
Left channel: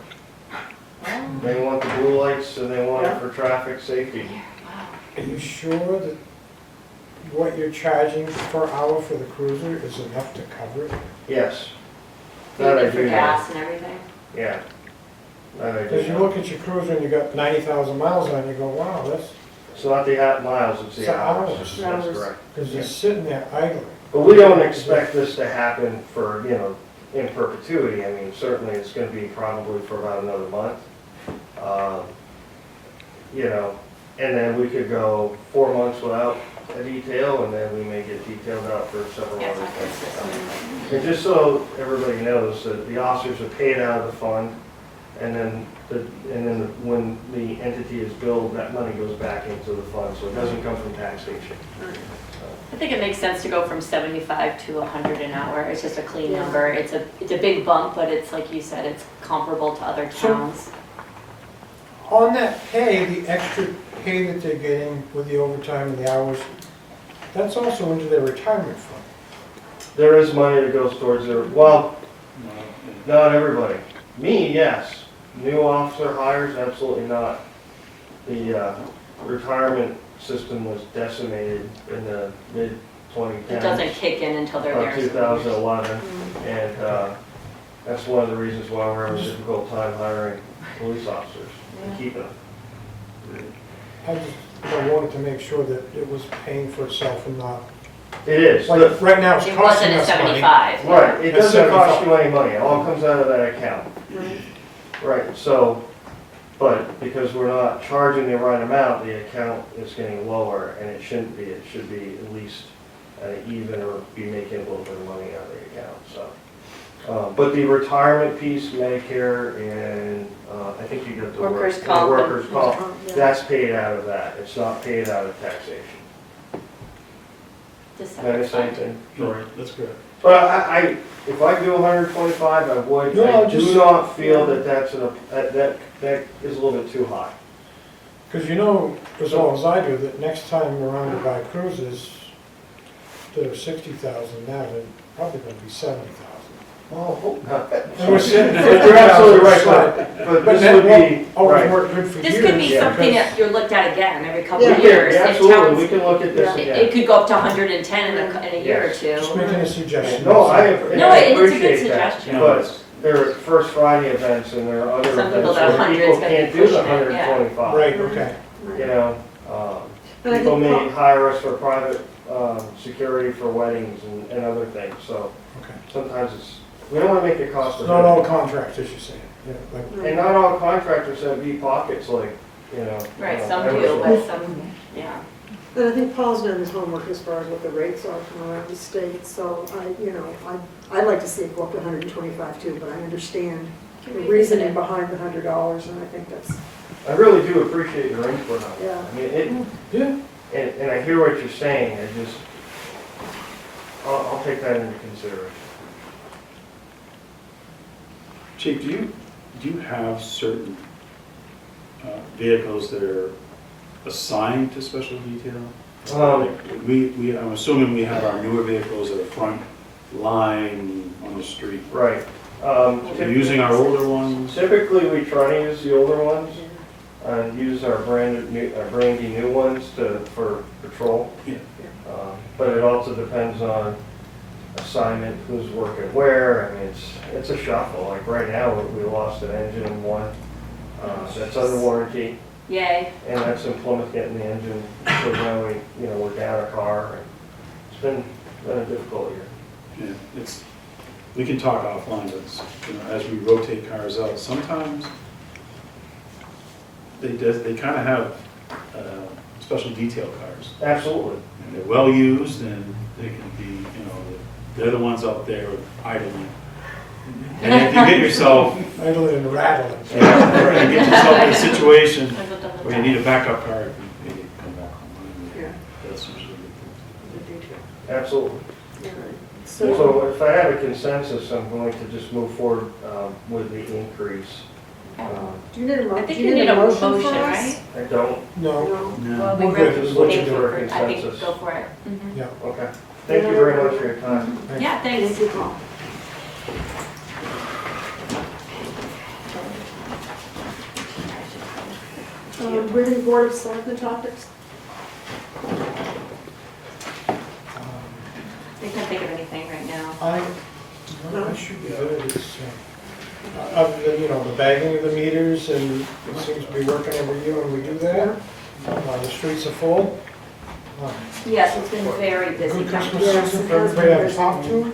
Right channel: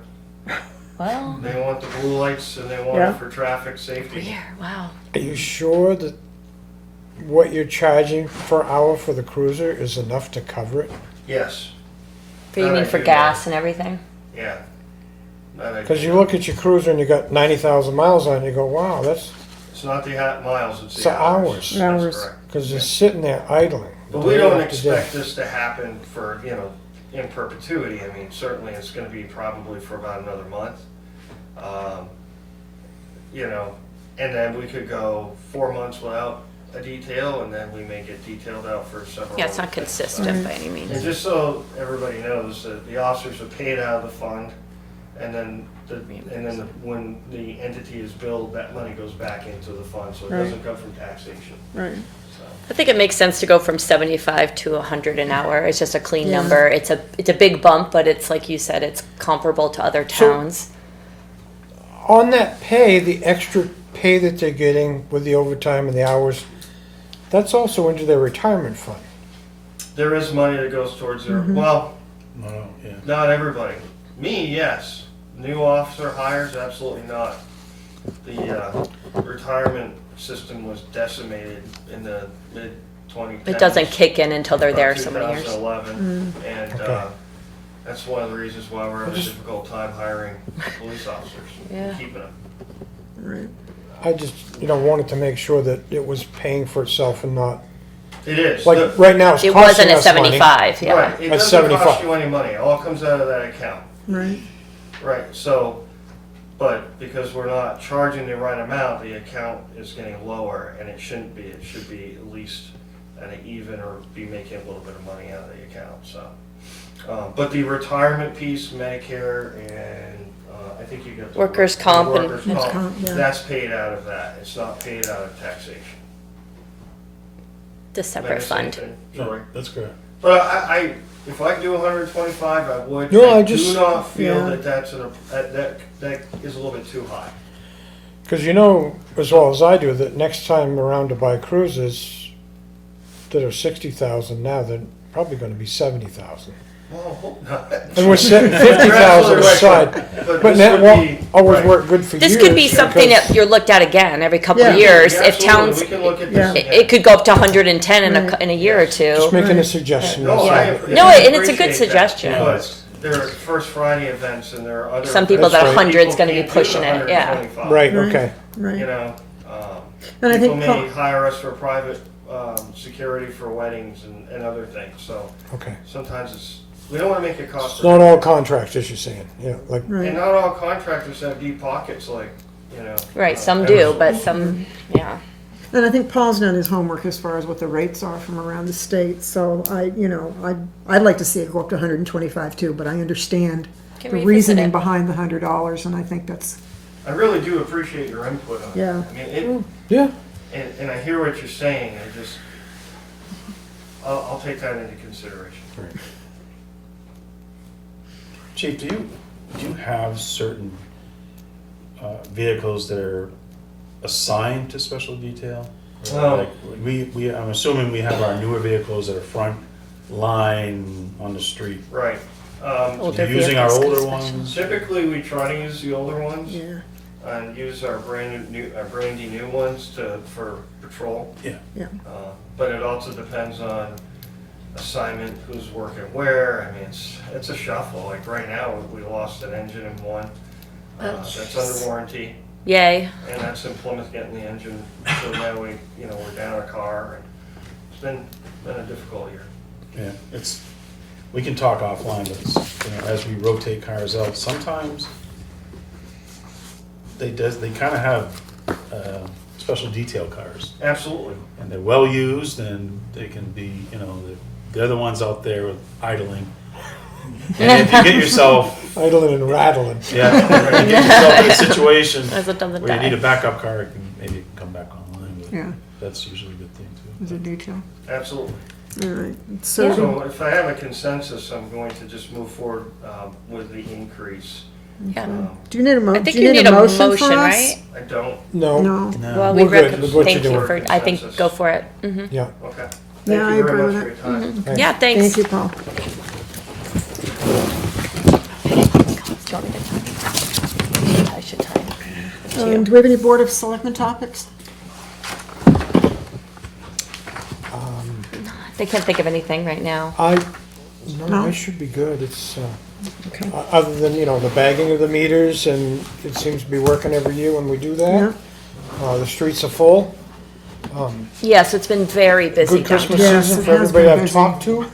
Well, They want the blue lights and they want Yeah. it for traffic safety. weird, wow. Are you sure that what you're charging per hour for the cruiser is enough to cover it? Yes, For you That I need for do gas and everything? yeah. That I Because do you know. look at your cruiser and you got 90,000 miles on it, and you go, wow, that's, It's not the miles, it's It's the the hours. hours. That's Hours. correct. because you're sitting there idling. But we don't expect this to happen for, in perpetuity. I mean, certainly it's gonna be probably for about another month. And then we could go 4 months without a detail, and then we may get detailed out for several Yeah, it's months. not consistent by any means. And just so everybody knows, that the officers are paid out of the fund. And then, when the entity is billed, that money goes back into the fund, so it doesn't come from taxation. Right. I think it makes sense to go from 75 to 100 an hour. It's just a clean Yeah. number. It's a big bump, but it's like you said, it's comparable to other So- towns. On that pay, the extra pay that they're getting with the overtime and the hours, that's also into their retirement fund. There is money that goes towards their, well, No, yeah. not everybody. Me, yes. New officer hires, absolutely not. The retirement system was decimated in the mid-2010s. It doesn't kick in until they're there so many years. 2011, and that's one of the reasons why we're having a difficult time hiring police officers and Yeah. keeping them. Right. I just, wanted to make sure that it was paying for itself and not, It is. like, right now it's It costing wasn't a us money. 75, yeah. Right, it At doesn't cost 75. you any money, it all comes out of that account. Right. Right, so, but because we're not charging the right amount, the account is getting lower, and it shouldn't be. It should be at least at an even or be making a little bit of money out of the account, so. But the retirement piece, Medicare, and I think you got the. Workers' comp and- Workers' Workers' comp, comp, yeah. that's paid out of that, it's not paid out of taxation. The separate Same fund. thing, No, sorry. that's correct. But if I do 125, I would. No, I I do just- not feel yeah. that that is a little bit too high. Because as well as I do, that next time around to buy cruises that are 60,000 now, they're probably gonna be 70,000. Oh, hope not. And we're setting You're 50,000 absolutely right, aside. but But this that would won't be. always right. work good for years. This could be something because- that you're looked at again every couple of Yeah. years. If Absolutely, towns, we can look at this. Yeah. it could go up to 110 in a year or two. Just making a suggestion. No, that's I. all. No, and it's a good appreciate that, suggestion. But there are First Friday events and there are other. Some people events that where 100 is people gonna be can't do pushing the it, yeah. 125. Right, Right. okay. Right. You know, And I people think may hire us for private security for weddings and other things, so Okay. sometimes we don't want to make it cost. It's not all contractors, you're saying, yeah, like, And Right. not all contractors have deep pockets like, Right, some do, but some, yeah. And I think Paul's done his homework as far as what the rates are from around the state, so I'd like to see it go up to 125 too, but I understand Can the revisit reasoning it. behind the $100, and I think that's, I really do appreciate your input on it. Yeah. I mean, yeah, and I hear what you're saying, I'll take that into consideration. Chief, do you have certain vehicles that are assigned to special detail? Like, I'm assuming we have our newer vehicles that are front line on the street. Right. Older Are you using our vehicles, older especially. ones? Typically, we try to use the older ones yeah, and use our brandy new ones for patrol. Yeah. yeah. But it also depends on assignment, who's working where. I mean, it's a shuffle. Like right now, we lost an engine in one. That's under warranty, Yay. and that's in Plymouth getting the engine. So now we're down a car. And it's been a difficult year. Yeah, we can talk offline, but as we rotate cars out, sometimes they kind of have special detail cars. Absolutely. And they're well used and they can be, they're the ones out there idling. And if you get yourself, idling and rattling. if you get yourself in a situation As it doesn't where you need die. a backup car, you can maybe come back online. Yeah. That's usually a good thing Is it detail? Absolutely. All right, so, So if I have a consensus, I'm going to just move forward with the increase. Yeah. do you need a I think you need a motion, for us? right? I don't, No, No. too. Well, We're good with what thank you're you doing. for, I think, go for it. Mhm. yeah. okay. Yeah, Thank I you very agree much with for your time. Thanks. Yeah, thanks. Thank you, Paul. I should tell you. Do we have any Board of Selectmen topics? They can't think of anything right now. I should be good, it's, Okay. other than, the bagging of the meters, and it seems to be working every year when we do Yeah. that. The streets are full. Yes, it's been very busy. Good Christmas Yes, season it for has everybody been I've busy. talked to.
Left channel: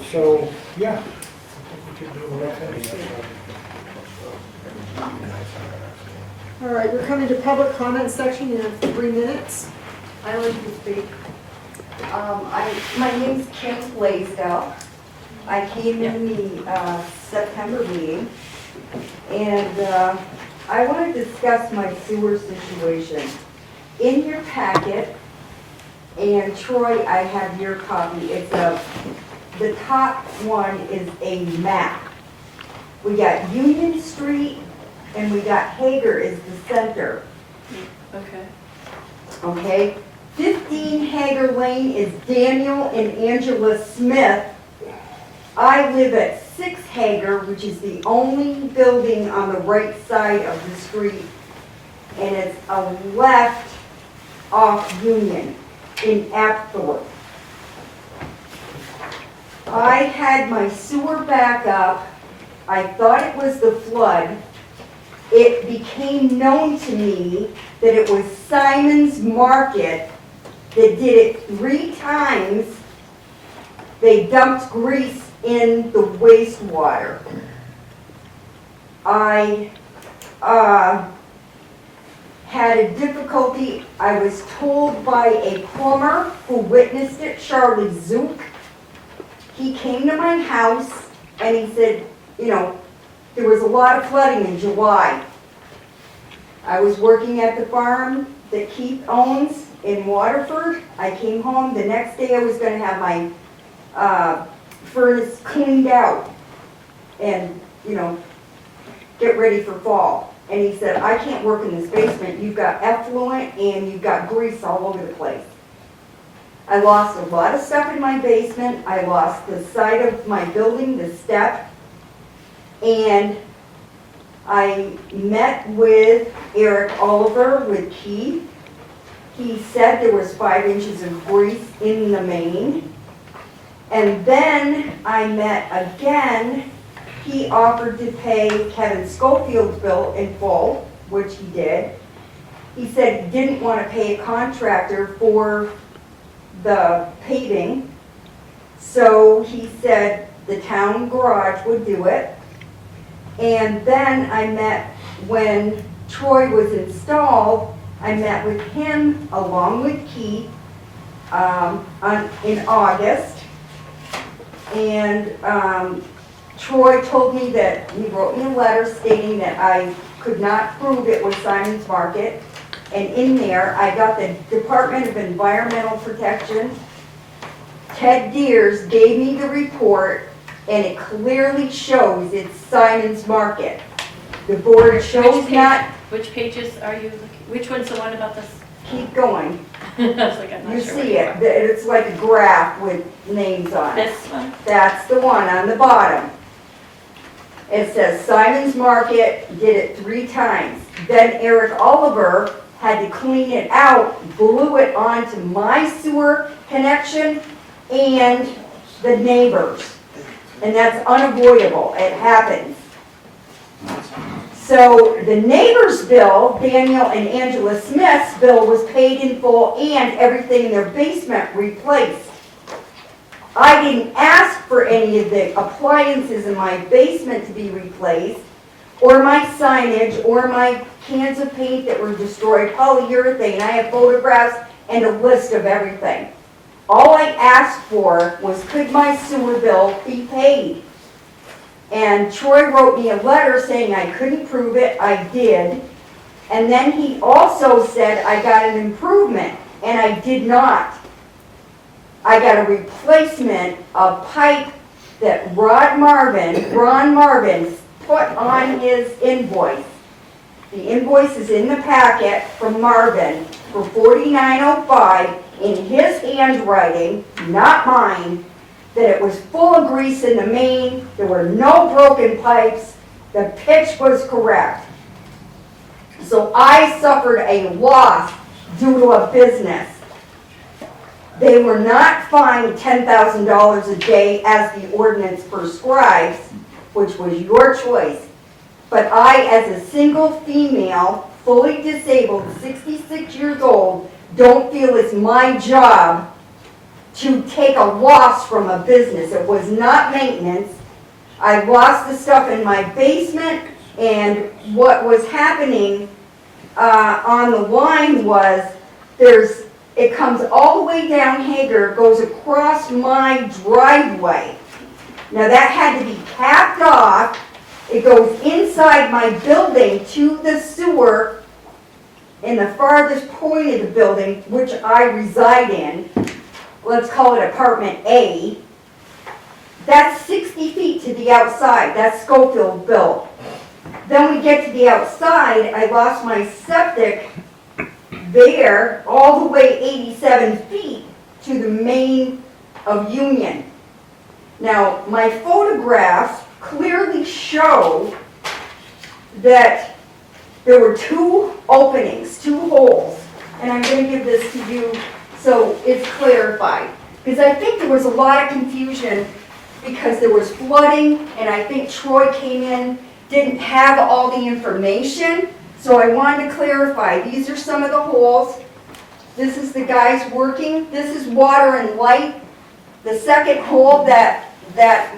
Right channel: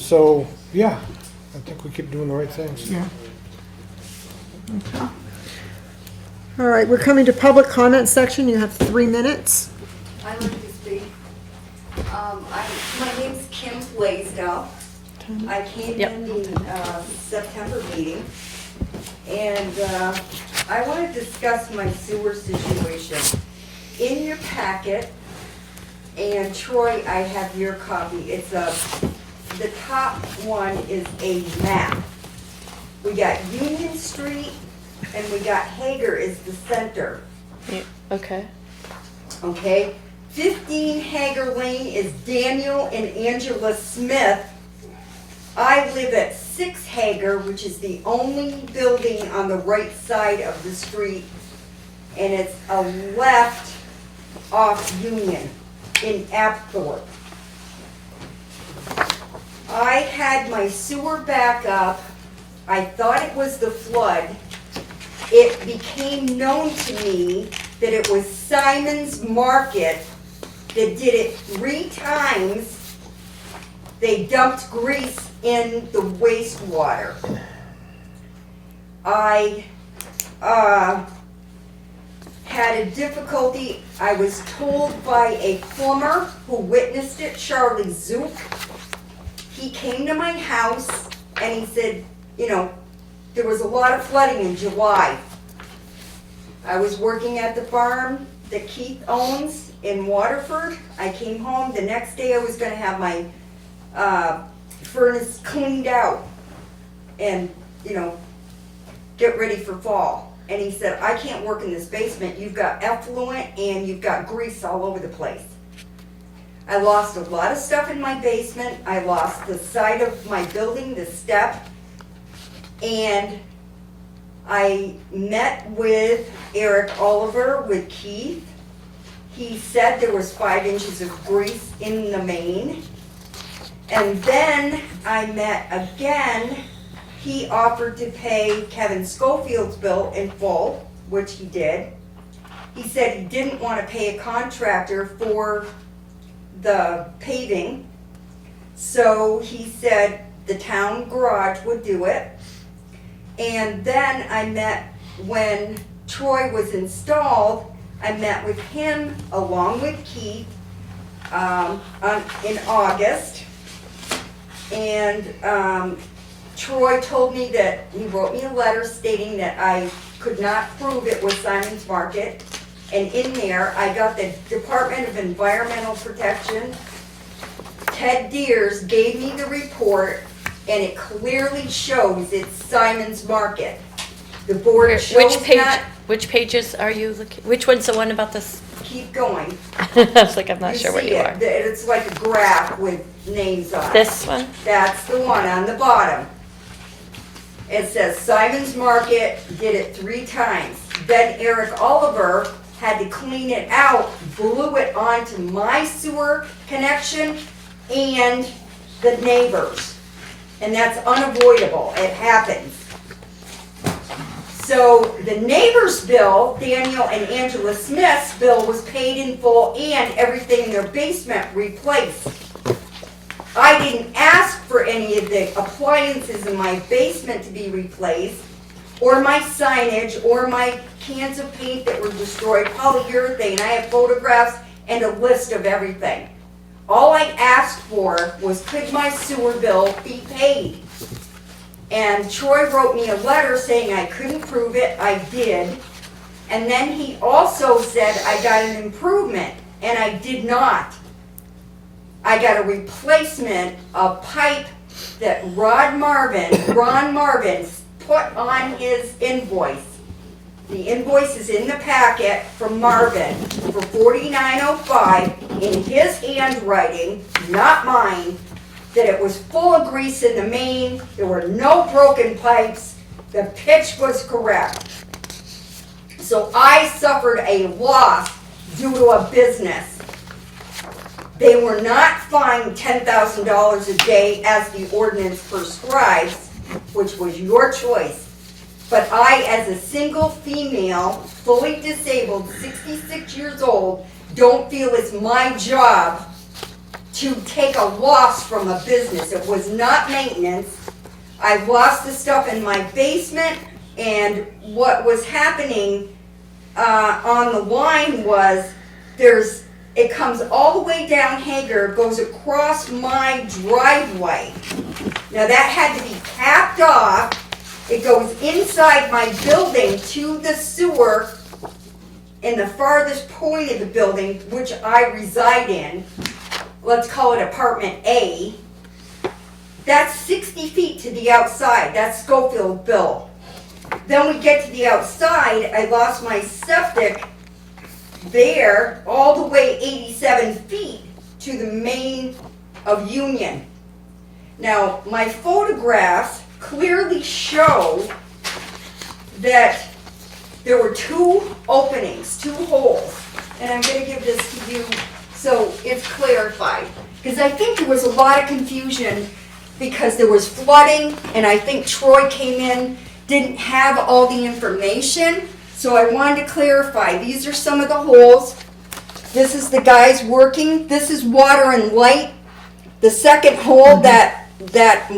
So, yeah, I think we keep doing the right things. All right, we're coming to public comment section. You have 3 minutes. I like to speak. My name's Kim Blaisdell. I came Yep. in the September meeting, and I want to discuss my sewer situation. In your packet, and Troy, I have your copy, the top one is a map. We got Union Street, and we got Hager is the center, Okay. okay? 15 Hager Lane is Daniel and Angela Smith. I live at 6 Hager, which is the only building on the right side of the street, and it's a left off Union in Apthorpe. I had my sewer back up. I thought it was the flood. It became known to me that it was Simon's Market that did it 3 times. They dumped grease in the wastewater. I had a difficulty. I was told by a plumber who witnessed it, Charlie Zook. He came to my house and he said, you know, there was a lot of flooding in July. I was working at the farm that Keith owns in Waterford. I came home. The next day I was going to have my furnace cleaned out and, you know, get ready for fall. And he said, I can't work in this basement. You've got effluent and you've got grease all over the place. I lost a lot of stuff in my basement. I lost the side of my building, the step. And I met with Eric Oliver, with Keith. He said there was 5 inches of grease in the main. And then I met again. He offered to pay Kevin Schofield's bill in full, which he did. He said he didn't want to pay a contractor for the paving. So he said the town garage would do it. And then I met, when Troy was installed, I met with him along with Keith in August. And Troy told me that he wrote me a letter stating that I could not prove it was Simon's Market. And in there, I got the Department of Environmental Protection. Ted Deers gave me the report, and it clearly shows it's Simon's Market. The board shows not. Which pages are you looking? Which one's the one about this? Keep going. I was like, I'm not sure where see you it. are. It's like a graph with names on it. This one? That's the one on the bottom. It says Simon's Market did it 3 times. Then Eric Oliver had to clean it out, blew it onto my sewer connection and the neighbors. And that's unavoidable. It happens. So the neighbor's bill, Daniel and Angela Smith's bill, was paid in full and everything in their basement replaced. I didn't ask for any of the appliances in my basement to be replaced, or my signage, or my cans of paint that were destroyed, polyurethane. I have photographs and a list of everything. All I asked for was, could my sewer bill be paid? And Troy wrote me a letter saying I couldn't prove it. I did. And then he also said I got an improvement, and I did not. I got a replacement of pipe that Ron Marvin put on his invoice. The invoice is in the packet from Marvin for $49.05 in his handwriting, not mine, that it was full of grease in the main, there were no broken pipes, the pitch was correct. So I suffered a loss due to a business. They were not fined $10,000 a day as the ordinance prescribes, which was your choice. But I, as a single female, fully disabled, 66 years old, don't feel it's my job to take a loss from a business. It was not maintenance. I lost the stuff in my basement, and what was happening on the line was it comes all the way down Hager, goes across my driveway. Now that had to be capped off, It goes inside my building to the sewer in the farthest point of the building, which I reside in. Let's call it apartment A. That's 60 feet to the outside. That's Schofield built. Then we get to the outside, I lost my septic there, all the way 87 feet to the main of Union. Now, my photographs clearly show that there were 2 openings, 2 holes. And I'm gonna give this to you so it's clarified. Because I think there was a lot of confusion because there was flooding, and I think Troy came in, didn't have all the information. So I wanted to clarify, these are some of the holes. This is the guys working. This is water and light. The second hole that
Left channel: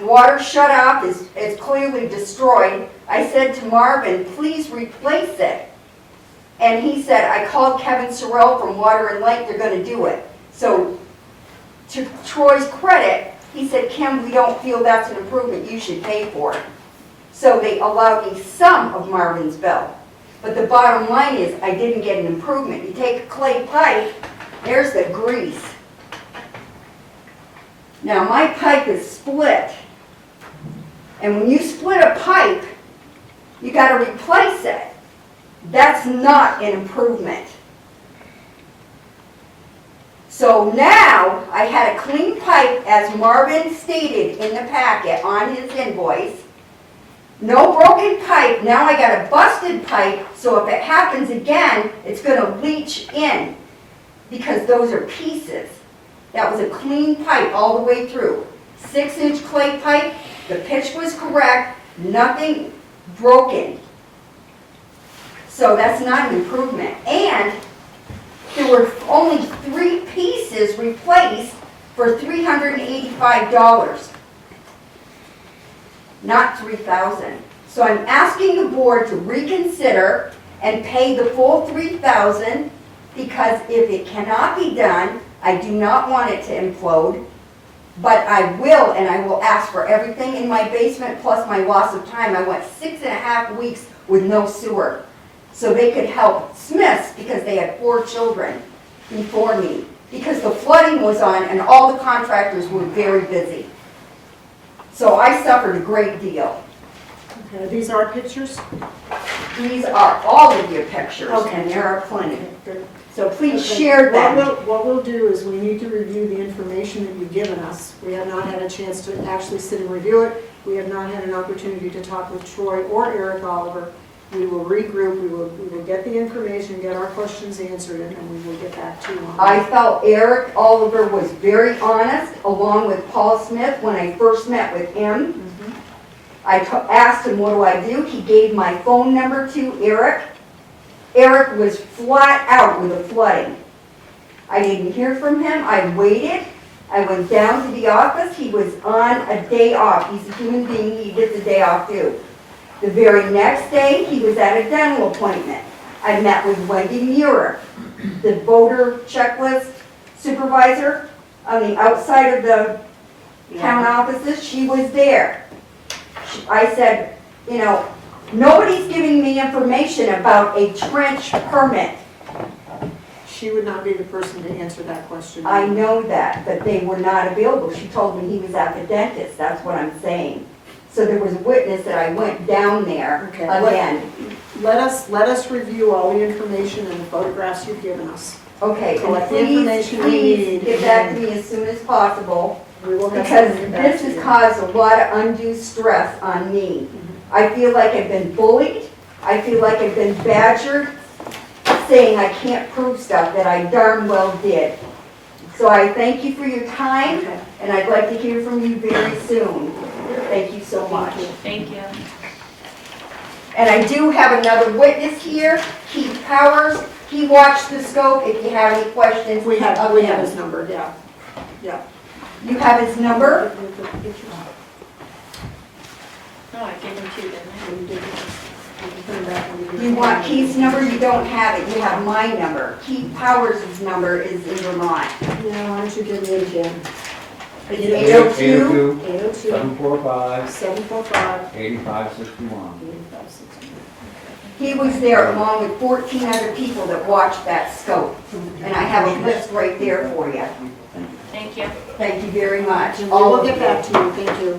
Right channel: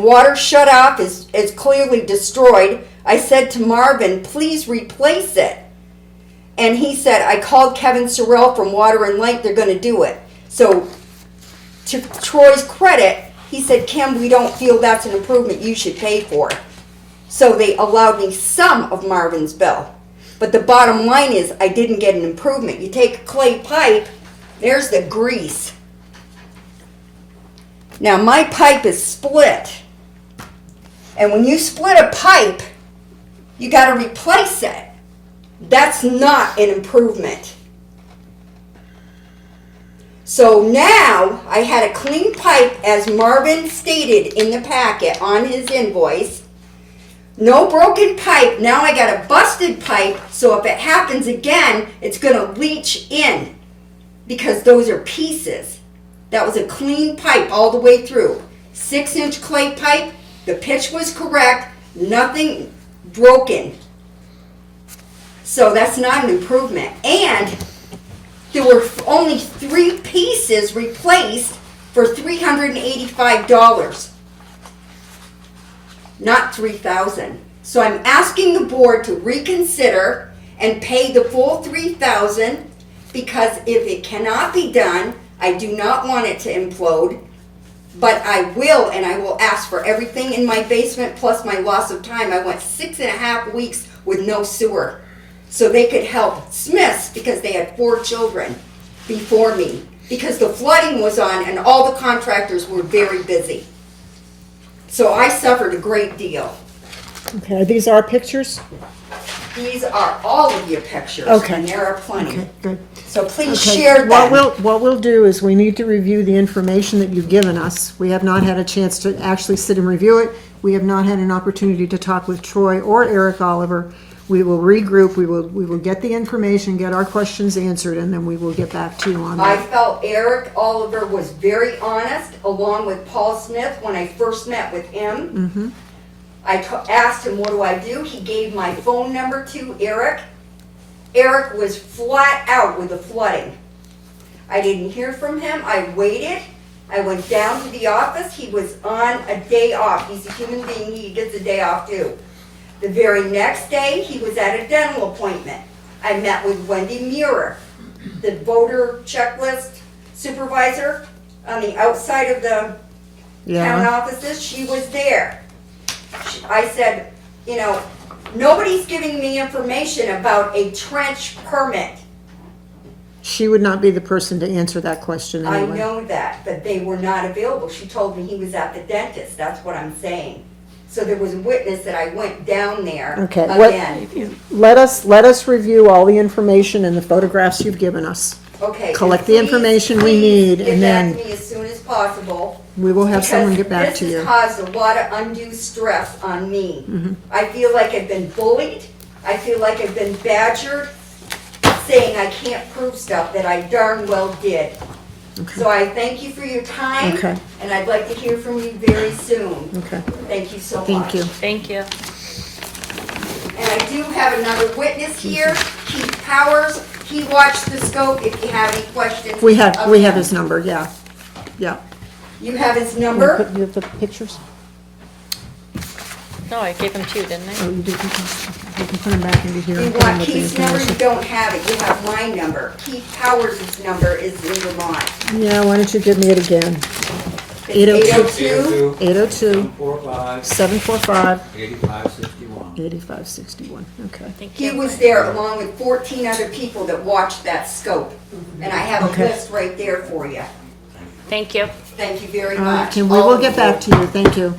water shut off is clearly destroyed. I said to Marvin, please replace it. And he said, I called Kevin Sorrell from Water and Light, they're gonna do it. So to Troy's credit, he said, Kim, we don't feel that's an improvement, you should pay for it. So they allowed me some of Marvin's bill. But the bottom line is, I didn't get an improvement. You take a clay pipe, there's the grease. Now my pipe is split. And when you split a pipe, you gotta replace it. That's not an improvement. So now, I had a clean pipe, as Marvin stated in the packet on his invoice. No broken pipe, now I got a busted pipe, so if it happens again, it's gonna leach in, because those are pieces. That was a clean pipe all the way through. 6-inch clay pipe, the pitch was correct, nothing broken. So that's not an improvement. And there were only 3 pieces replaced for $385. Not $3,000. So I'm asking the board to reconsider and pay the full $3,000, because if it cannot be done, I do not want it to implode, but I will, and I will ask for everything in my basement plus my loss of time. I went 6.5 weeks with no sewer. So they could help Smiths, because they had 4 children before me, because the flooding was on and all the contractors were very busy. So I suffered a great deal. Okay, these are pictures? These are all of your pictures, Okay. and there are plenty. Okay, good. So please Okay, share them. What we'll do is we need to review the information that you've given us. We have not had a chance to actually sit and review it. We have not had an opportunity to talk with Troy or Eric Oliver. We will regroup, we will get the information, get our questions answered, and then we will get back to you on I that. felt Eric Oliver was very honest, along with Paul Smith, when I first met with him. Mhm. I asked him, what do I do? He gave my phone number to Eric. Eric was flat out with the flooding. I didn't hear from him. I waited. I went down to the office. He was on a day off. He's a human being. He gets a day off too. The very next day, he was at a dental appointment. I met with Wendy Muir, the voter checklist supervisor on the outside of the town Yeah, offices. She was there. I said, you know, nobody's giving me information about a trench permit. she would not be the person to answer that question I anyway. know that, but they were not available. She told me he was at the dentist, that's what I'm saying. So there was a witness that I went down there Okay, again. let us review all the information and the photographs you've given us. Okay. and collect the please, information we please need, get and that to then- me as soon as possible. We will have someone get back Because to this has you. caused a lot of undue stress on me. Mhm. I feel like I've been bullied, I feel like I've been badgered, saying I can't prove stuff that I darn well did. So I thank you for your time, Okay. and I'd like to hear from you very soon. Okay, Thank you so much. thank you. Thank you. And I do have another witness here, Keith Powers. He watched the scope. If you have any questions. We have of him. his number, yeah, yeah. You have his number? You have the pictures? No, I gave them to you, didn't I? Or you can put them back in here. You want Keith's number? You don't have it. You have my number. Keith Powers' number is in Vermont. Yeah, why don't you give me it again? 802, 745, 745, 8561. 8561, okay. He was there along with 14 other people that watched that scope. And I have a Okay. list right there for you. Thank you. Thank you very much. And we will get back to you, thank you.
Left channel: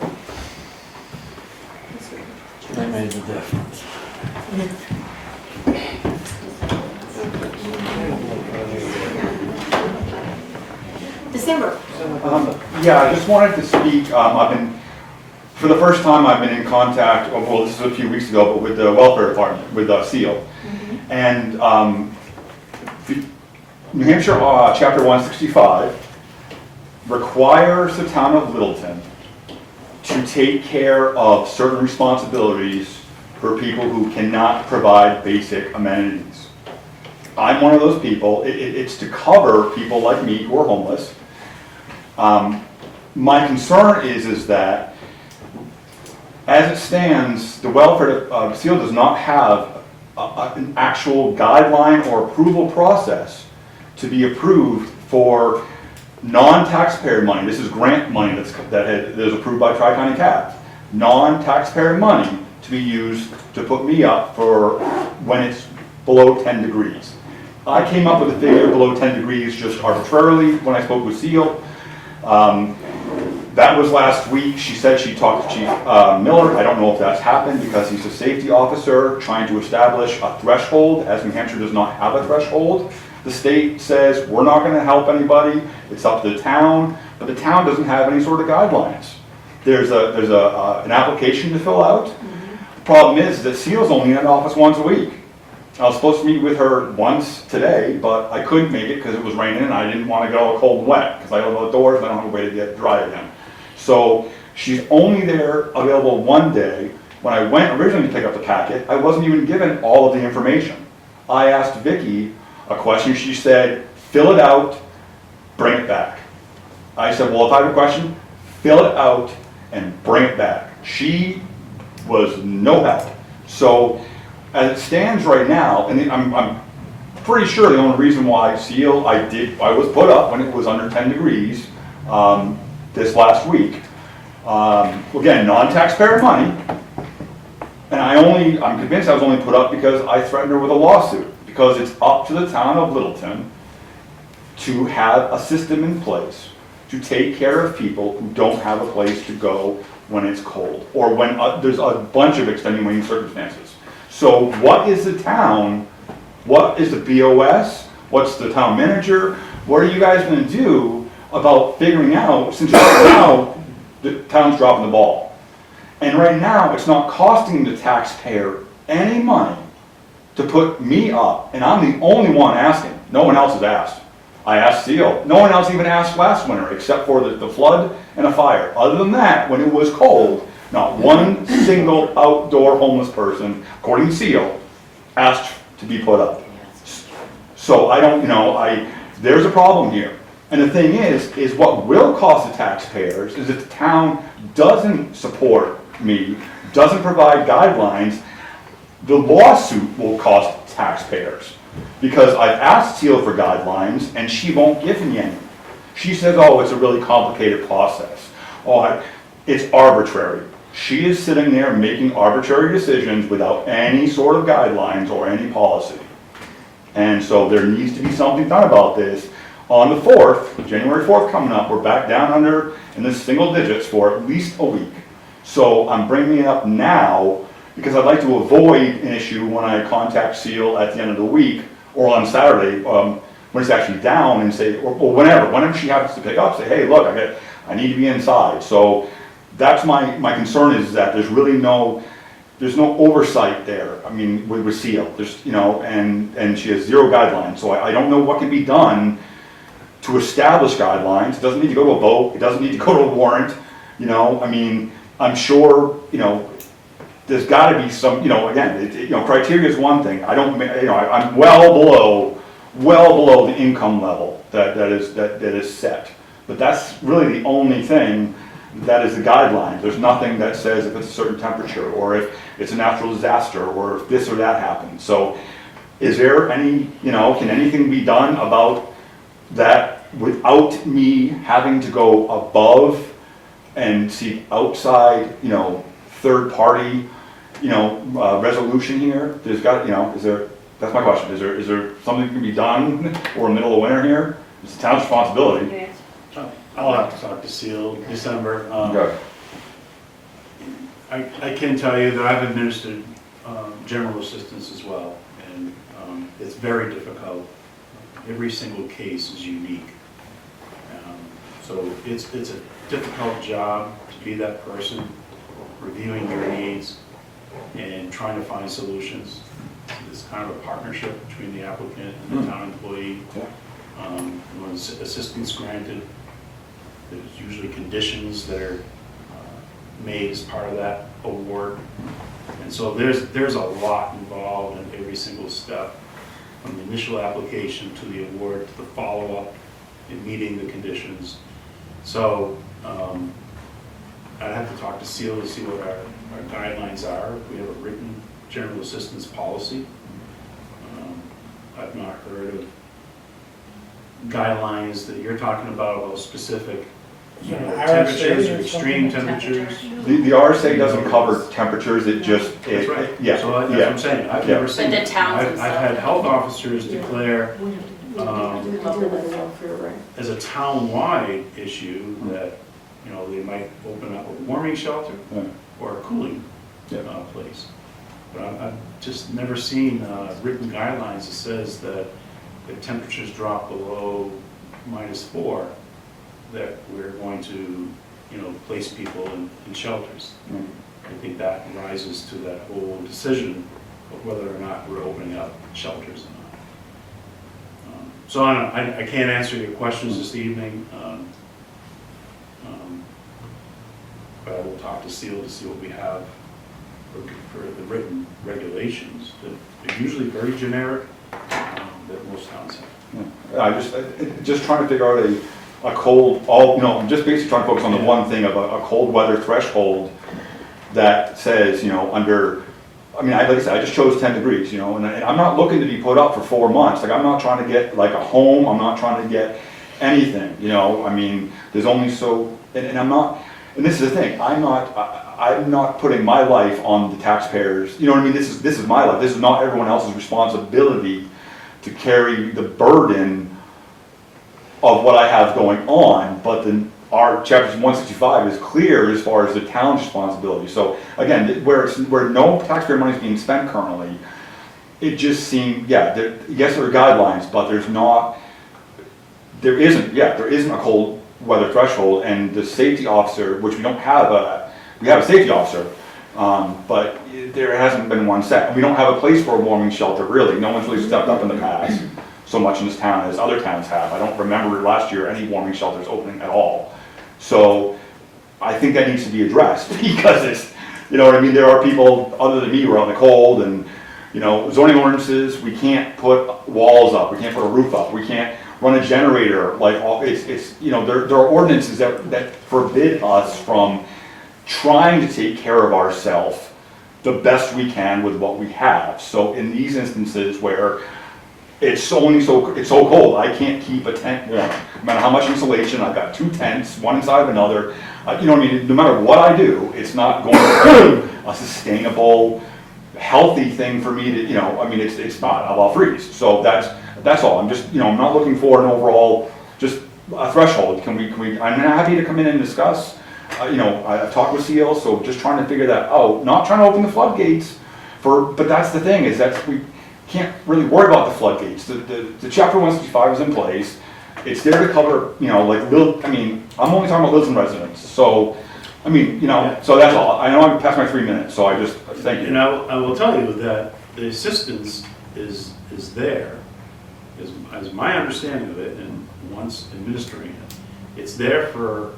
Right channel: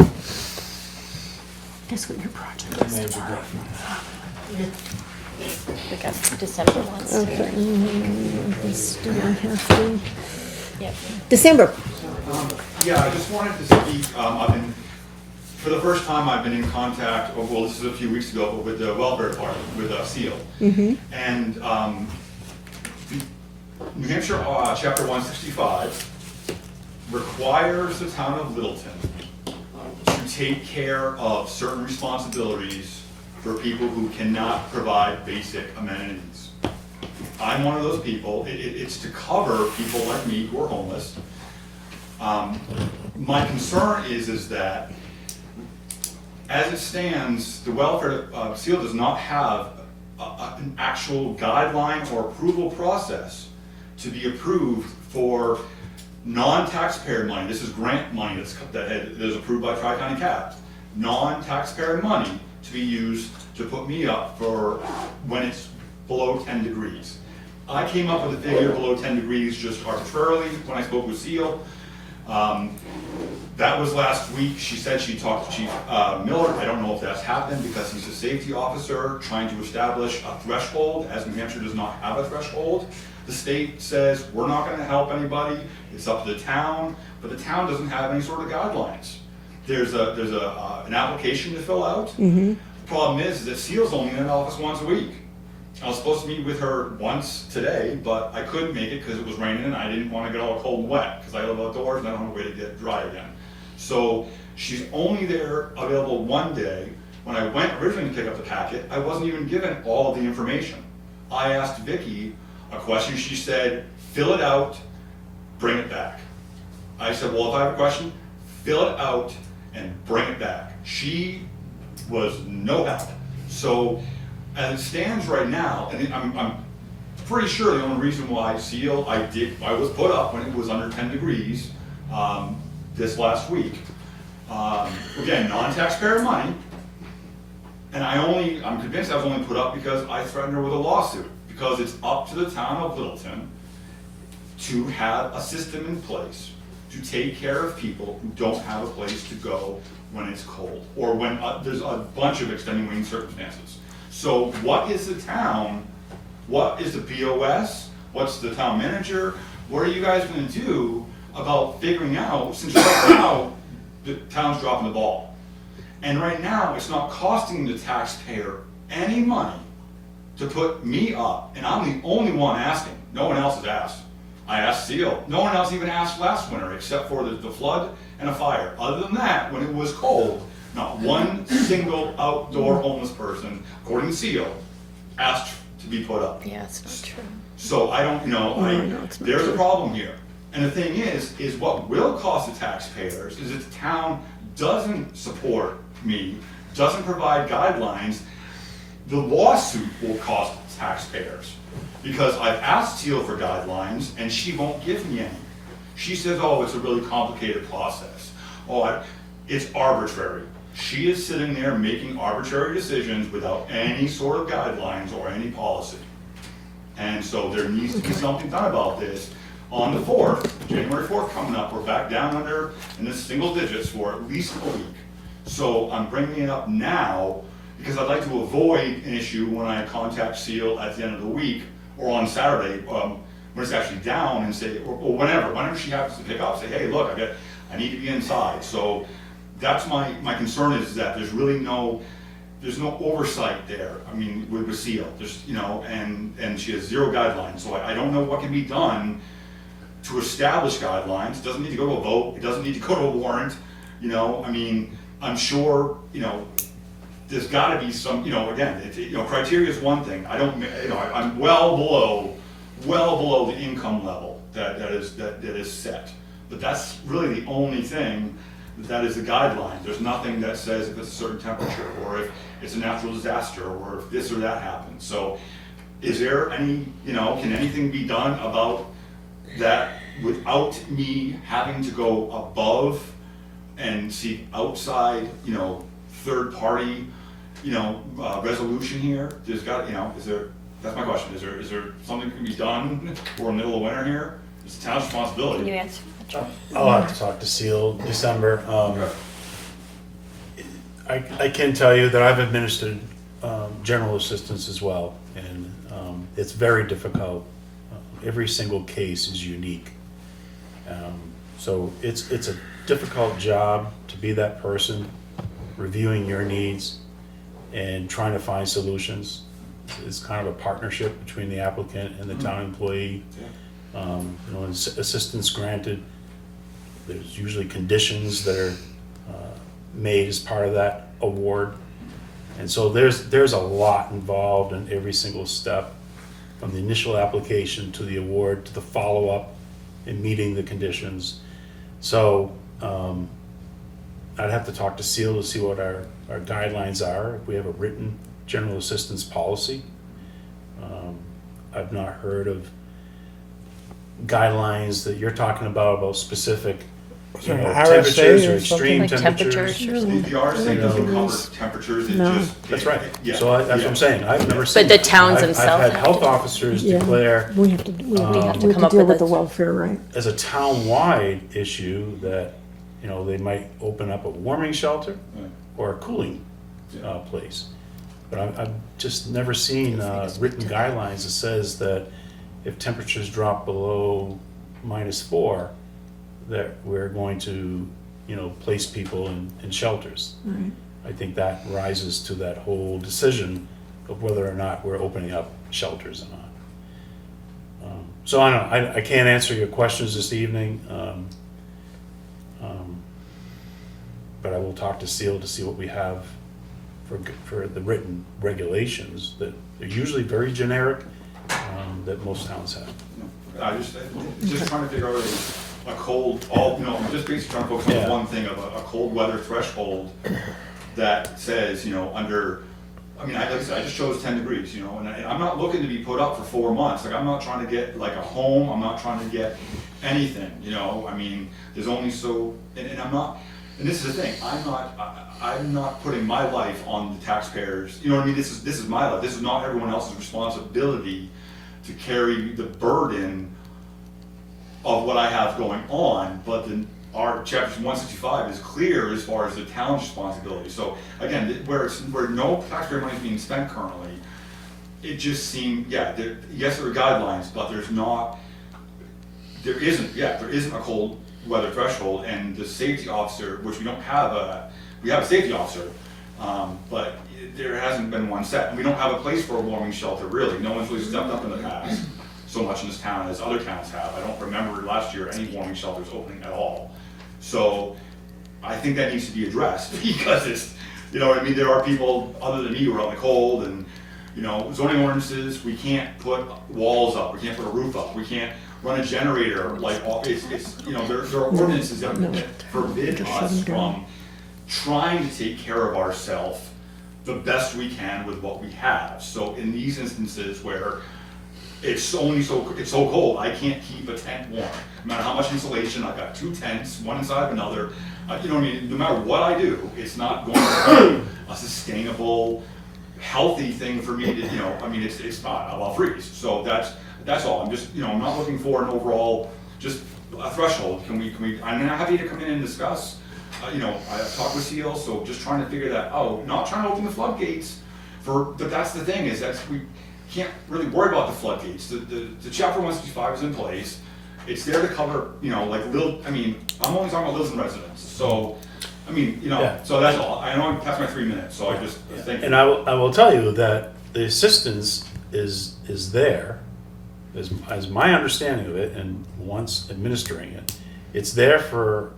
Guess what your project is. December ones. December. Yeah, I just wanted to speak, for the first time, I've been in contact, well, this was a few weeks ago, but with the welfare department, with SEAL. And New Hampshire Chapter 165 requires the town of Littleton to take care of certain responsibilities for people who cannot provide basic amenities. I'm one of those people. It's to cover people like me who are homeless. My concern is that, as it stands, the welfare SEAL does not have an actual guideline or approval process to be approved for non-taxpayer money. This is grant money that is approved by Tri-County CAT. Non-taxpayer money to be used to put me up for when it's below 10 degrees. I came up with a figure below 10 degrees just arbitrarily when I spoke with SEAL. That was last week. She said she talked to Chief Miller. I don't know if that's happened because he's a safety officer trying to establish a threshold, as New Hampshire does not have a threshold. The state says we're not going to help anybody. It's up to the town, but the town doesn't have any sort of guidelines. There's an application to fill out. The problem is that SEAL's only in office once a week. I was supposed to meet with her once today, but I couldn't make it because it was raining and I didn't want to go cold and wet because I live outdoors and I don't have a way to get dry again. So she's only there available one day. When I went originally to pick up the packet, I wasn't even given all of the information. I asked Vicki a question. She said, fill it out, bring it back. I said, well, if I have a question, fill it out and bring it back. She was no help. So as it stands right now, and I'm pretty sure the only reason why SEAL, I was put up when it was under 10 degrees this last week. Again, non-taxpayer money, and I'm convinced I was only put up because I threatened her with a lawsuit, because it's up to the town of Littleton to have a system in place to take care of people who don't have a place to go when it's cold, or when there's a bunch of extenuating circumstances. So what is the town, what is the BOS, what's the town manager, what are you guys gonna do about figuring out, since right now the town's dropping the ball. And right now it's not costing the taxpayer any money to put me up, and I'm the only one asking, no one else has asked. I asked SEAL, no one else even asked last winter except for the flood and a fire. Other than that, when it was cold, not one single outdoor homeless person, according to SEAL, asked to be put up. Yeah, it's true. So I don't, there's a problem here. And the thing is what will cost the taxpayers is if the town doesn't support me, doesn't provide guidelines, the lawsuit will cost taxpayers. Because I've asked SEAL for guidelines and she won't give me any. She says, oh, it's a really complicated process. Oh, it's arbitrary. She is sitting there making arbitrary decisions without any sort of guidelines or any policy. And so there needs to be something done about this. On the 4th, January 4th coming up, we're back down under in the single digits for at least a week. So I'm bringing it up now because I'd like to avoid an issue when I contact SEAL at the end of the week or on Saturday when it's actually down and say, or whenever she happens to pick up, say, hey, look, I need to be inside. So that's my concern is that there's really there's no oversight there. I mean, with SEAL, there's, and she has zero guidelines. So I don't know what can be done to establish guidelines. It doesn't need to go to a vote. It doesn't need to go to a warrant. I'm sure, there's got to be some, again, criteria is one thing. I'm well below the income level that is set. But that's really the only thing that is the guideline. There's nothing that says if it's a certain temperature or if it's a natural disaster or if this or that happens. So is there any, can anything be done about that without me having to go above and see outside, third party, resolution here, there's got, that's my question, is there something that can be done, or middle of winter here? It's the town's responsibility. You answer. I'll have to talk to Seal December. Okay. I can tell you that I've administered general assistance as well, and it's very difficult. Every single case is unique. So it's a difficult job to be that person, reviewing your needs and trying to find solutions. It's kind of a partnership between the applicant and the town employee. When assistance granted, there's usually conditions that are made as part of that award. And so there's a lot involved in every single step, from the initial application to the award to the follow-up and meeting the conditions. So I'd have to talk to Seal to see what our guidelines are, if we have a written general assistance policy. I've not heard of guidelines that you're talking about specific temperatures or extreme temperatures. The RSA doesn't cover temperatures, it just. That's right. Yeah. So that's what I'm saying. I've never seen. But the towns I've themselves had have health to- officers Yeah. declare We have to come deal up with with the a- welfare, right? as a town-wide issue that, they might open up a warming shelter Right. or a cooling Yeah. place. But I've just never seen written guidelines that says that if temperatures drop below -4, that we're going to, place people in shelters. I think that rises to that whole decision of whether or not we're opening up shelters or not. So I don't know, I can't answer your questions this evening. But I will talk to Seal to see what we have for the written regulations that are usually very generic, that most towns have. I just trying to figure out a cold, I'm just basically trying to focus on the one thing of a cold weather threshold that says, under, like I said, I just chose 10 degrees, and I'm not looking to be put up for 4 months. Like, I'm not trying to get like a home, I'm not trying to get anything, there's only so, and I'm not, and this is the thing, I'm not putting my life on the taxpayers, this is my life, this is not everyone else's responsibility to carry the burden of what I have going on, but then our chapter 165 is clear as far as the town's responsibility. So again, where no taxpayer money is being spent currently, it just seemed, yes, there are guidelines, but there isn't a cold weather threshold, and the safety officer, which we have a safety officer, but there hasn't been one set. And we don't have a place for a warming shelter, really. No one's really stepped up in the past so much in this town as other towns have. I don't remember last year any warming shelters opening at all. So I think that needs to be addressed, because it's, there are people other than me who are out in the cold, and, zoning ordinances, we can't put walls up, we can't put a roof up, we can't run a generator, there are ordinances that forbid us from trying to take care of ourselves the best we can with what we have. So in these instances where it's so cold, I can't keep a tent warm. No matter how much insulation, I've got 2 tents, one inside of another. No matter what I do, it's not going to be a sustainable, healthy thing for me to, it's not. I'll freeze. So that's all. I'm just, I'm not looking for an overall, just a threshold. Can we? I'm happy to come in and discuss. I talked with Seal, so just trying to figure that out. Not trying to open the floodgates but that's the thing, is that we can't really worry about the floodgates. The chapter 165 is in place. It's there to cover, I'm only talking about Littleton residents. So, so that's all. I know I'm past my 3 minutes, so I just thank you. And I will tell you that the assistance is there, as my understanding of it, and once administering it, it's there for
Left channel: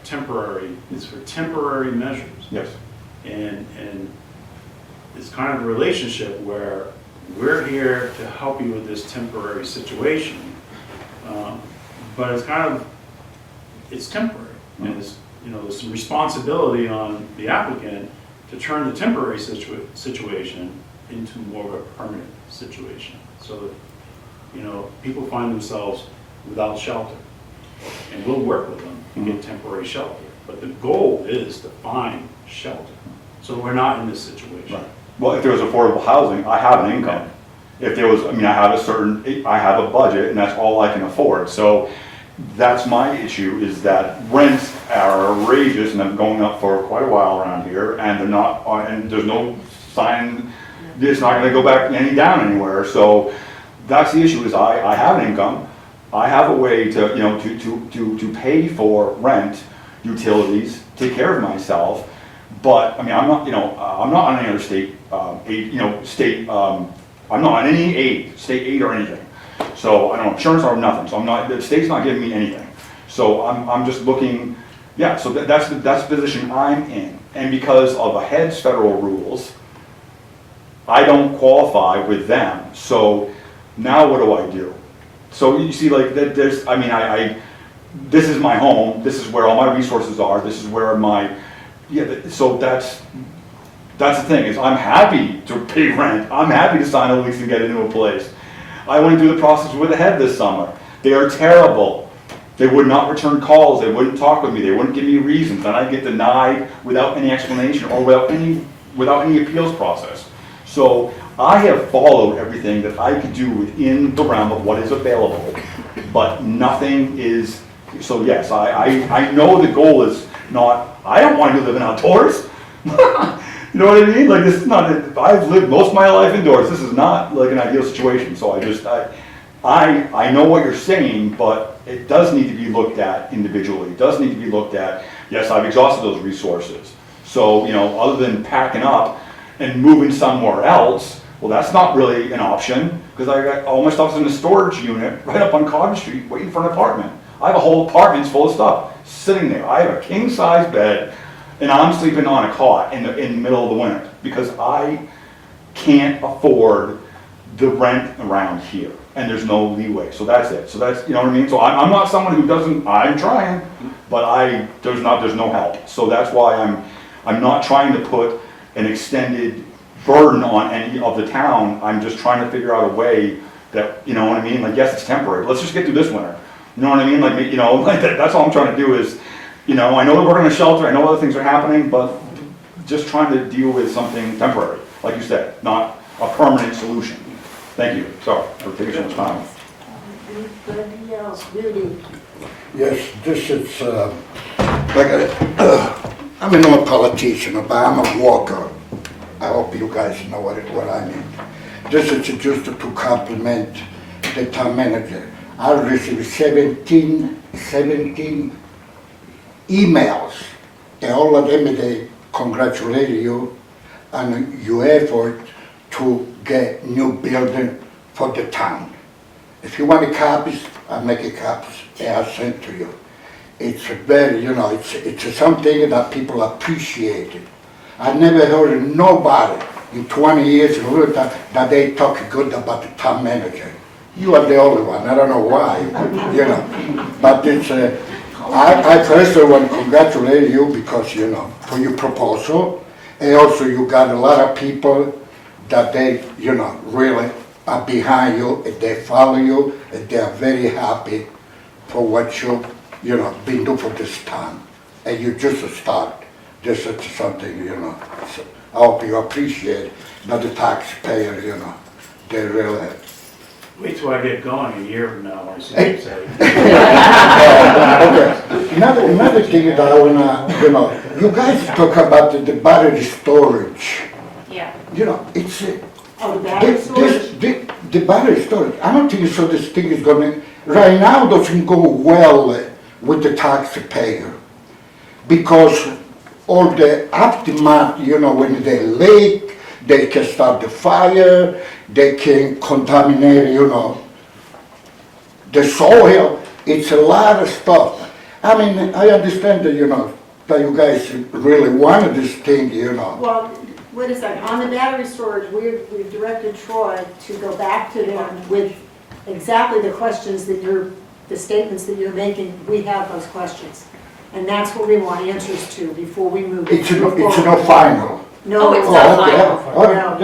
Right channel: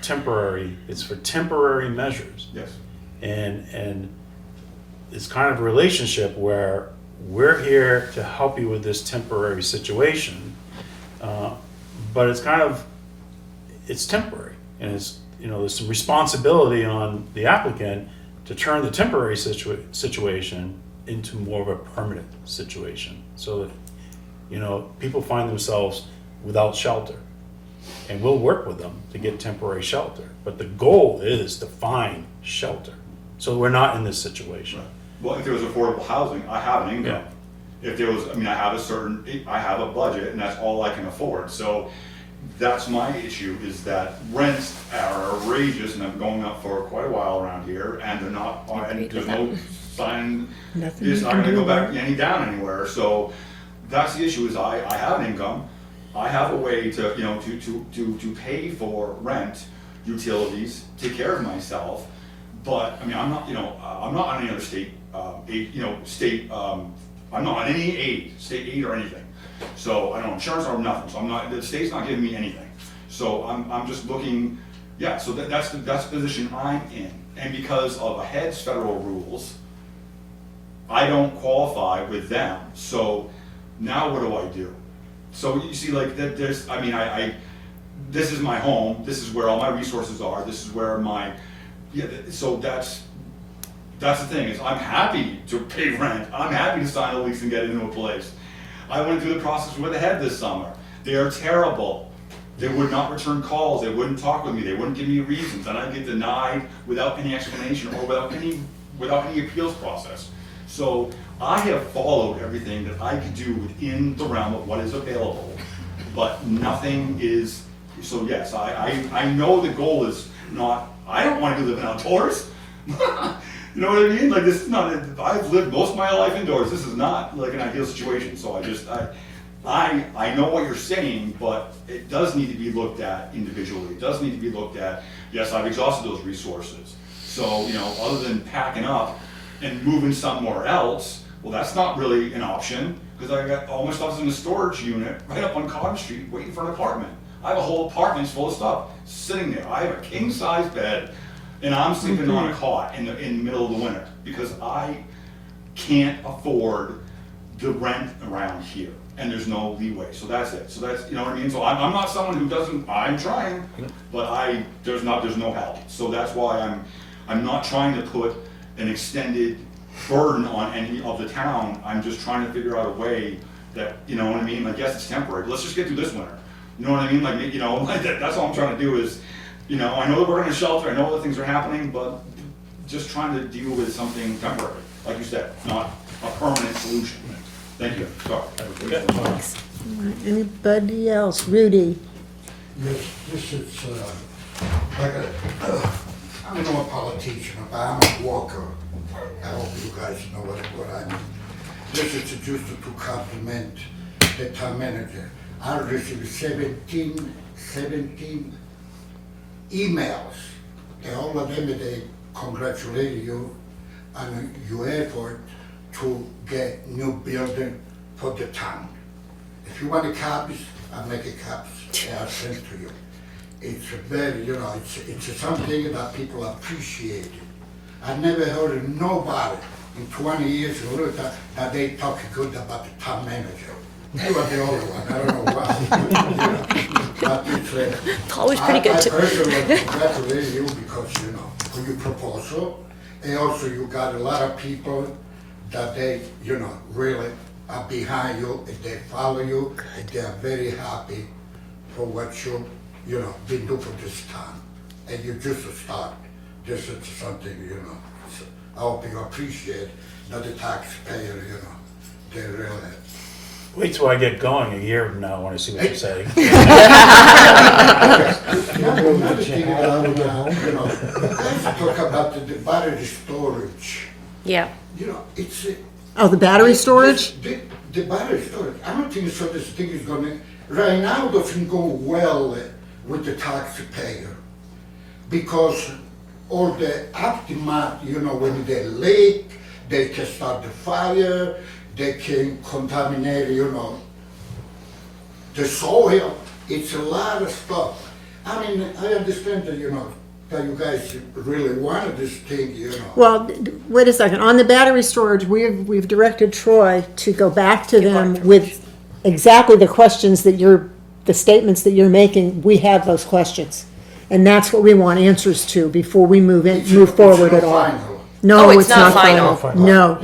temporary measures. Yes. And it's kind of a relationship where we're here to help you with this temporary situation, but it's temporary, and there's some responsibility on the applicant to turn the temporary situation into more of a permanent situation. So that, people find themselves without shelter. And we'll work with them to get temporary shelter, but the goal is to find shelter. So we're not in this situation. Right. Well, if there was affordable housing, I have an income. If there was, I mean, I have a budget, and that's all I can afford. So that's my issue, is that rents are outrageous and have been going up for quite a while around here, and they're not, and there's no sign, it's not gonna go back any down anywhere. So that's the issue, is I have an income, I have a way to, you know, to pay for rent, utilities, take care of myself. But, I mean, I'm not, you know, I'm not on any other state, aid, you know, state, I'm not on any aid, state aid or anything. So I don't have insurance or nothing, so I'm not, the state's not giving me anything. So I'm just looking, yeah, so that's the position I'm in. And because of the head's federal rules, I don't qualify with them. So now what do I do? So you see, like, there's, I mean, this is my home, this is where all my resources are, this is where my, yeah, so that's the thing, is I'm happy to pay rent, I'm happy to sign a lease to get into a place. I went through the process with the head this summer. They are terrible. They would not return calls, they wouldn't talk with me, they wouldn't give me reasons, and I get denied without any explanation or without any appeals process. So I have followed everything that I could do within the realm of what is available, but nothing is, so yes, I know the goal is not, I don't want to live in outdoors. You know what I mean? Like, this is not, I've lived most of my life indoors, this is not like an ideal situation, so I know what you're saying, but it does need to be looked at individually, it does need to be looked at, yes, I've exhausted those resources. So, you know, other than packing up and moving somewhere else, well, that's not really an option, because I got all my stuff's in a storage unit right up on Cottage Street waiting for an apartment. I have a whole apartment full of stuff sitting there. I have a king-size bed, and I'm sleeping on a cot in the middle of the winter, because I can't afford the rent around here, and there's no leeway. So that's it. So that's, you know what I mean? So I'm not someone who doesn't, I'm trying, but there's no help. So that's why I'm not trying to put an extended burden on any of the town. I'm just trying to figure out a way that, you know what I mean? Like, yes, it's temporary. Let's just get through this winter. You know what I mean? Like, you know, like that's all I'm trying to do is, you know, I know that we're in a shelter, I know other things are happening, but just trying to deal with something temporary, like you said, not a permanent solution. Thank you. Sorry for taking some time. Anybody else? Rudy? Yes, this is, I'm not a politician, but I'm a walker. I hope you guys know what I mean. This is just to compliment the town manager. I received 17 emails, and all of them, they congratulate you on your effort to get new building for the town. If you want the copies, I'll make a copies and I'll send to you. It's very, you know, it's something that people appreciate. I never heard nobody in 20 years in Littleton that they talk good about the town manager. You are the only one, I don't know why, you know. But it's, I personally want to congratulate you because, you know, for your proposal. And also you got a lot of people that they, you know, really are behind you, and they follow you, and they are very happy for what you know, been doing for this town. And you just start. This is something, you know, so I hope you appreciate that the taxpayer, you know, they really. Wait till I get going a year from now when I see what you're saying. Okay. Another thing that I wanna, you know, you guys talk about the battery storage. Yeah. You know, it's. Oh, the battery storage? The battery storage, I don't think so this thing is gonna, right now doesn't go well with the taxpayer. Because all the aftermath, you know, when they leak, they can start the fire, they can contaminate, you know, the soil. It's a lot of stuff. I mean, I understand that, you know, that you guys really wanted this thing, you know. Well, wait a second. On the battery storage, we've directed Troy to go back to them with exactly the questions that the statements that you're making. We have those questions. And that's what we want answers to before we move It's forward. no final. No, it's not final. No.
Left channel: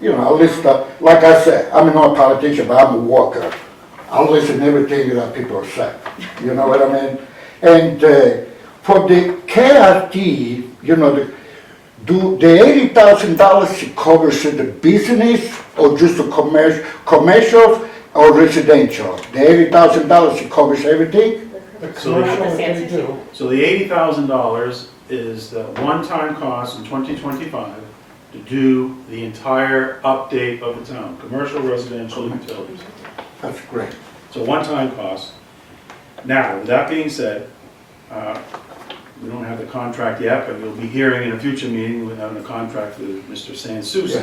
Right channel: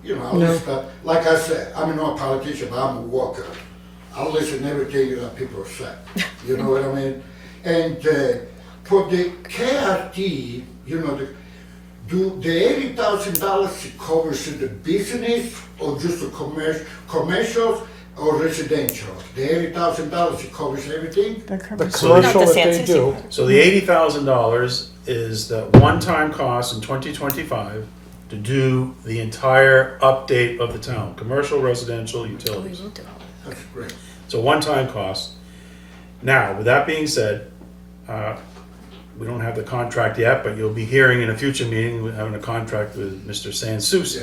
You know, at least, like I said, I'm not a politician, but I'm a worker. I'll listen everything that people say, you know what I mean? And for the KRT, you know, do the $80,000 covers the business or just the commercial or residential? The $80,000 covers everything? So Not the San They Souci. do. So the $80,000 is the one-time cost in 2025 to do the entire update of the town, commercial, residential, utilities. That's great. It's a one-time cost. Now, with that being said, we don't have the contract yet, but you'll be hearing in a future meeting, we're having a contract with Mr. San Souci.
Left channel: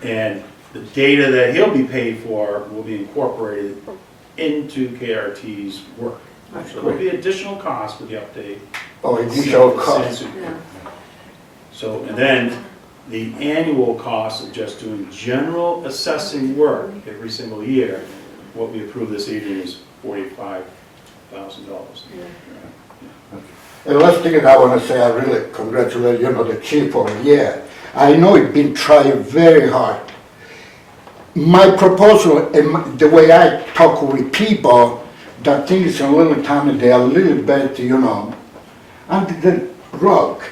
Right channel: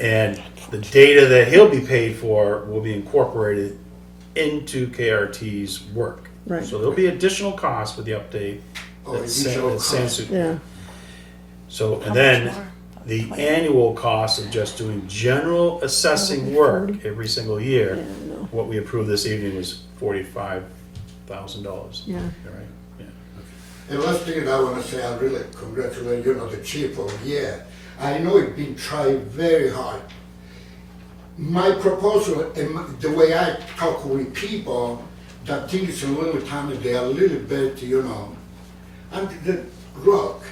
And the data that he'll be paid for will be incorporated into KRT's work. Right. So there'll be additional costs for the update. Oh, with initial San cost. Souci. Yeah. So, and then the annual cost of just doing general assessing work every single year, what we approve this evening is $45,000. Yeah. And last thing I want to say, I really congratulate, you know, the chief for a year. I know it's been trying very hard. My proposal, and the way I talk with people, that things in little town, they are a little bit, you know, under the rug.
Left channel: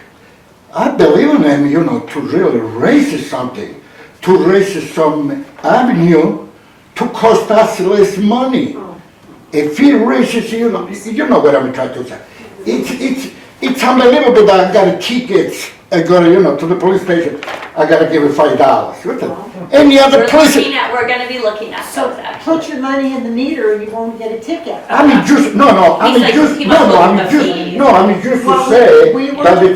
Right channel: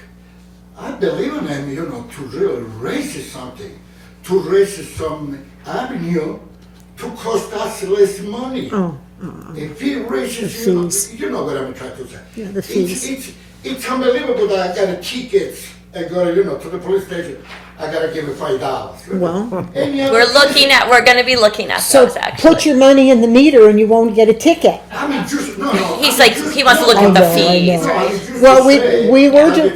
I believe in them, you know, to really raise something, to raise some avenue to cost us less money. If he raises, you know what I'm trying to say. the fees. It's unbelievable that I got tickets, I got, you know, to the police station, I gotta give it $5. No. Any other person, We're gonna be looking at So those actually. put your money in the meter and you won't get a ticket. I mean, just, no, I He's mean, like, just. he wants to no, look I at the mean, just- fees. No, I mean, just Well, to we say were that to-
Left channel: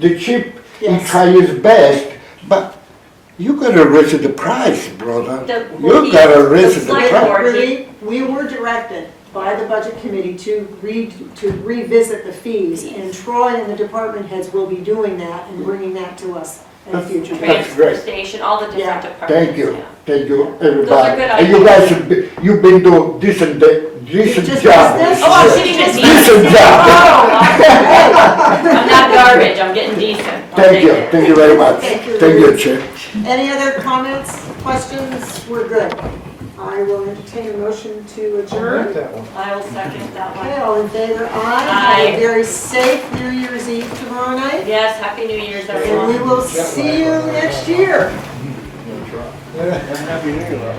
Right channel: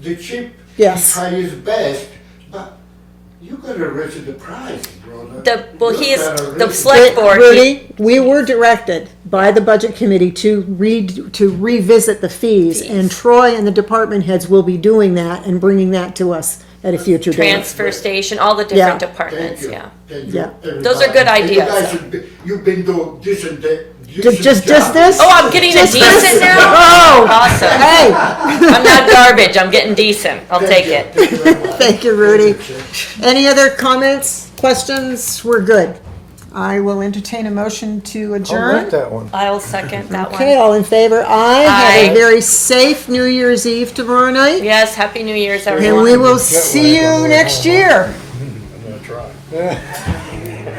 the chief, Yes. he try his best, but you gotta raise the price, brother. Well, You he's, gotta the raise the select price. board, Rudy, we were directed by the budget committee to revisit the fees, and Troy and the department heads will be doing that and bringing that to us at a future date. transfer station, all the Yeah. different Thank departments, you, yeah. thank you, Yeah. everybody. Those are good And you ideas. guys, you've been doing this and that, decent Just job. this? Oh, I'm getting a Just decent this? now? Oh, Awesome. hey, I'm not garbage, I'm getting decent, I'll take it. Thank you very much. Thank you, Thank you, Rudy. Chair. Any other comments, questions? We're good. I will entertain a motion to I'll make adjourn. that one. I'll second that Okay, one. all in favor? Aye. Have a Aye. very safe New Year's Eve tomorrow night. Yes, Happy New Year's, And we everyone. will see you next year. Yeah.